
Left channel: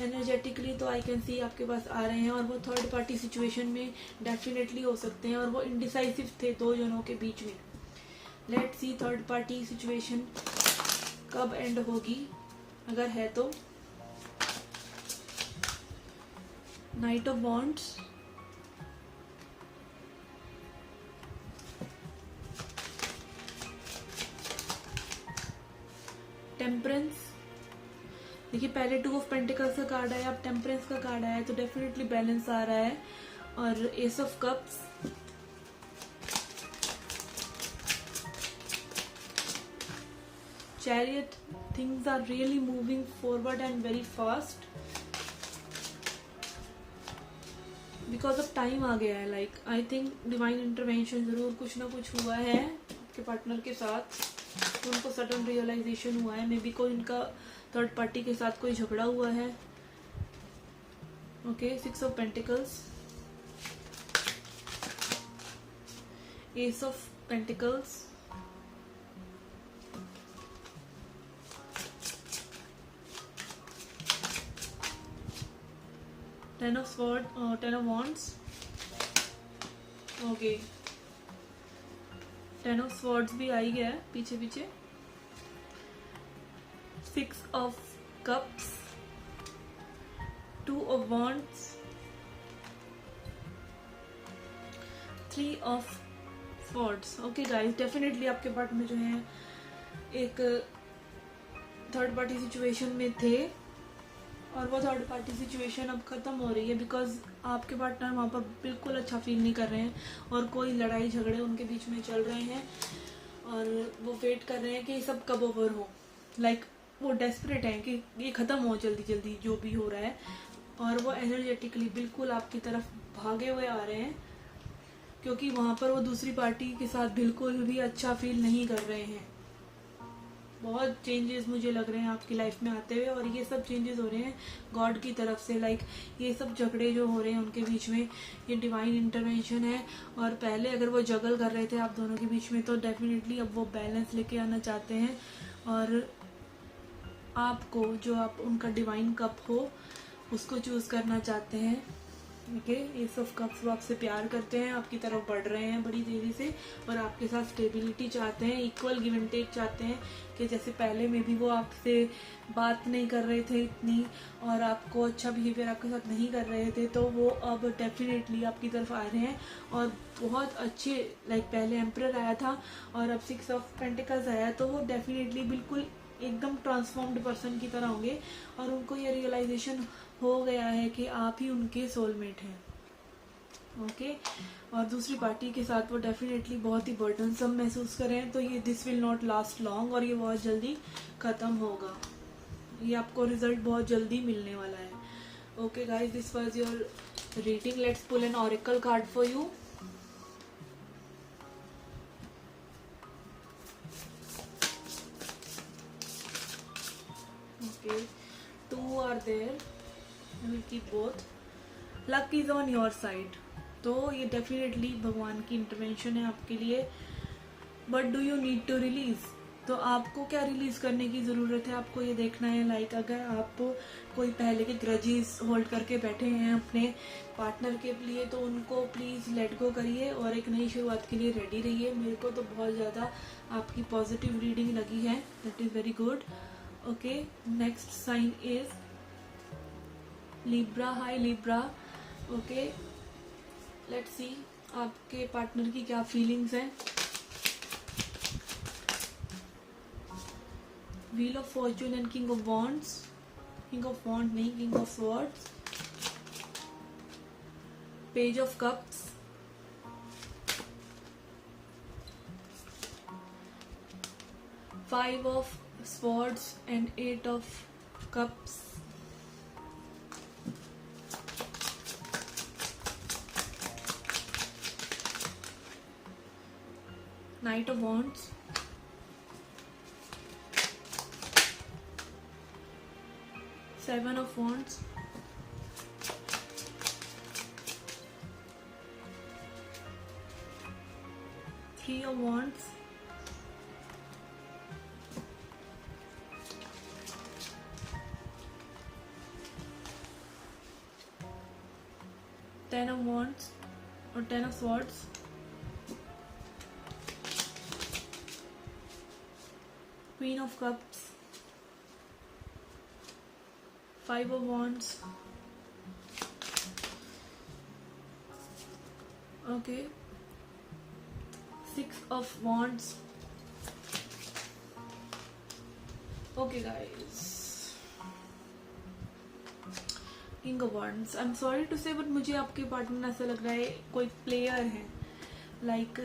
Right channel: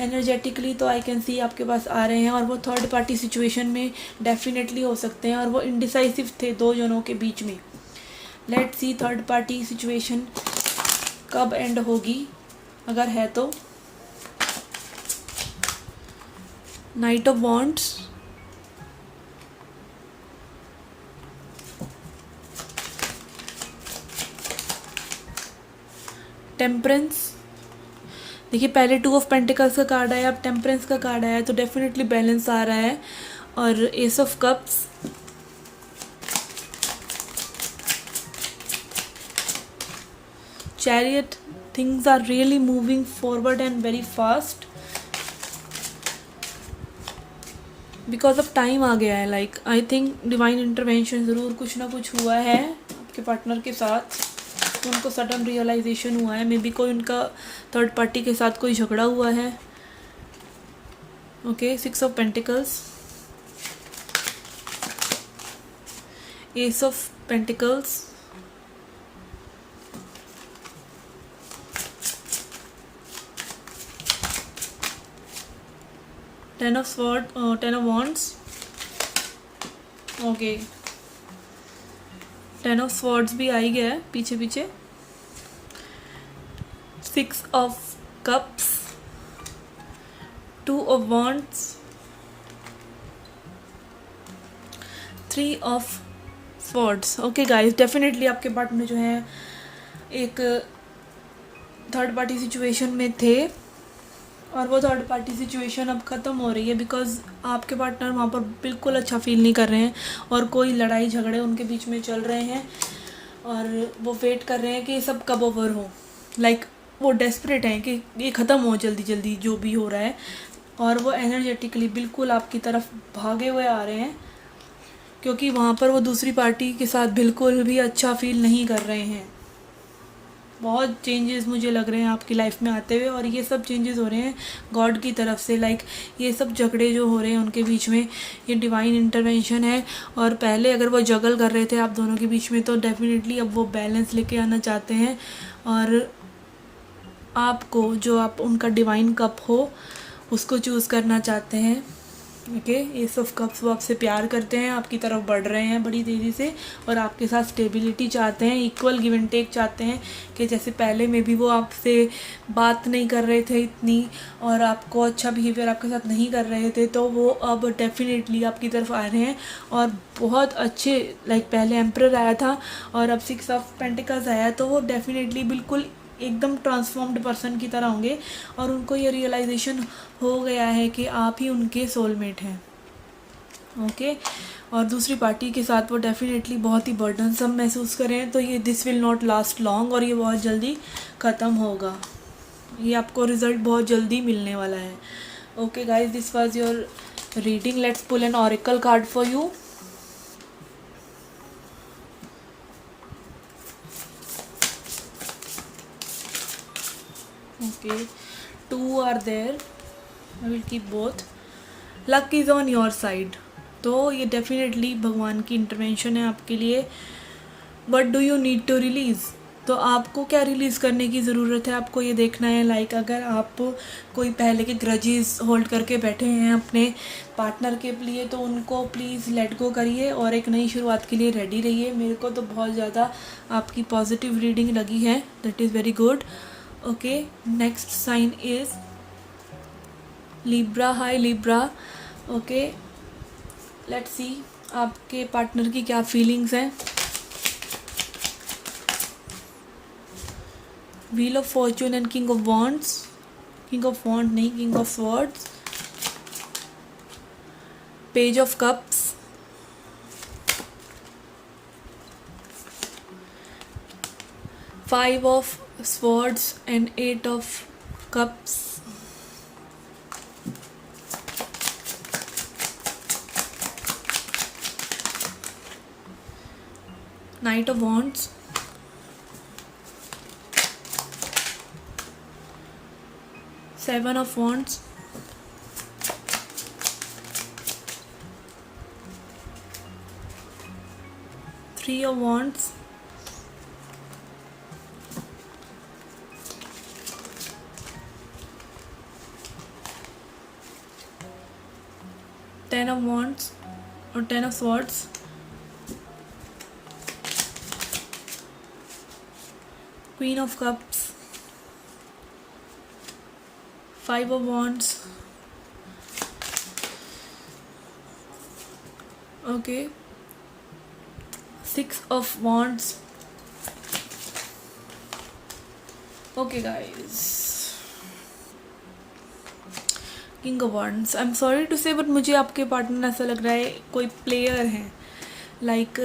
एनर्जेटिकली, तो आई कैन सी आपके पास आ रहे हैं, और वो थर्ड पार्टी सिचुएशन में डेफिनेटली हो सकते हैं, और वो इंडिसाइसिव थे दो जनों के बीच में। Let's see third party situation कब एंड होगी, अगर है तो। Night of wands, temperance. देखिए पहले टू ऑफ पेंटिकल्स का कार्ड आया, अब टेम्परेंस का कार्ड आया, तो डेफिनेटली बैलेंस आ रहा है। और ace of cups, chariot, things are really moving forward and very fast, because of time आ गया है। आई थिंक डिवाइन इंटरवेंशन ज़रूर कुछ ना कुछ हुआ है आपके पार्टनर के साथ, तो उनको सडन रियलाइजेशन हुआ है। मे बी कोई उनका थर्ड पार्टी के साथ कोई झगड़ा हुआ है। Okay, six of pentacles, S of pentacles, ten of wands, okay, ten of swords भी आ ही गया है पीछे पीछे, six of cups, two of wands, three of swords. Okay guys, definitely आपके पार्टनर जो है एक थर्ड पार्टी सिचुएशन में थे, और वो थर्ड पार्टी सिचुएशन अब ख़त्म हो रही है, बिकॉज आपके पार्टनर वहाँ पर बिल्कुल अच्छा फील नहीं कर रहे हैं, और कोई लड़ाई झगड़े उनके बीच में चल रहे हैं, और वो वेट कर रहे हैं कि ये सब कब ओवर हो। वो डेस्परेट हैं कि ये ख़त्म हो जल्दी जल्दी जो भी हो रहा है, और वो एनर्जेटिकली बिल्कुल आपकी तरफ भागे हुए आ रहे हैं, क्योंकि वहाँ पर वो दूसरी पार्टी के साथ बिल्कुल भी अच्छा फील नहीं कर रहे हैं। बहुत चेंजेस मुझे लग रहे हैं आपकी लाइफ में आते हुए, और ये सब चेंजेस हो रहे हैं गॉड की तरफ से। लाइक ये सब झगड़े जो हो रहे हैं उनके बीच में ये डिवाइन इंटरवेंशन है। और पहले अगर वो जगल कर रहे थे आप दोनों के बीच में, तो डेफिनेटली अब वो बैलेंस लेके आना चाहते हैं, और आपको जो आप उनका डिवाइन कप हो उसको चूज़ करना चाहते हैं। ओके, एस ऑफ कप्स वो आपसे प्यार करते हैं, आपकी तरफ बढ़ रहे हैं बड़ी तेज़ी से, और आपके साथ स्टेबिलिटी चाहते हैं, इक्वल गिव एंड टेक चाहते हैं। कि जैसे पहले में भी वो आपसे बात नहीं कर रहे थे इतनी, और आपको अच्छा बिहेवियर आपके साथ नहीं कर रहे थे, तो वो अब डेफिनेटली आपकी तरफ आ रहे हैं और बहुत अच्छे। लाइक पहले एम्परर आया था और अब 6 ऑफ पेंटिकल्स आया, तो वो डेफिनेटली बिल्कुल एकदम ट्रांसफॉर्म्ड पर्सन की तरह होंगे, और उनको ये रियलाइजेशन हो गया है कि आप ही उनके सोलमेट हैं। ओके, और दूसरी पार्टी के साथ वो डेफिनेटली बहुत ही बर्डनसम महसूस करें, तो ये this will not last long, और ये बहुत जल्दी ख़त्म होगा। ये आपको रिज़ल्ट बहुत जल्दी मिलने वाला है। Okay guys, this was your reading. Let's pull an oracle card for you. Okay, 2 are there. I will keep both. Luck is on your side. तो ये डेफिनेटली भगवान की इंटरवेंशन है आपके लिए। But do you need to release? तो आपको क्या रिलीज़ करने की ज़रूरत है, आपको ये देखना है। लाइक अगर आप कोई पहले के ग्रजेस होल्ड करके बैठे हैं अपने पार्टनर के लिए, तो उनको प्लीज़ लेट गो करिए और एक नई शुरुआत के लिए रेडी रहिए। मेरे को तो बहुत ज़्यादा आपकी पॉजिटिव रीडिंग लगी है, that is very good. Okay, next sign is Libra. Hi Libra. Okay, let's see आपके पार्टनर की क्या फीलिंग्स हैं। Wheel of fortune and king of wands. King of wand नहीं, king of swords. Page of cups. 5 of swords and 8 of cups. Knight of wands. Seven of wands. Three of wands. Ten of wands or 10 of swords. Queen of cups. 5 of wands. Okay, 6 of wands. Okay guys, king of wands. I am sorry to say, but मुझे आपके partner ऐसा लग रहा है कोई player है। Like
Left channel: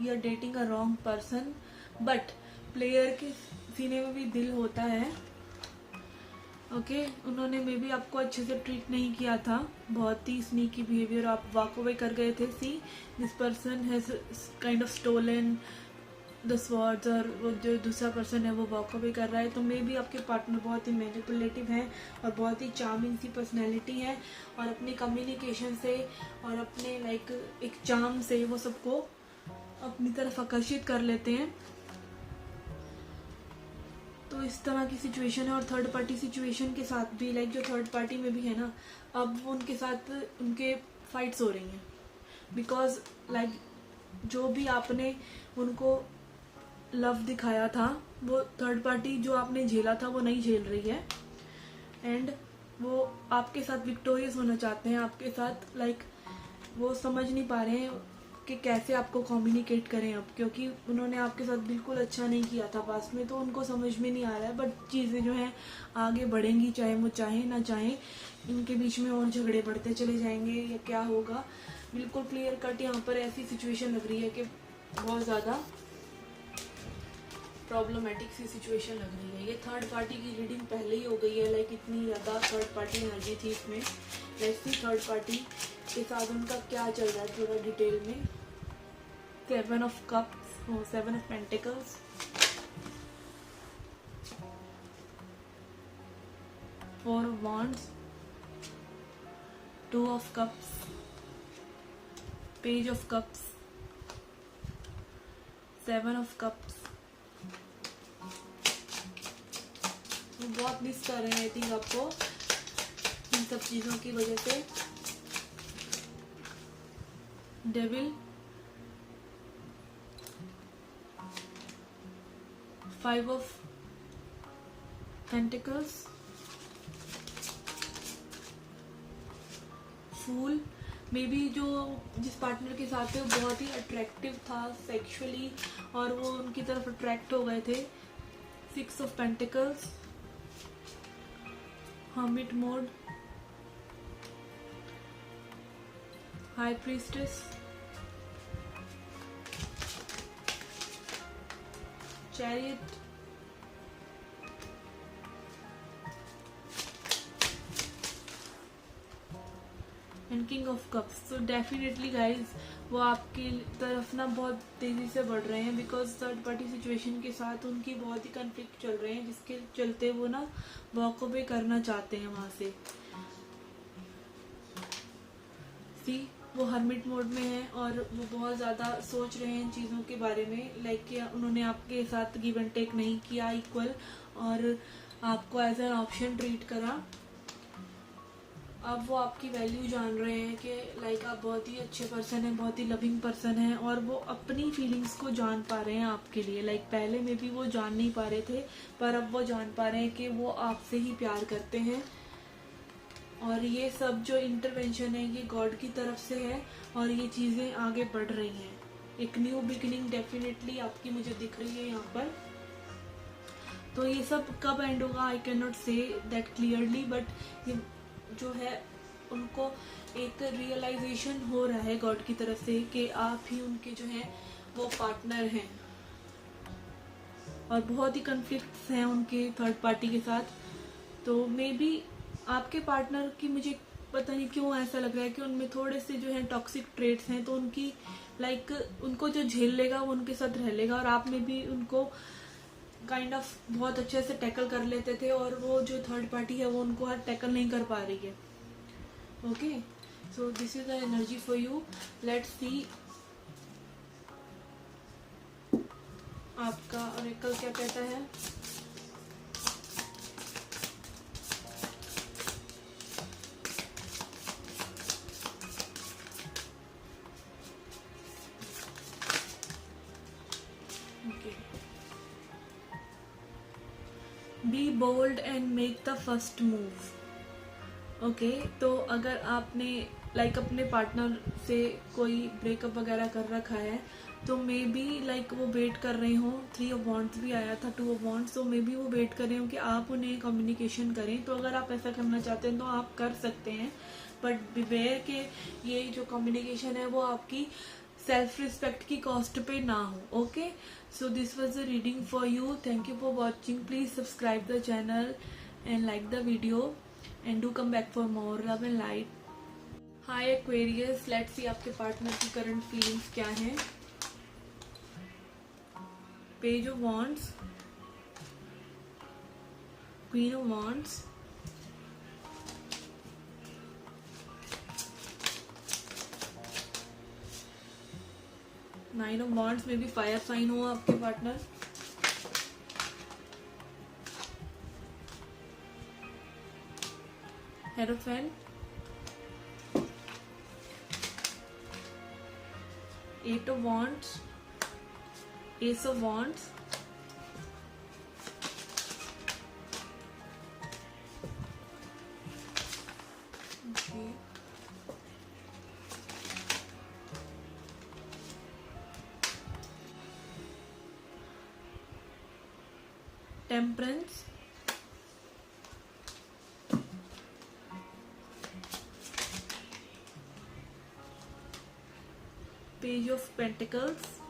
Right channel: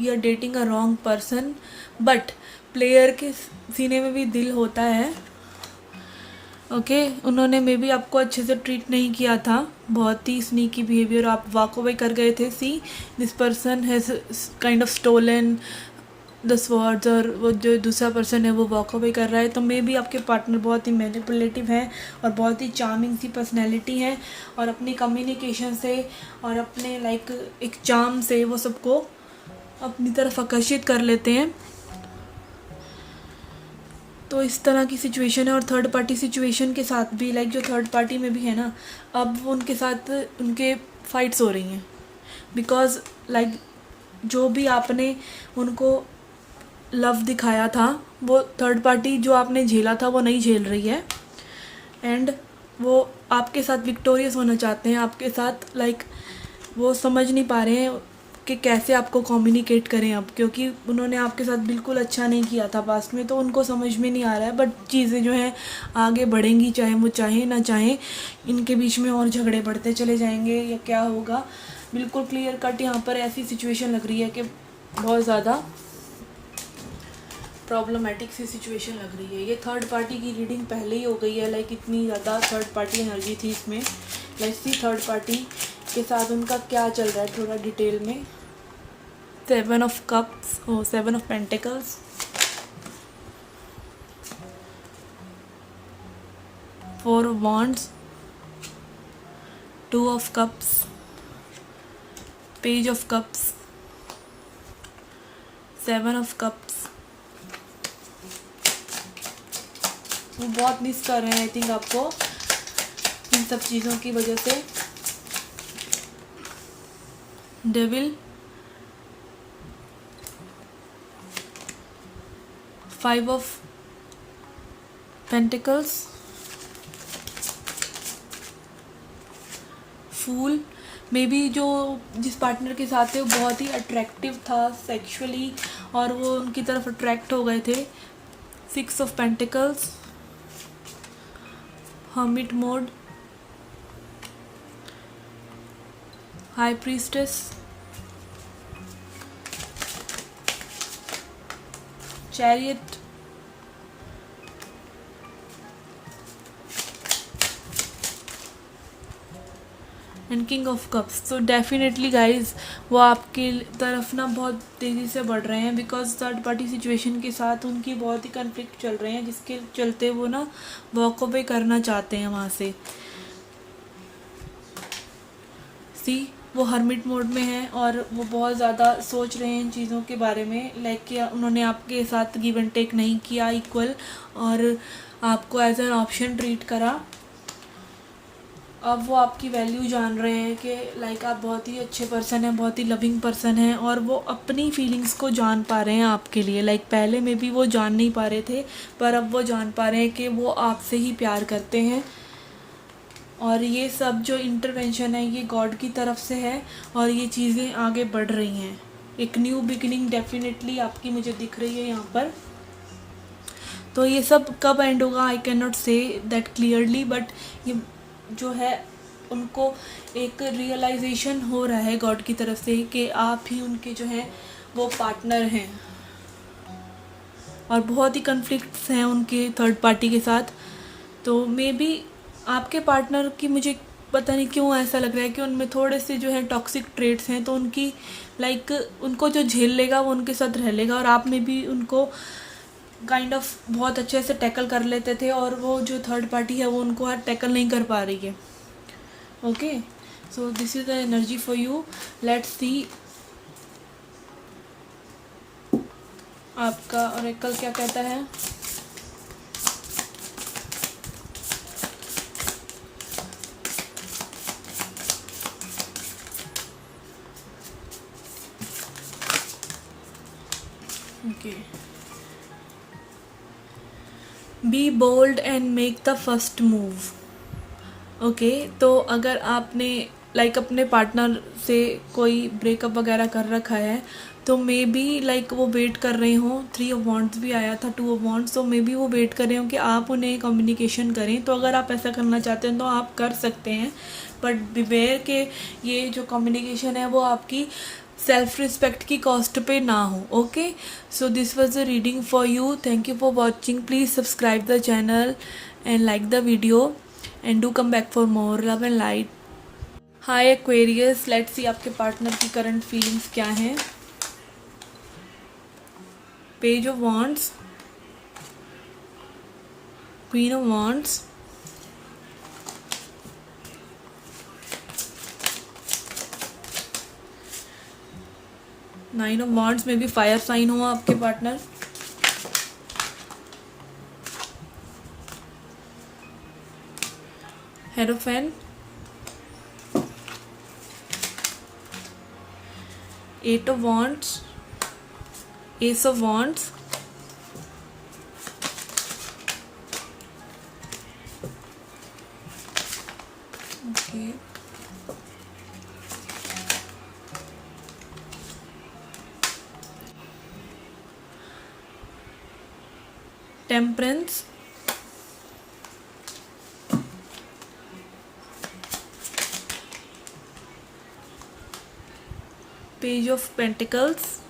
you are dating a wrong person, but player के सीने में भी दिल होता है। ओके, उन्होंने मे बी आपको अच्छे से ट्रीट नहीं किया था, बहुत ही स्नीकी बिहेवियर, आप वॉक अवे कर गए थे। See this person has kind of stolen the swords, और वो जो दूसरा पर्सन है वो वॉक अवे कर रहा है। तो मे बी आपके पार्टनर बहुत ही मैनिपुलेटिव हैं और बहुत ही चार्मिंग सी पर्सनैलिटी है, और अपनी कम्युनिकेशन से और अपने लाइक एक चार्म से वो सबको अपनी तरफ आकर्षित कर लेते हैं। तो इस तरह की सिचुएशन है। और थर्ड पार्टी सिचुएशन के साथ भी, लाइक जो थर्ड पार्टी में भी है ना, अब उनके साथ उनके फाइट्स हो रही हैं, बिकॉज लाइक जो भी आपने उनको लव दिखाया था, वो थर्ड पार्टी जो आपने झेला था वो नहीं झेल रही है, एंड वो आपके साथ विक्टोरियस होना चाहते हैं आपके साथ। लाइक वो समझ नहीं पा रहे हैं कि कैसे आपको कम्युनिकेट करें अब, क्योंकि उन्होंने आपके साथ बिल्कुल अच्छा नहीं किया था पास्ट में, तो उनको समझ में नहीं आ रहा है। बट चीज़ें जो हैं आगे बढ़ेंगी, चाहे वो चाहे ना चाहे, इनके बीच में और झगड़े बढ़ते चले जाएंगे या क्या होगा, बिल्कुल क्लियर कट यहाँ पर ऐसी सिचुएशन लग रही है कि बहुत ज़्यादा प्रॉब्लमेटिक सी सिचुएशन लग रही है। ये थर्ड पार्टी की रीडिंग पहले ही हो गई है, लाइक इतनी ज़्यादा थर्ड पार्टी एनर्जी थी इसमें। लाइक सी थर्ड पार्टी के साथ उनका क्या चल रहा है थोड़ा डिटेल में। 7 ऑफ कप्स और 7 of pentacles. 4 of Wands, 2 of Cups, Page of Cups, 7 of Cups. वो बहुत मिस कर रहे हैं आई थिंक आपको इन सब चीज़ों की वजह से. Devil, 5 of Pentacles, fool. Maybe जो जिस पार्टनर के साथ थे वो बहुत ही अट्रैक्टिव था सेक्सुअली और वो उनकी तरफ अट्रैक्ट हो गए थे. 6 of Pentacles, Hermit mode, High Priestess, Chariot, and king of cups. तो डेफिनेटली गाइज वो आपकी तरफ ना बहुत तेज़ी से बढ़ रहे हैं बिकॉज थर्ड पार्टी सिचुएशन के साथ उनकी बहुत ही कन्फ्लिक्ट चल रहे हैं जिसके चलते वो ना वॉक अवे करना चाहते हैं वहाँ से. सी वो हर्मिट मोड में है और वो बहुत ज़्यादा सोच रहे हैं इन चीज़ों के बारे में. लाइक कि उन्होंने आपके साथ गिव एंड टेक नहीं किया इक्वल और आपको एज एन ऑप्शन ट्रीट करा. अब वो आपकी वैल्यू जान रहे हैं कि लाइक आप बहुत ही अच्छे पर्सन हैं, बहुत ही लविंग पर्सन हैं और वो अपनी फीलिंग्स को जान पा रहे हैं आपके लिए. लाइक पहले में भी वो जान नहीं पा रहे थे पर अब वो जान पा रहे हैं कि वो आपसे ही प्यार करते हैं. और ये सब जो इंटरवेंशन है ये गॉड की तरफ से है और ये चीज़ें आगे बढ़ रही हैं. एक न्यू बिगिनिंग डेफिनेटली आपकी मुझे दिख रही है यहाँ पर. तो ये सब कब एंड होगा I can not say that clearly but ये जो है उनको एक रियलाइजेशन हो रहा है गॉड की तरफ से कि आप ही उनके जो है वो पार्टनर हैं. और बहुत ही कन्फ्लिक्ट्स हैं उनके थर्ड पार्टी के साथ. तो मे बी आपके पार्टनर की मुझे पता नहीं क्यों ऐसा लग रहा है कि उनमें थोड़े से जो है टॉक्सिक ट्रेट्स हैं. तो उनकी लाइक उनको जो झेल लेगा वो उनके साथ रह लेगा और आप में भी उनको काइंड ऑफ बहुत अच्छे से टैकल कर लेते थे और वो जो थर्ड पार्टी है वो उनको टैकल नहीं कर पा रही है. Okay so this is the energy for you. Let's see आपका ऑरेकल क्या कहता है. Okay be bold and make the first move. Okay तो अगर आपने लाइक अपने पार्टनर से कोई ब्रेकअप वगैरह कर रखा है तो मे बी लाइक वो वेट कर रहे हों. 3 of Wands भी आया था, 2 of Wands. तो मे बी वो वेट कर रहे हों कि आप उन्हें कम्युनिकेशन करें. तो अगर आप ऐसा करना चाहते हैं तो आप कर सकते हैं बट बिवेयर के ये जो कम्युनिकेशन है वो आपकी सेल्फ रिस्पेक्ट की कॉस्ट पे ना हो. Okay so this was the reading for you. Thank you for watching. Please subscribe the channel and like the video and do come back for more love and light. Hi Aquarius, let's see आपके partner की current feelings क्या हैं. Page of wands, queen of wands, nine of wands. में भी fire sign हो आपके partner. हेरोफेन, 8 of Wands, Ace of Wands, okay, Temperance, Page of Pentacles,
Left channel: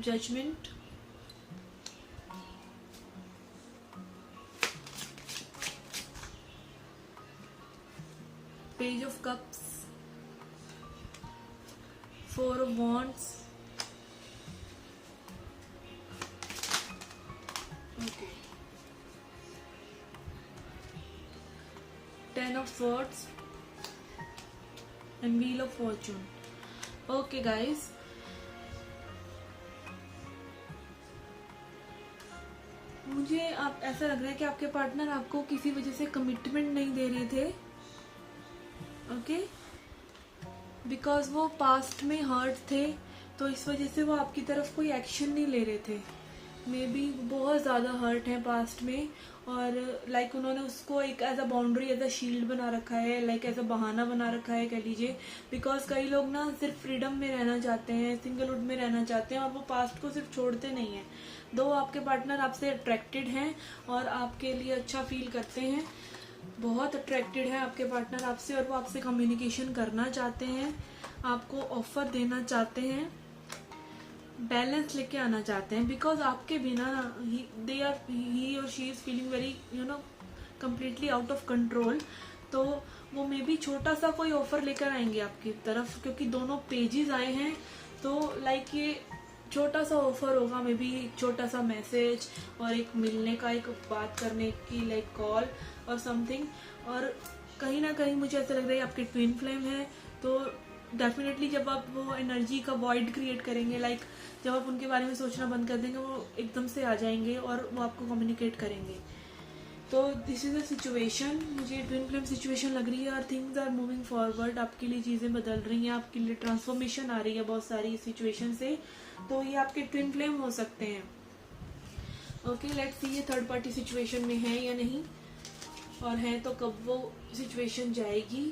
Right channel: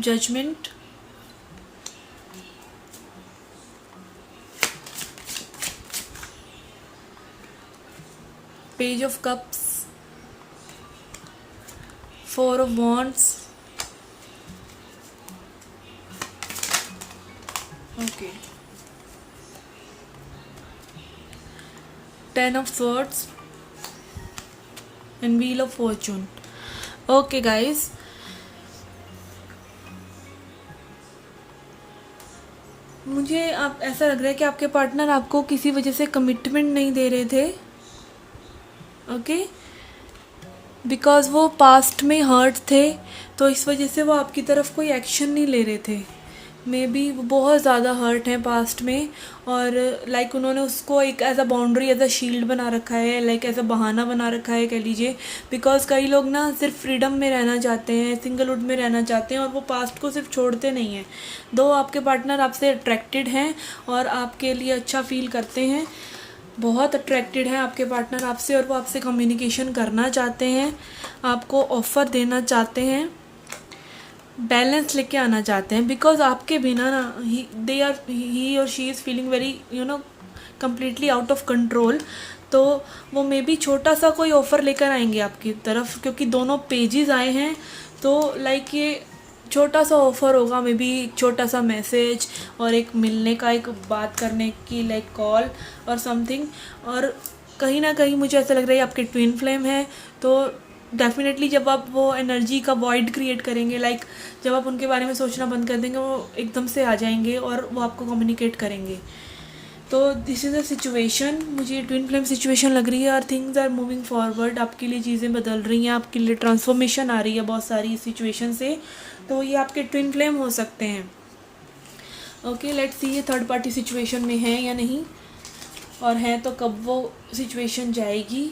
Judgment, Page of Cups, 4 of Wands. Okay. 10 of swords and wheel of fortune. Okay guys, मुझे आप ऐसा लग रहा है कि आपके पार्टनर आपको किसी वजह से कमिटमेंट नहीं दे रहे थे. ओके, बिकॉज़ वो पास्ट में हर्ट थे, तो इस वजह से वो आपकी तरफ कोई एक्शन नहीं ले रहे थे. मे बी वो बहुत ज़्यादा हर्ट हैं पास्ट में, और लाइक उन्होंने उसको एक as a boundary, as a shield बना रखा है, लाइक एज अ बहाना बना रखा है कह लीजिए. बिकॉज़ कई लोग ना सिर्फ फ्रीडम में रहना चाहते हैं, सिंगलहुड में रहना चाहते हैं, और वो पास्ट को सिर्फ छोड़ते नहीं हैं. दो आपके पार्टनर आपसे अट्रैक्टेड हैं और आपके लिए अच्छा फील करते हैं, बहुत अट्रैक्टेड हैं आपके पार्टनर आपसे, और वो आपसे कम्युनिकेशन करना चाहते हैं, आपको ऑफ़र देना चाहते हैं, बैलेंस लेके आना चाहते हैं. बिकॉज आपके बिना ना ही और she is feeling very completely out of control. तो वो मे बी छोटा सा कोई ऑफ़र लेकर आएंगे आपकी तरफ, क्योंकि दोनों पेजेस आए हैं. तो लाइक ये छोटा सा ऑफ़र होगा, मे बी एक छोटा सा मैसेज और एक मिलने का, एक बात करने की, लाइक कॉल और समथिंग. और कहीं ना कहीं मुझे ऐसा लग रहा है आपके ट्विन फ्लेम है. तो डेफिनेटली जब आप वो एनर्जी का वॉइड क्रिएट करेंगे, लाइक जब आप उनके बारे में सोचना बंद कर देंगे, वो एकदम से आ जाएंगे और वो आपको कम्युनिकेट करेंगे. तो दिस इज़ अ सिचुएशन, मुझे ट्विन फ्लेम सिचुएशन लग रही है, और थिंग्स आर मूविंग फॉरवर्ड. आपके लिए चीज़ें बदल रही हैं, आपके लिए ट्रांसफॉर्मेशन आ रही है बहुत सारी इस सिचुएशन से. तो ये आपके ट्विन फ्लेम हो सकते हैं. ओके, लेट्स सी ये थर्ड पार्टी सिचुएशन में है या नहीं, और है तो कब वो सिचुएशन जाएगी.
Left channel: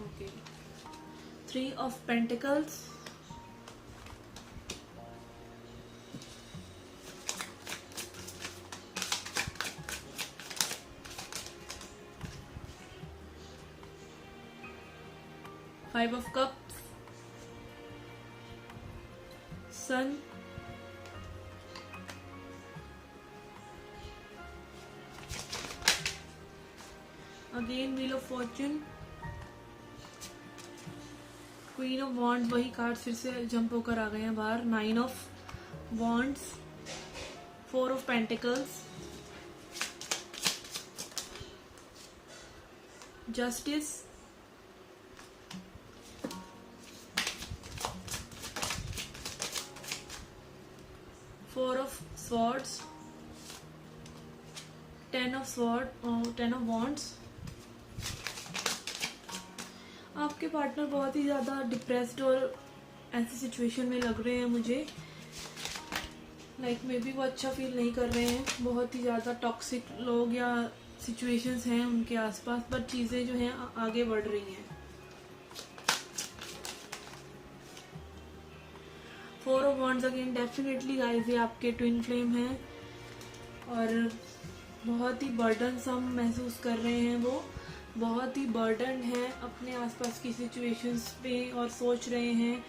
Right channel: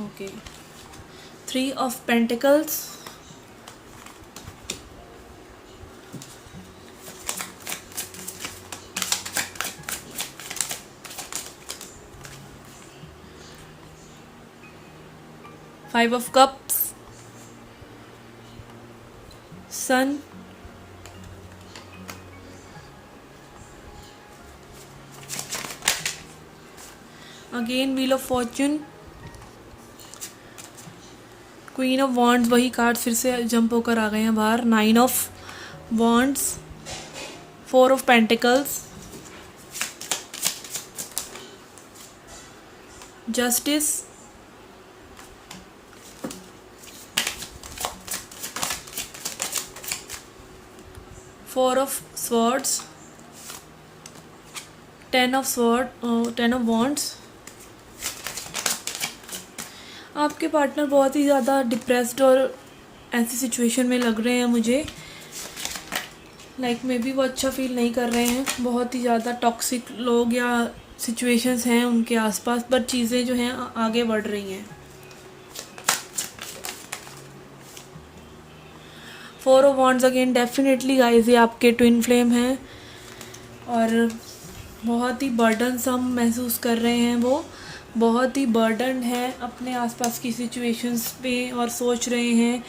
Okay, 3 of Pentacles, Five of Cups, Sun, again Wheel of Fortune, queen of wands, वही कार्ड फिर से जंप होकर आ गए हैं बाहर. 9 of wands, 4 of pentacles, justice, 4 of swords, 10 of wands. आपके पार्टनर बहुत ही ज़्यादा डिप्रेस्ड और ऐसी सिचुएशन में लग रहे हैं मुझे, लाइक मे बी वो अच्छा फील नहीं कर रहे हैं. बहुत ही ज़्यादा टॉक्सिक लोग या सिचुएशंस हैं उनके आसपास, पर चीज़ें जो हैं आगे बढ़ रही हैं. 4 of wands, again definitely guys ये आपके ट्विन फ्लेम हैं, और बहुत ही बर्डनसम महसूस कर रहे हैं. वो बहुत ही बर्डन है अपने आसपास की सिचुएशंस पे, और सोच रहे हैं,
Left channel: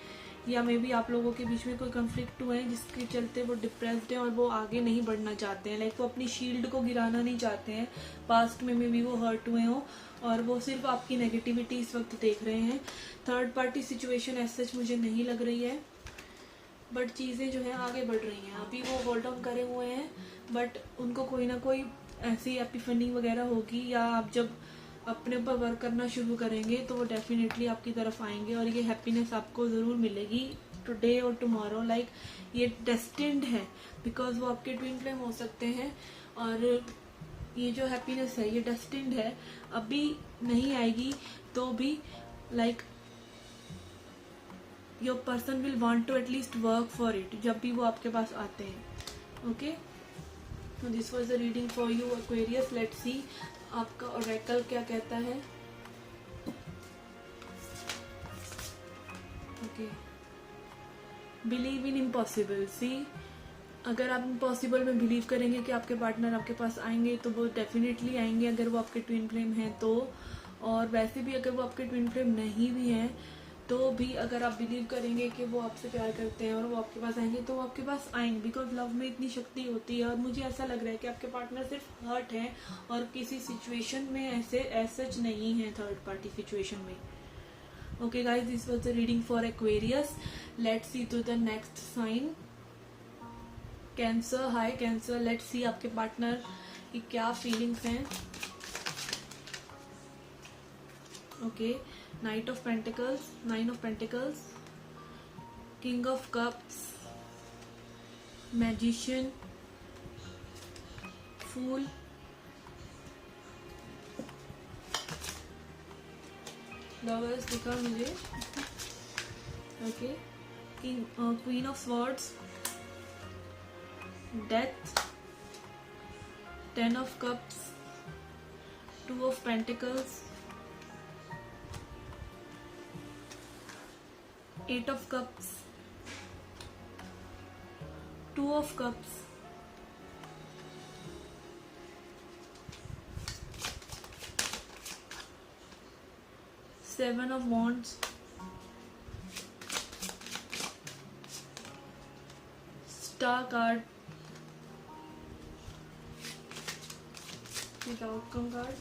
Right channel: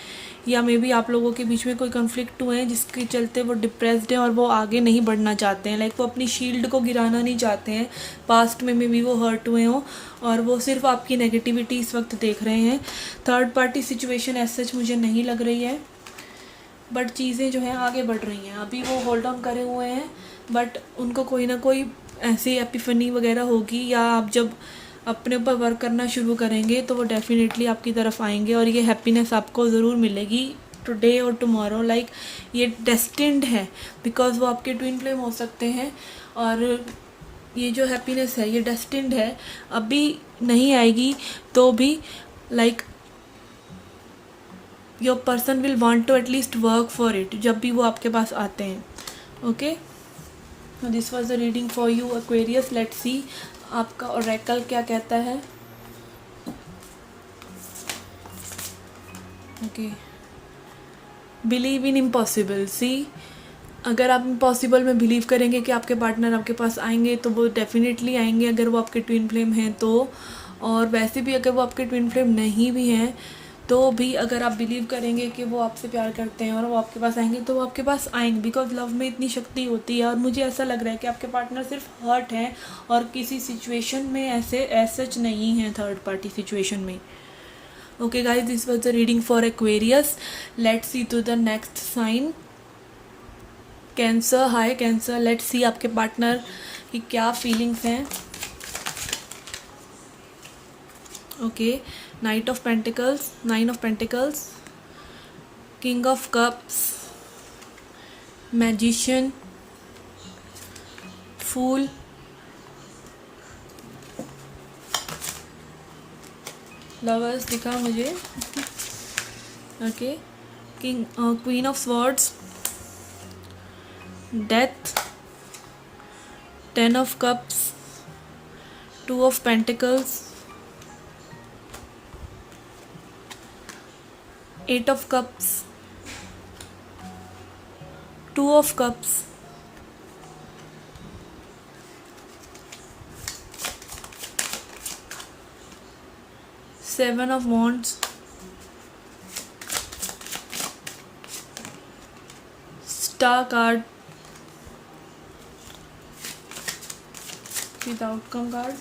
या मे बी आप लोगों के बीच में कोई कन्फ्लिक्ट हुए हैं जिसके चलते वो डिप्रेस्ड हैं और वो आगे नहीं बढ़ना चाहते हैं. लाइक वो अपनी शील्ड को गिराना नहीं चाहते हैं. पास्ट में मे बी वो हर्ट हुए हों और वो सिर्फ आपकी नेगेटिविटी इस वक्त देख रहे हैं. Third party situation as such मुझे नहीं लग रही है, बट चीज़ें जो हैं आगे बढ़ रही हैं. अभी वो होल्ड ऑन करे हुए हैं, बट उनको कोई ना कोई ऐसी एपिफनी वगैरह होगी, या आप जब अपने ऊपर वर्क करना शुरू करेंगे तो वो डेफिनेटली आपकी तरफ आएंगे, और ये हैप्पीनेस आपको ज़रूर मिलेगी टुडे और टुमारो. लाइक ये डेस्टिन्ड है, बिकॉज वो आपके ट्विन फ्लेम हो सकते हैं, और ये जो हैप्पीनेस है ये डेस्टिन्ड है. अभी नहीं आएगी तो भी like your person will want to at least work for it, जब भी वो आपके पास आते हैं. Okay, this was the reading for you Aquarius. Let's see आपका ओरेकल क्या कहता है. Okay, believe in impossible. See, अगर आप इम्पॉसिबल में बिलीव करेंगे कि आपके पार्टनर आपके पास आएंगे, तो वो डेफिनेटली आएंगे अगर वो आपके ट्विन फ्लेम हैं तो. और वैसे भी अगर वो आपके ट्विन फ्लेम नहीं भी हैं तो भी अगर आप बिलीव करेंगे कि वो आपसे प्यार करते हैं और वो आपके पास आएंगे, तो वो आपके पास आएंगे. बिकॉज लव में इतनी शक्ति होती है, और मुझे ऐसा लग रहा है कि आपके पार्टनर सिर्फ हर्ट हैं और किसी सिचुएशन में ऐसे सच नहीं हैं थर्ड पार्टी सिचुएशन में. Okay guys, this was the reading for Aquarius. Let's see to the next sign. Cancer. Hi Cancer, let's see आपके पार्टनर की क्या फीलिंग्स हैं. Okay, knight of pentacles, 9 of pentacles, king of cups, magician, fool, lovers दिखा मुझे. Okay, king, queen of swords, death, 10 of cups, 2 of pentacles, 8 of cups, 2 of cups, 7 of wands, star card, the outcome card,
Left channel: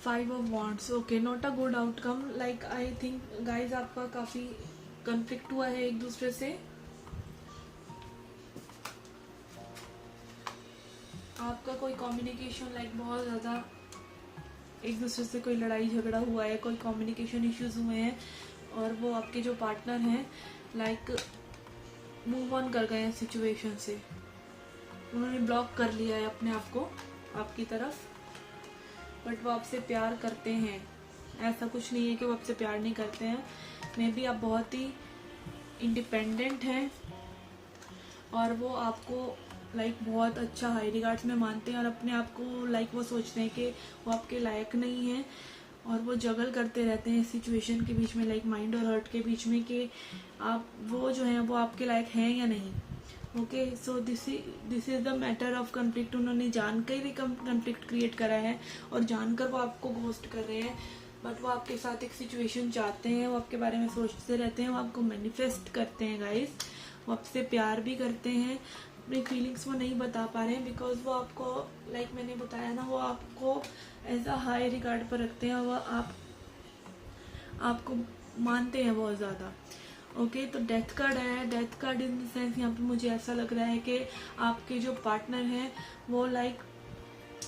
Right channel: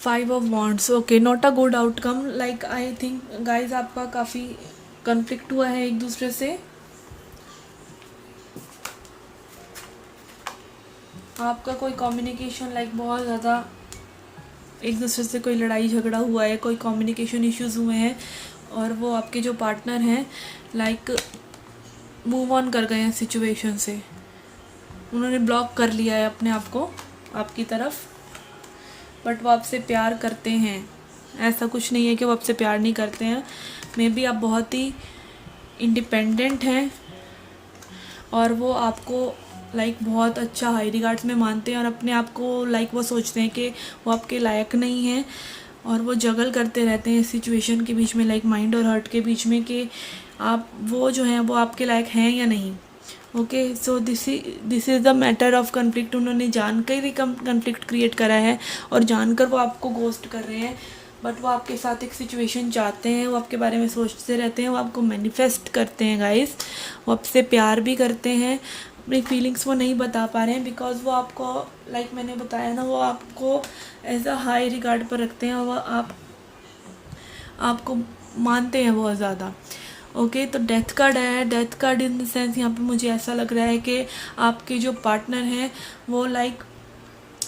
5 of wands. Okay, not a good outcome. Like I think guys आपका काफ़ी conflict हुआ है एक दूसरे से. आपका कोई communication like बहुत ज़्यादा एक दूसरे से कोई लड़ाई झगड़ा हुआ है, कोई कम्युनिकेशन इश्यूज हुए हैं और वो आपके जो पार्टनर हैं लाइक मूव ऑन कर गए हैं सिचुएशन से. उन्होंने ब्लॉक कर लिया है अपने आप को आपकी तरफ, बट वो आपसे प्यार करते हैं. ऐसा कुछ नहीं है कि वो आपसे प्यार नहीं करते हैं. मे बी आप बहुत ही इंडिपेंडेंट हैं और वो आपको लाइक बहुत अच्छा हाई रिगार्ड्स में मानते हैं और अपने आप को लाइक वो सोचते हैं कि वो आपके लायक नहीं हैं और वो जगल करते रहते हैं सिचुएशन के बीच में, लाइक माइंड और हार्ट के बीच में, कि आप वो जो हैं वो आपके लायक हैं या नहीं. Okay, so this is the matter of conflict. उन्होंने जानकर ही कन्फ्लिक्ट क्रिएट करा है और जानकर वो आपको गोस्ट कर रहे हैं, बट वो आपके साथ एक सिचुएशन चाहते हैं. वो आपके बारे में सोचते रहते हैं, वो आपको मैनिफेस्ट करते हैं गाइस. वो आपसे प्यार भी करते हैं. अपनी फीलिंग्स वो नहीं बता पा रहे हैं बिकॉज वो आपको लाइक मैंने बताया ना, वो आपको एज अ हाई रिगार्ड पर रखते हैं. वो आपको मानते हैं बहुत ज़्यादा. ओके, तो डेथ कार्ड है. Death card in the sense यहाँ पे मुझे ऐसा लग रहा है कि आपके जो पार्टनर हैं वो लाइक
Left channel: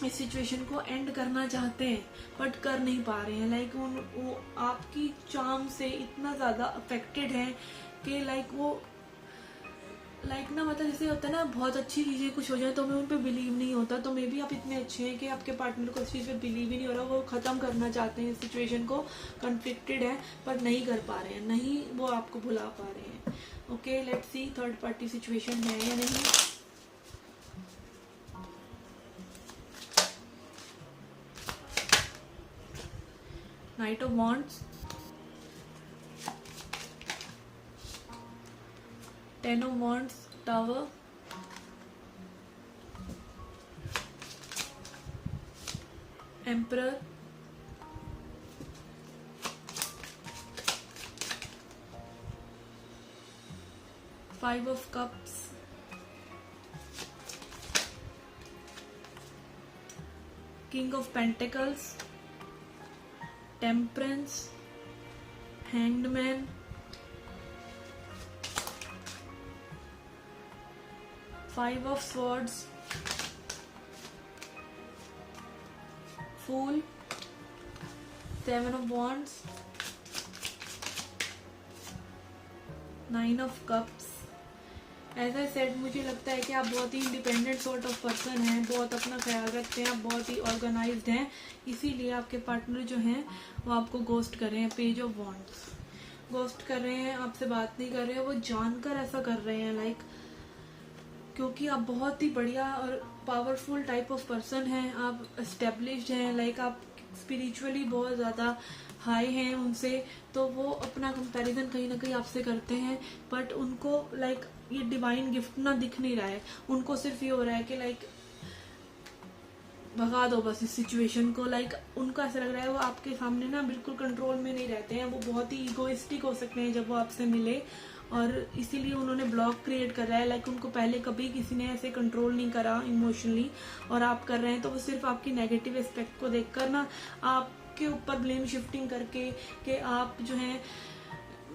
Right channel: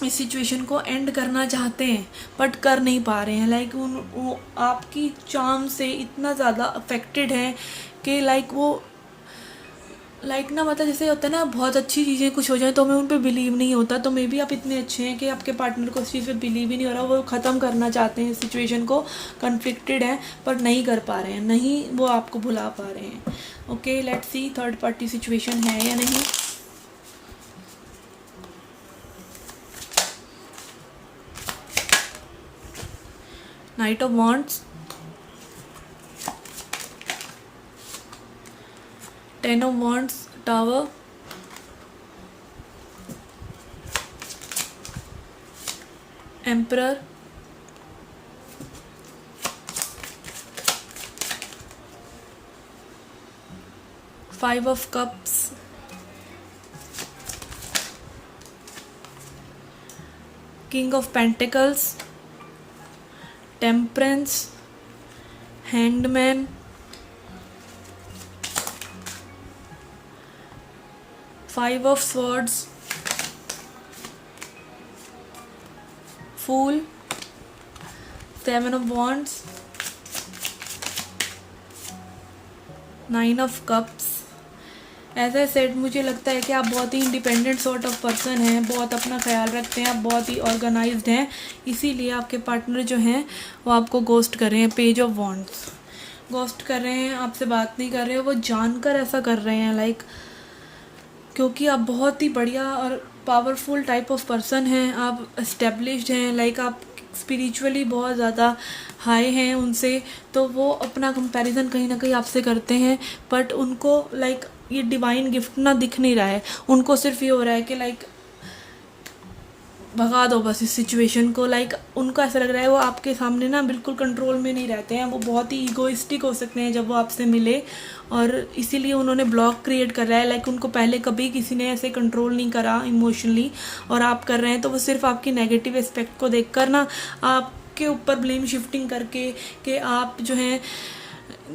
इस सिचुएशन को एंड करना चाहते हैं बट कर नहीं पा रहे हैं. लाइक वो आपकी चार्म से इतना ज़्यादा अफेक्टेड हैं कि लाइक वो लाइक ना मतलब जैसे होता है ना, बहुत अच्छी चीज़ें कुछ हो जाए तो हमें उन पर बिलीव नहीं होता. तो मे बी आप इतने अच्छे हैं कि आपके पार्टनर को इस चीज़ पे बिलीव ही नहीं हो रहा. वो ख़त्म करना चाहते हैं सिचुएशन को, कन्फ्लिक्टेड हैं पर नहीं कर पा रहे हैं, नहीं वो आपको भुला पा रहे हैं. Okay, let's C third party situation है या नहीं. Night of wands, 10 of wands, tower, emperor, 5 of cups, king of pentacles, temperance, hanged man, 5 of swords, fool, 7 of wands, 9 of cups. As I said, मुझे लगता है कि आप बहुत ही इंडिपेंडेंट सॉर्ट ऑफ पर्सन हैं, बहुत अपना ख्याल रखते हैं, आप बहुत ही ऑर्गेनाइज्ड हैं. इसीलिए आपके पार्टनर जो हैं वो आपको गोस्ट कर रहे हैं. पेज ऑफ वॉन्ड्स, गोस्ट कर रहे हैं, आपसे बात नहीं कर रहे हैं. वो जानकर ऐसा कर रहे हैं लाइक क्योंकि आप बहुत ही बढ़िया और पावरफुल टाइप ऑफ पर्सन हैं. आप एस्टेब्लिश्ड हैं, लाइक आप स्पिरिचुअली बहुत ज़्यादा हाई हैं उनसे. तो वो अपना कंपैरिजन कहीं ना कहीं आपसे करते हैं बट उनको लाइक ये डिवाइन गिफ्ट ना दिख नहीं रहा है. उनको सिर्फ ये हो रहा है कि लाइक भगा दो बस इस सिचुएशन को. लाइक उनको ऐसा लग रहा है वो आपके सामने ना बिल्कुल कंट्रोल में नहीं रहते हैं. वो बहुत ही ईगोइस्टिक हो सकते हैं जब वो आपसे मिले और इसीलिए उन्होंने ब्लॉक क्रिएट कर रहा है. लाइक उनको पहले कभी किसी ने ऐसे कंट्रोल नहीं करा इमोशनली और आप कर रहे हैं तो वो सिर्फ आपकी नेगेटिव एस्पेक्ट को देखकर ना आप आपके ऊपर ब्लेम शिफ्टिंग करके कि आप जो है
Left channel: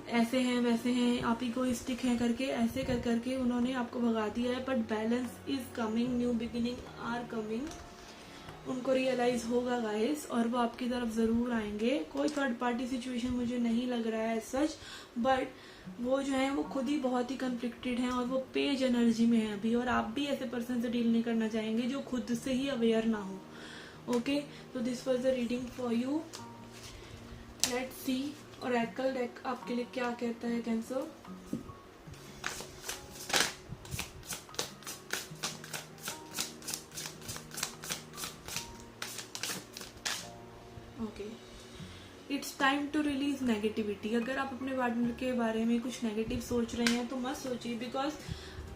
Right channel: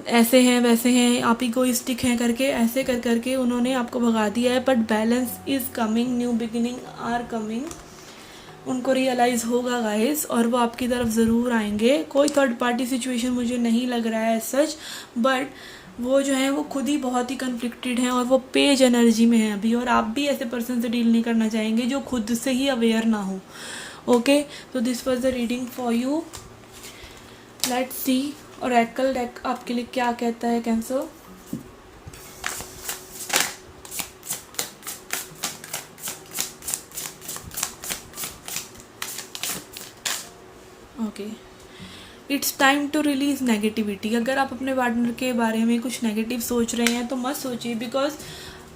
ऐसे हैं वैसे हैं, आप इगोइस्टिक हैं करके, ऐसे कर करके उन्होंने आपको भगा दिया है। But balance is coming, new beginning are coming. उनको रियलाइज़ होगा गाइस, और वो आपकी तरफ ज़रूर आएंगे। कोई थर्ड पार्टी सिचुएशन मुझे नहीं लग रहा है सच, बट वो जो है वो खुद ही बहुत ही कन्फ्लिक्टेड हैं और वो पेज एनर्जी में है अभी, और आप भी ऐसे पर्सन से डील नहीं करना चाहेंगे जो खुद से ही अवेयर ना हो। ओके, तो this was the reading for you. Let's see oracle deck आपके लिए क्या कहता है Cancer. Okay, it's time to release negativity. अगर आप अपने पार्टनर के बारे में कुछ नेगेटिव सोच रहे हैं तो मत सोचिए, बिकॉज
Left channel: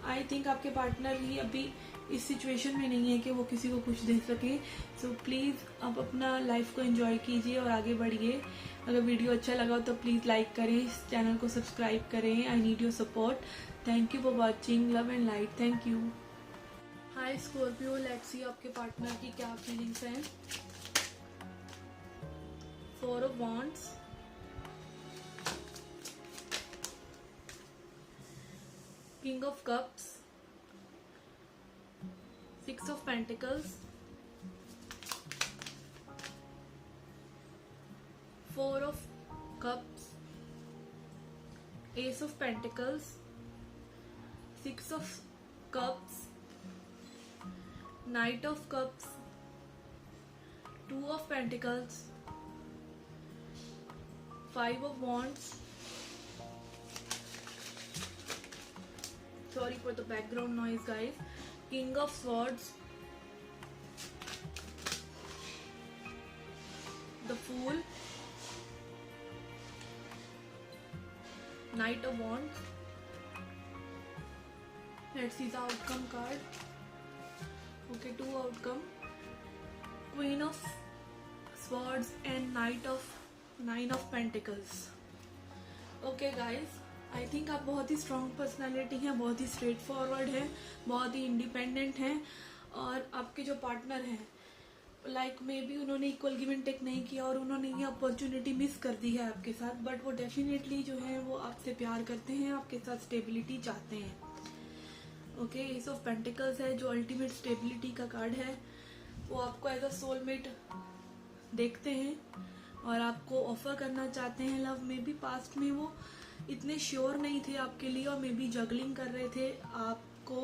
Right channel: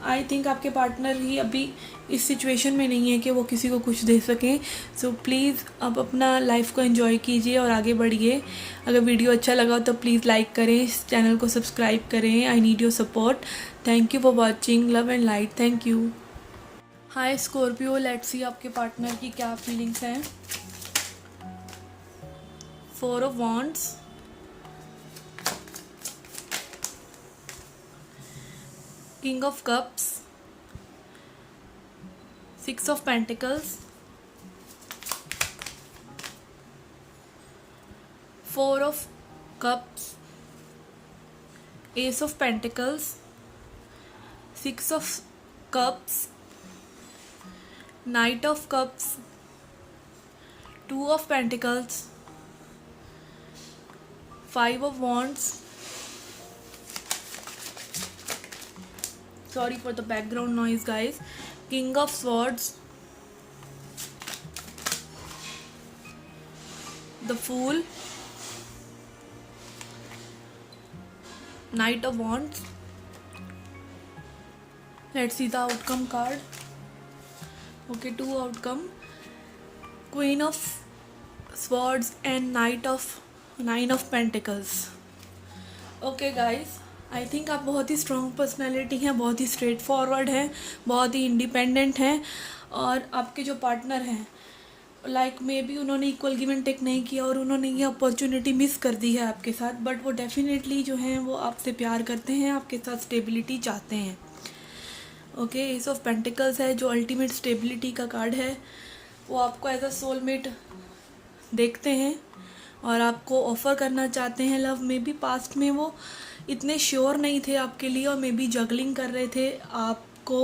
आई थिंक आपके पार्टनर ही अभी इस सिचुएशन में नहीं है कि वो किसी को कुछ दे सकें। सो प्लीज़ आप अपना लाइफ को एंजॉय कीजिए और आगे बढ़िए। अगर वीडियो अच्छा लगा तो प्लीज़ लाइक करें, इस चैनल को सब्सक्राइब करें। I need your support. Thank you for watching. Love and light. Thank you. Hi Scorpio, let's see आपके पार्टनर की क्या फीलिंग्स हैं। 4 of Wands, King of Cups, 6 of Pentacles, 4 of Cups, Ace of Pentacles, 6 of Cups, Knight of Cups, 2 of Pentacles, 5 of Wands. Sorry for the background noise guys. King of Swords, the Fool, Knight of Wands. Let's see the outcome card. Okay, 2 outcome, Queen of Swords and Nine of Pentacles. Okay guys, I think आप बहुत ही strong personality हैं, बहुत ही straight forward हैं, बहुत ही independent हैं, और आपके जो पार्टनर हैं लाइक मे बी उन्होंने इक्वल गिव एंड टेक नहीं किया और उन्होंने ये अपॉर्चुनिटी मिस कर दी है आपके साथ, बट वो डेफिनेटली जो हैं वो आपसे प्यार करते हैं, आपके साथ स्टेबिलिटी चाहते हैं। ओके, एस ऑफ पेंटिकल्स है जो अल्टीमेट स्टेबिलिटी का कार्ड है। वो आपको एज अ सोलमेट देखते हैं और आपको ऑफ़र करना चाहते हैं लव। में भी पास्ट में वो इतने श्योर नहीं थे आपके लिए और मे बी जगलिंग कर रहे थे आपको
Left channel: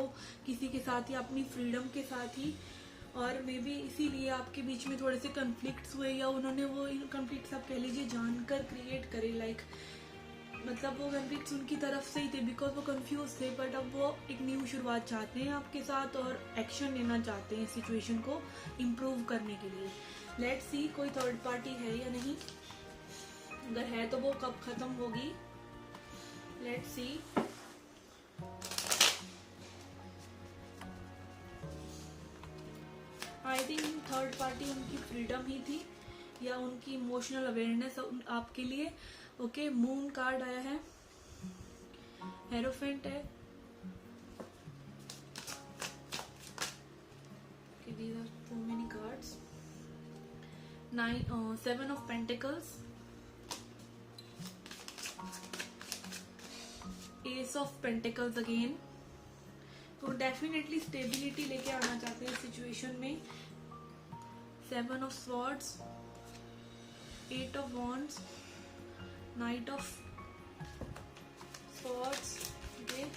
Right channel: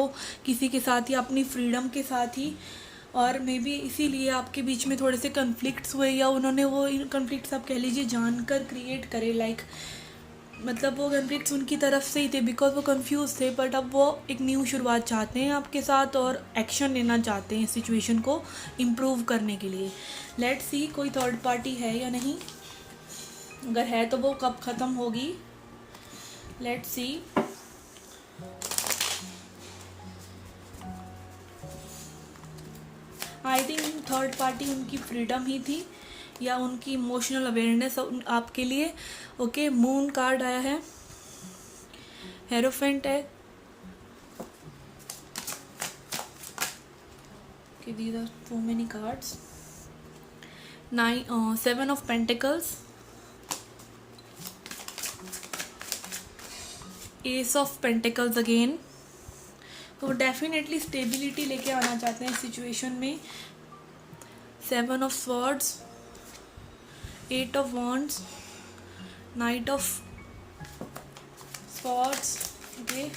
किसी के साथ या अपनी फ्रीडम के साथ ही, और मे बी इसीलिए आपके बीच में थोड़े से कन्फ्लिक्ट्स हुए, या उन्होंने वो कन्फ्लिक्ट्स आप कह लीजिए जानकर क्रिएट करे। लाइक मतलब वो कन्फ्लिक्ट्स उनकी तरफ से ही थे बिकॉज वो कंफ्यूज थे, बट अब वो एक न्यू शुरुआत चाहते हैं आपके साथ और एक्शन लेना चाहते हैं सिचुएशन को इम्प्रूव करने के लिए। लेट्स सी कोई थर्ड पार्टी है या नहीं, अगर है तो वो कब ख़त्म होगी। Let's see. I think third party उनकी फ्रीडम ही थी या उनकी इमोशनल अवेयरनेस आपके लिए। ओके, मून कार्ड आया है, हेरोफेंट है, these are so many cards, 7 of Pentacles, Ace of Pentacles again। तो डेफिनेटली स्टेबिलिटी लेके आना चाहते हैं इस सिचुएशन में। 7 of Swords, 8 of Wands, Knight of Swords, okay,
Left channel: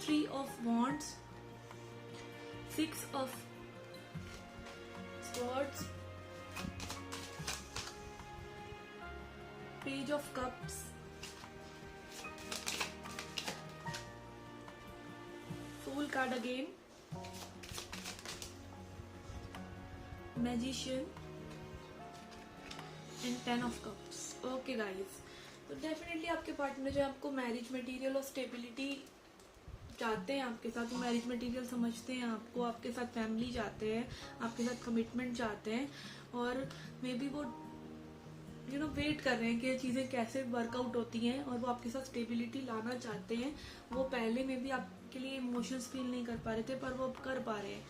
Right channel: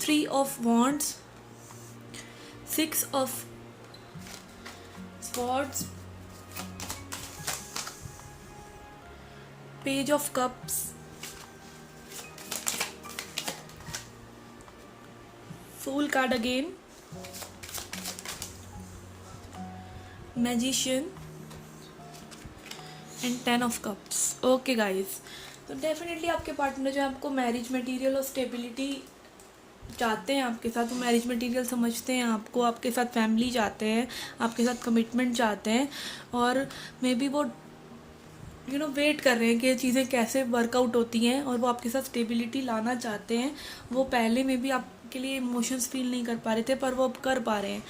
3 of Wands, 6 of Swords, Page of Cups, Fool card again, Magician and 10 of cups. Okay guys, तो definitely आपके partner जो है आपको मैरिज मटेरियल और स्टेबिलिटी चाहते हैं आपके साथ। वो मैरिज मटेरियल समझते हैं आपको, आपके साथ फैमिली चाहते हैं, आपके साथ कमिटमेंट चाहते हैं, और मे बी वो वेट कर रहे हैं कि ये चीज़ें कैसे वर्कआउट होती हैं, और वो आपके साथ स्टेबिलिटी लाना चाहते हैं। वो पहले में भी आपके लिए इमोशंस फील नहीं कर पा रहे थे, पर वो अब कर पा रहे हैं।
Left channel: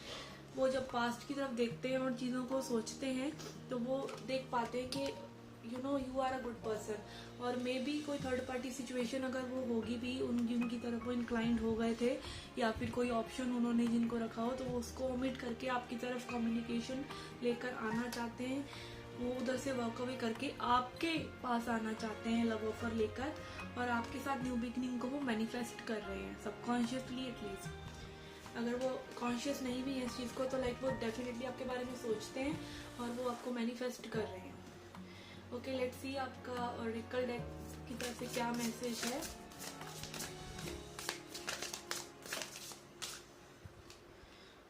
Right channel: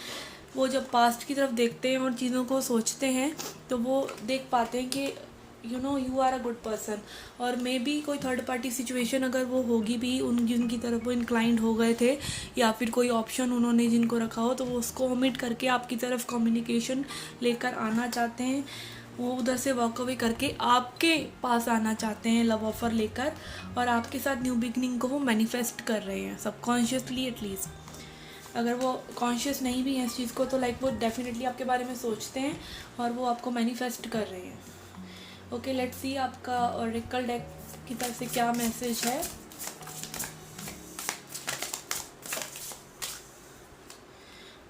वो जब पास्ट की तरफ देखते हैं और चीज़ों को सोचते हैं तो वो देख पाते हैं कि you are a good person. और मे बी कोई थर्ड पार्टी सिचुएशन अगर वो होगी भी जिनकी तरफ वो इंक्लाइंड हो गए थे, या फिर कोई ऑप्शन उन्होंने जिनको रखा हो, तो वो उसको ओमिट करके आपकी तरफ कम्युनिकेशन लेकर आना चाहते हैं। वो उधर से वॉक अवे करके आपके पास आना चाहते हैं लव ऑफ़र लेकर, और आपके साथ न्यू बिगनिंग को वो मैनिफेस्ट कर रहे हैं सबकॉन्शियसली एटलीस्ट। अगर वो कॉन्शियस नहीं भी है इस चीज़ को तो लाइक वो डेफिनेटली आपके बारे में सोचते हैं और वो आपको मैनिफेस्ट कर रहे हैं। ओके, लेट्स सी आपका ऑरेकल डेक की तरफ से क्या मैसेज है।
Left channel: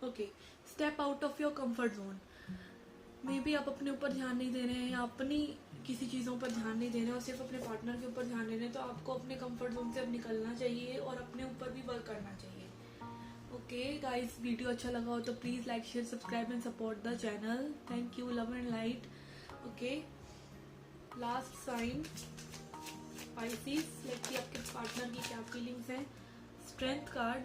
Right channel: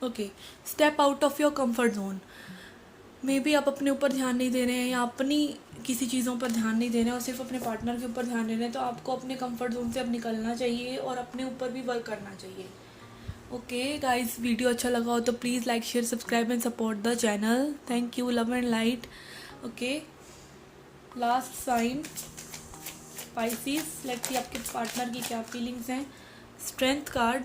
Okay, step out of your comfort zone. May be आप अपने ऊपर ध्यान नहीं दे रहे हैं या अपनी किसी चीज़ों पर ध्यान नहीं दे रहे हैं और सिर्फ अपने पार्टनर के ऊपर ध्यान दे रहे हैं, तो आपको अपने कंफर्ट जोन से अब निकलना चाहिए और अपने ऊपर भी वर्क करना चाहिए। ओके गाइस, वीडियो अच्छा लगा हो तो please like share subscribe and support the channel. Thank you, love and light. Okay, last sign Pisces. Let's see आपके पार्टनर की क्या फीलिंग्स हैं। Strength card,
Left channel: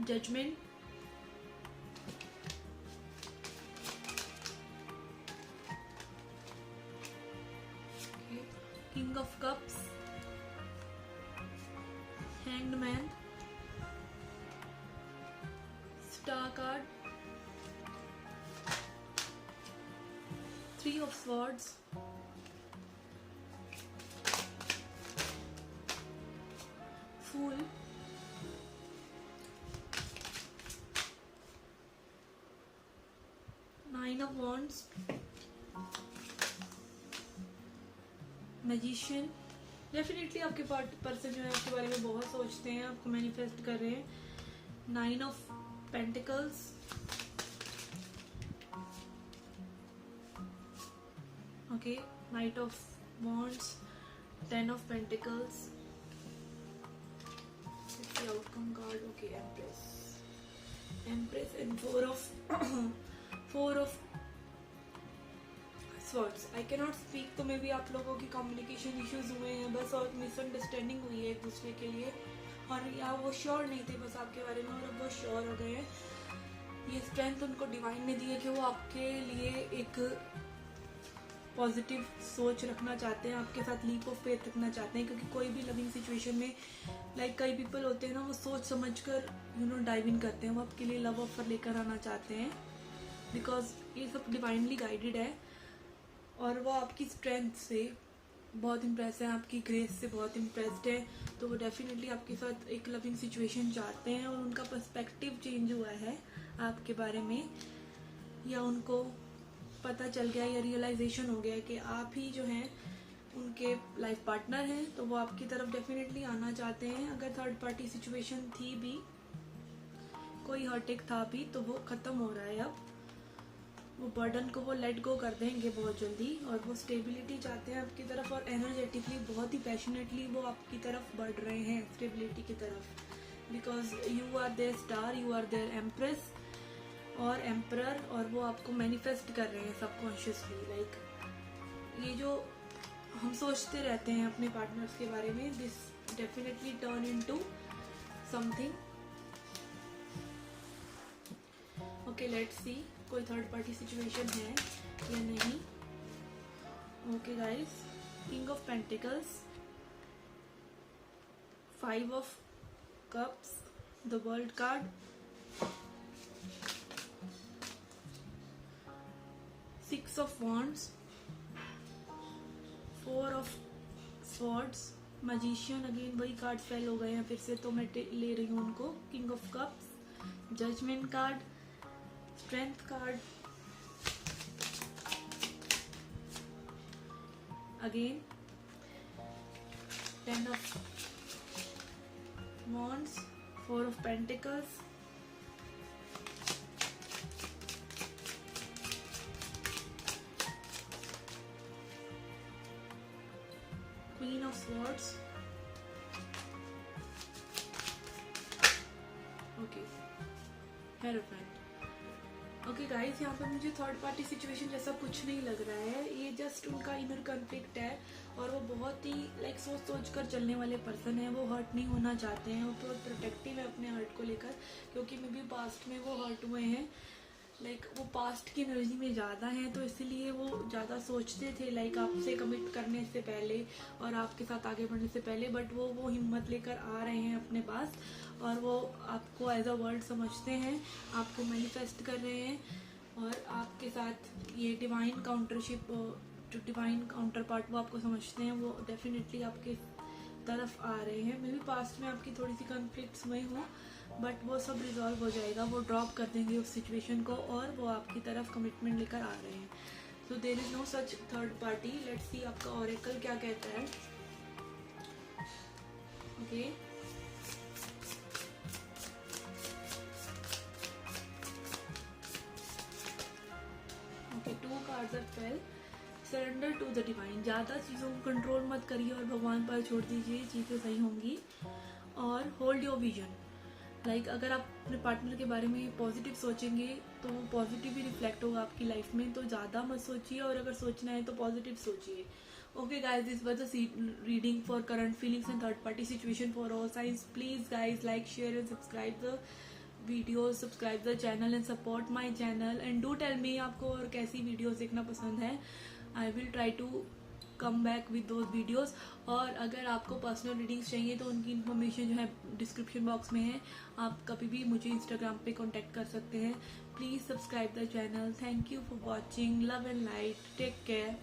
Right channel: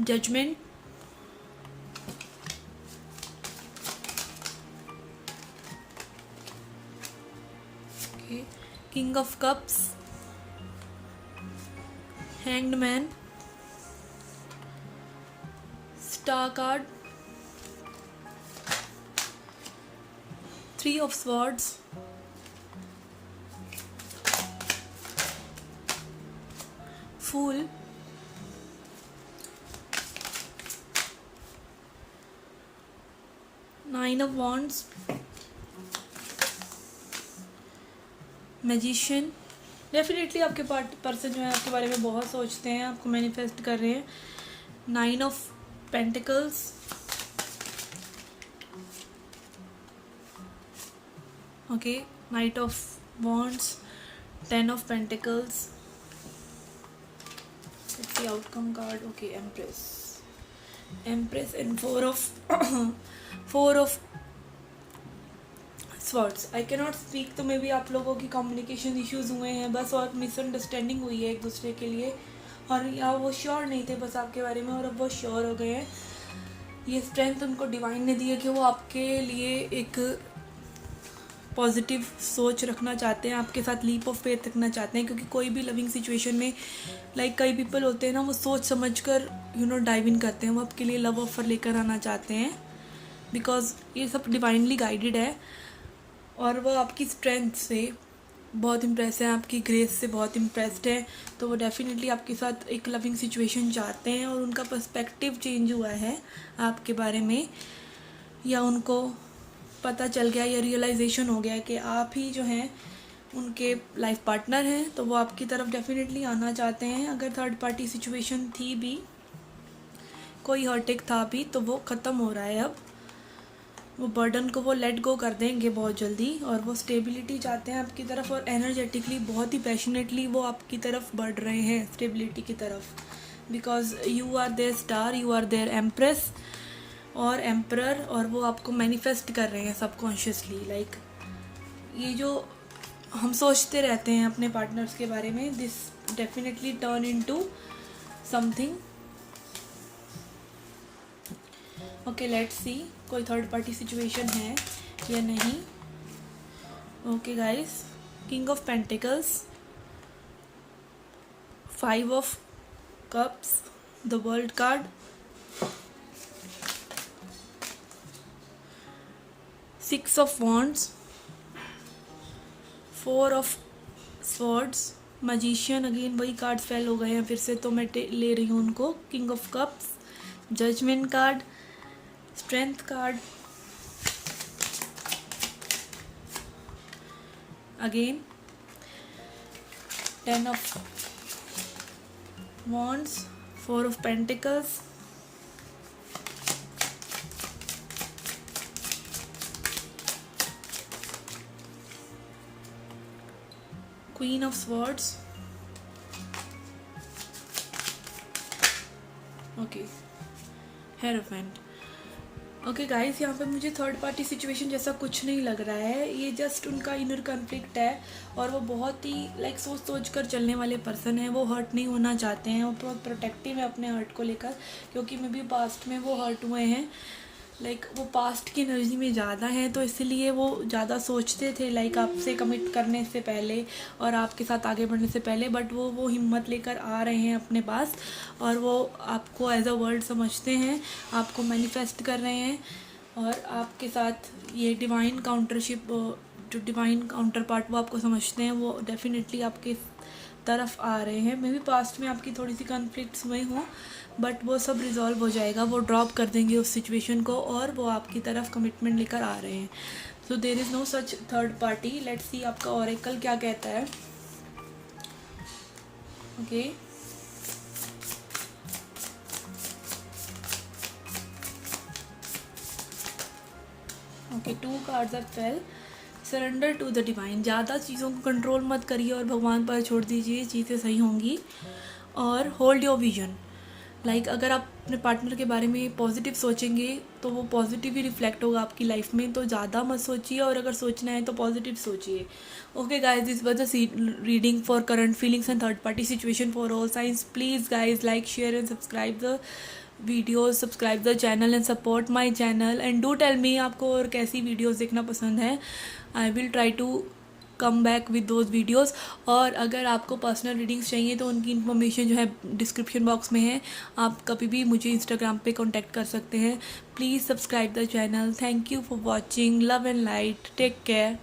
judgement, king of cups, hanged man, star card, three of swords, fool, nine of wands, magician. Definitely आपके person जो है आपके बारे में बहुत सोचते हैं, आपको मैनिफेस्ट कर रहे हैं। Nine of pentacles, okay, knight of wands, ten of pentacles, outcome card. Okay, empress and four of swords. I can not speak, तो मे बी आप लोगों की कम्युनिकेशन इश्यूज हुए हैं बस, और मिसअंडरस्टैंडिंग हुई है एक दूसरे के लिए, और या वो श्योर नहीं थे बस आपके बारे में और अब वो श्योर हो गए हैं। ये स्ट्रेंथ उनको डिवाइन ने दी है कि वो आपके लिए एक पॉजिटिव सोच रखना चाहते हैं, आपके साथ लीप ऑफ फेथ रखना चाहते हैं, क्योंकि कोई भी लविंग सिचुएशन में लाइक कई पीपल होते हैं ना, वो सोच समझ कर डाइव इन करते हैं, वो आपके लिए लव ऑफर लेकर आना चाहते हैं, बिकॉज ये सब डिवाइनली गाइडेड है। और वो आपकी स्ट्रेंथ से बहुत इम्प्रेस है, आपकी ग्रेस से बहुत इम्प्रेस्ड है, तो वो डेफिनेटली आपके साथ एक लविंग सिचुएशन चाहते हैं, और उनका पर्सपेक्टिव चेंज हुआ है आपके बारे में, या उनको पता चल गया या रियलाइजेशन हो गया कि आप ही जो हैं उनके लाइफ पार्टनर हैं, तो वो आपकी तरफ डेफिनेटली आना चाहते हैं। अगर थर्ड पार्टी सिचुएशन थी भी, कोई हर्टेक था भी, तो वो ख़त्म हो रहा है अब। वो बर्डन को वो लेट गो कर देंगे बहुत जल्दी, और वो स्टेबिलिटी चाहते हैं आपकी तरफ, और एनर्जेटिकली बहुत ही पैशनेटली वो आपकी तरफ बढ़ रहे हैं स्टेबिलिटी की तरफ, because you are their star, you are their empress और एम्परर, और वो आपको मैनिफेस्ट कर रहे हैं सबकॉन्शियसली। लाइक ये जो हम सोचते रहते हैं अपने पार्टनर्स के बारे में, this definitely turn into something. Okay, let's see कोई थर्ड पार्टी सिचुएशन है या नहीं। Okay guys, king of pentacles, five of cups, the world card, six of wands, four of swords, magician. Again वही cards fail हो गए हैं फिर से, तो मैं ले रही हूँ उनको। King of cups, judgement card, strength card, again ten of wands, four of pentacles, queen of swords, okay, hierophant. Okay guys, यहाँ पे मुझे थर्ड पार्टी सिचुएशन जैसा कुछ नहीं लग रहा है। ये जस्ट उनका इनर कॉन्फ्लिक्ट है और वो बहुत ही लाइक सोच कर चलने वाले पर्सन हैं। वो हर्ट नहीं होना चाहते हैं, वो बहुत प्रोटेक्टिव है अपने हर्ट को लेकर, क्योंकि मे बी पास्ट में वो हर्ट हुए हैं। लाइक वो पास्ट की एनर्जी में ज़्यादा हैं, तो इसलिए वो ज़्यादा सोचते थे लाइक आपसे कमिट करने से पहले और आपके साथ आगे बढ़ने से पहले। बट वो हिम्मत लेकर आ रहे हैं अपने पास और वो आपको एज अ वर्ल्ड समझते हैं, आपको मैनिफेस्ट कर रहे हैं। और आपके साथ ये डिवाइन काउंटरशिप, जो डिवाइन काउंटर पार्ट वो आपको समझते हैं, वो डेफिनेटली आपके तरफ आ रहे हैं। मे बी पास्ट में आपकी थोड़ी सी कॉन्फ्लिक्ट्स हुए हों, बट वो सब रिजॉल्व हो जाएगा। वो ड्रॉप कर देंगे उस सिचुएशन को और वो आपकी तरफ कमिटमेंट लेकर आ रहे हैं। So there is no such third party. Let's see आपका ऑरेकल क्या कहता है। Okay, okay, 2 cards are fell. Surrender to the divine. ज़्यादा चीज़ों को कंट्रोल मत करिए और भगवान पर छोड़ दीजिए, चीज़ें सही होंगी। और होल्ड योर विजन। लाइक अगर आप अपने पार्टनर के बारे में पॉजिटिव सोचेंगे तो वो पॉजिटिव ही रिफ्लेक्ट होगा आपकी लाइफ में। तो ज़्यादा मत सोचिए और अगर सोचना है तो पॉजिटिव सोचिए। Okay guys, this was the reading for current feelings and third party situation for all signs. Please guys like, share and subscribe the videos, subscribe the channel and support my channel and do tell me आपको और कैसी videos देखना पसंद है। I will try to come back with those videos. और अगर आपको personal readings चाहिए तो उनकी इन्फॉर्मेशन जो है डिस्क्रिप्शन बॉक्स में है। आप कभी भी मुझे इंस्टाग्राम पे कांटेक्ट कर सकते हैं। Please subscribe the channel. Thank you for watching. Love and light. Take care.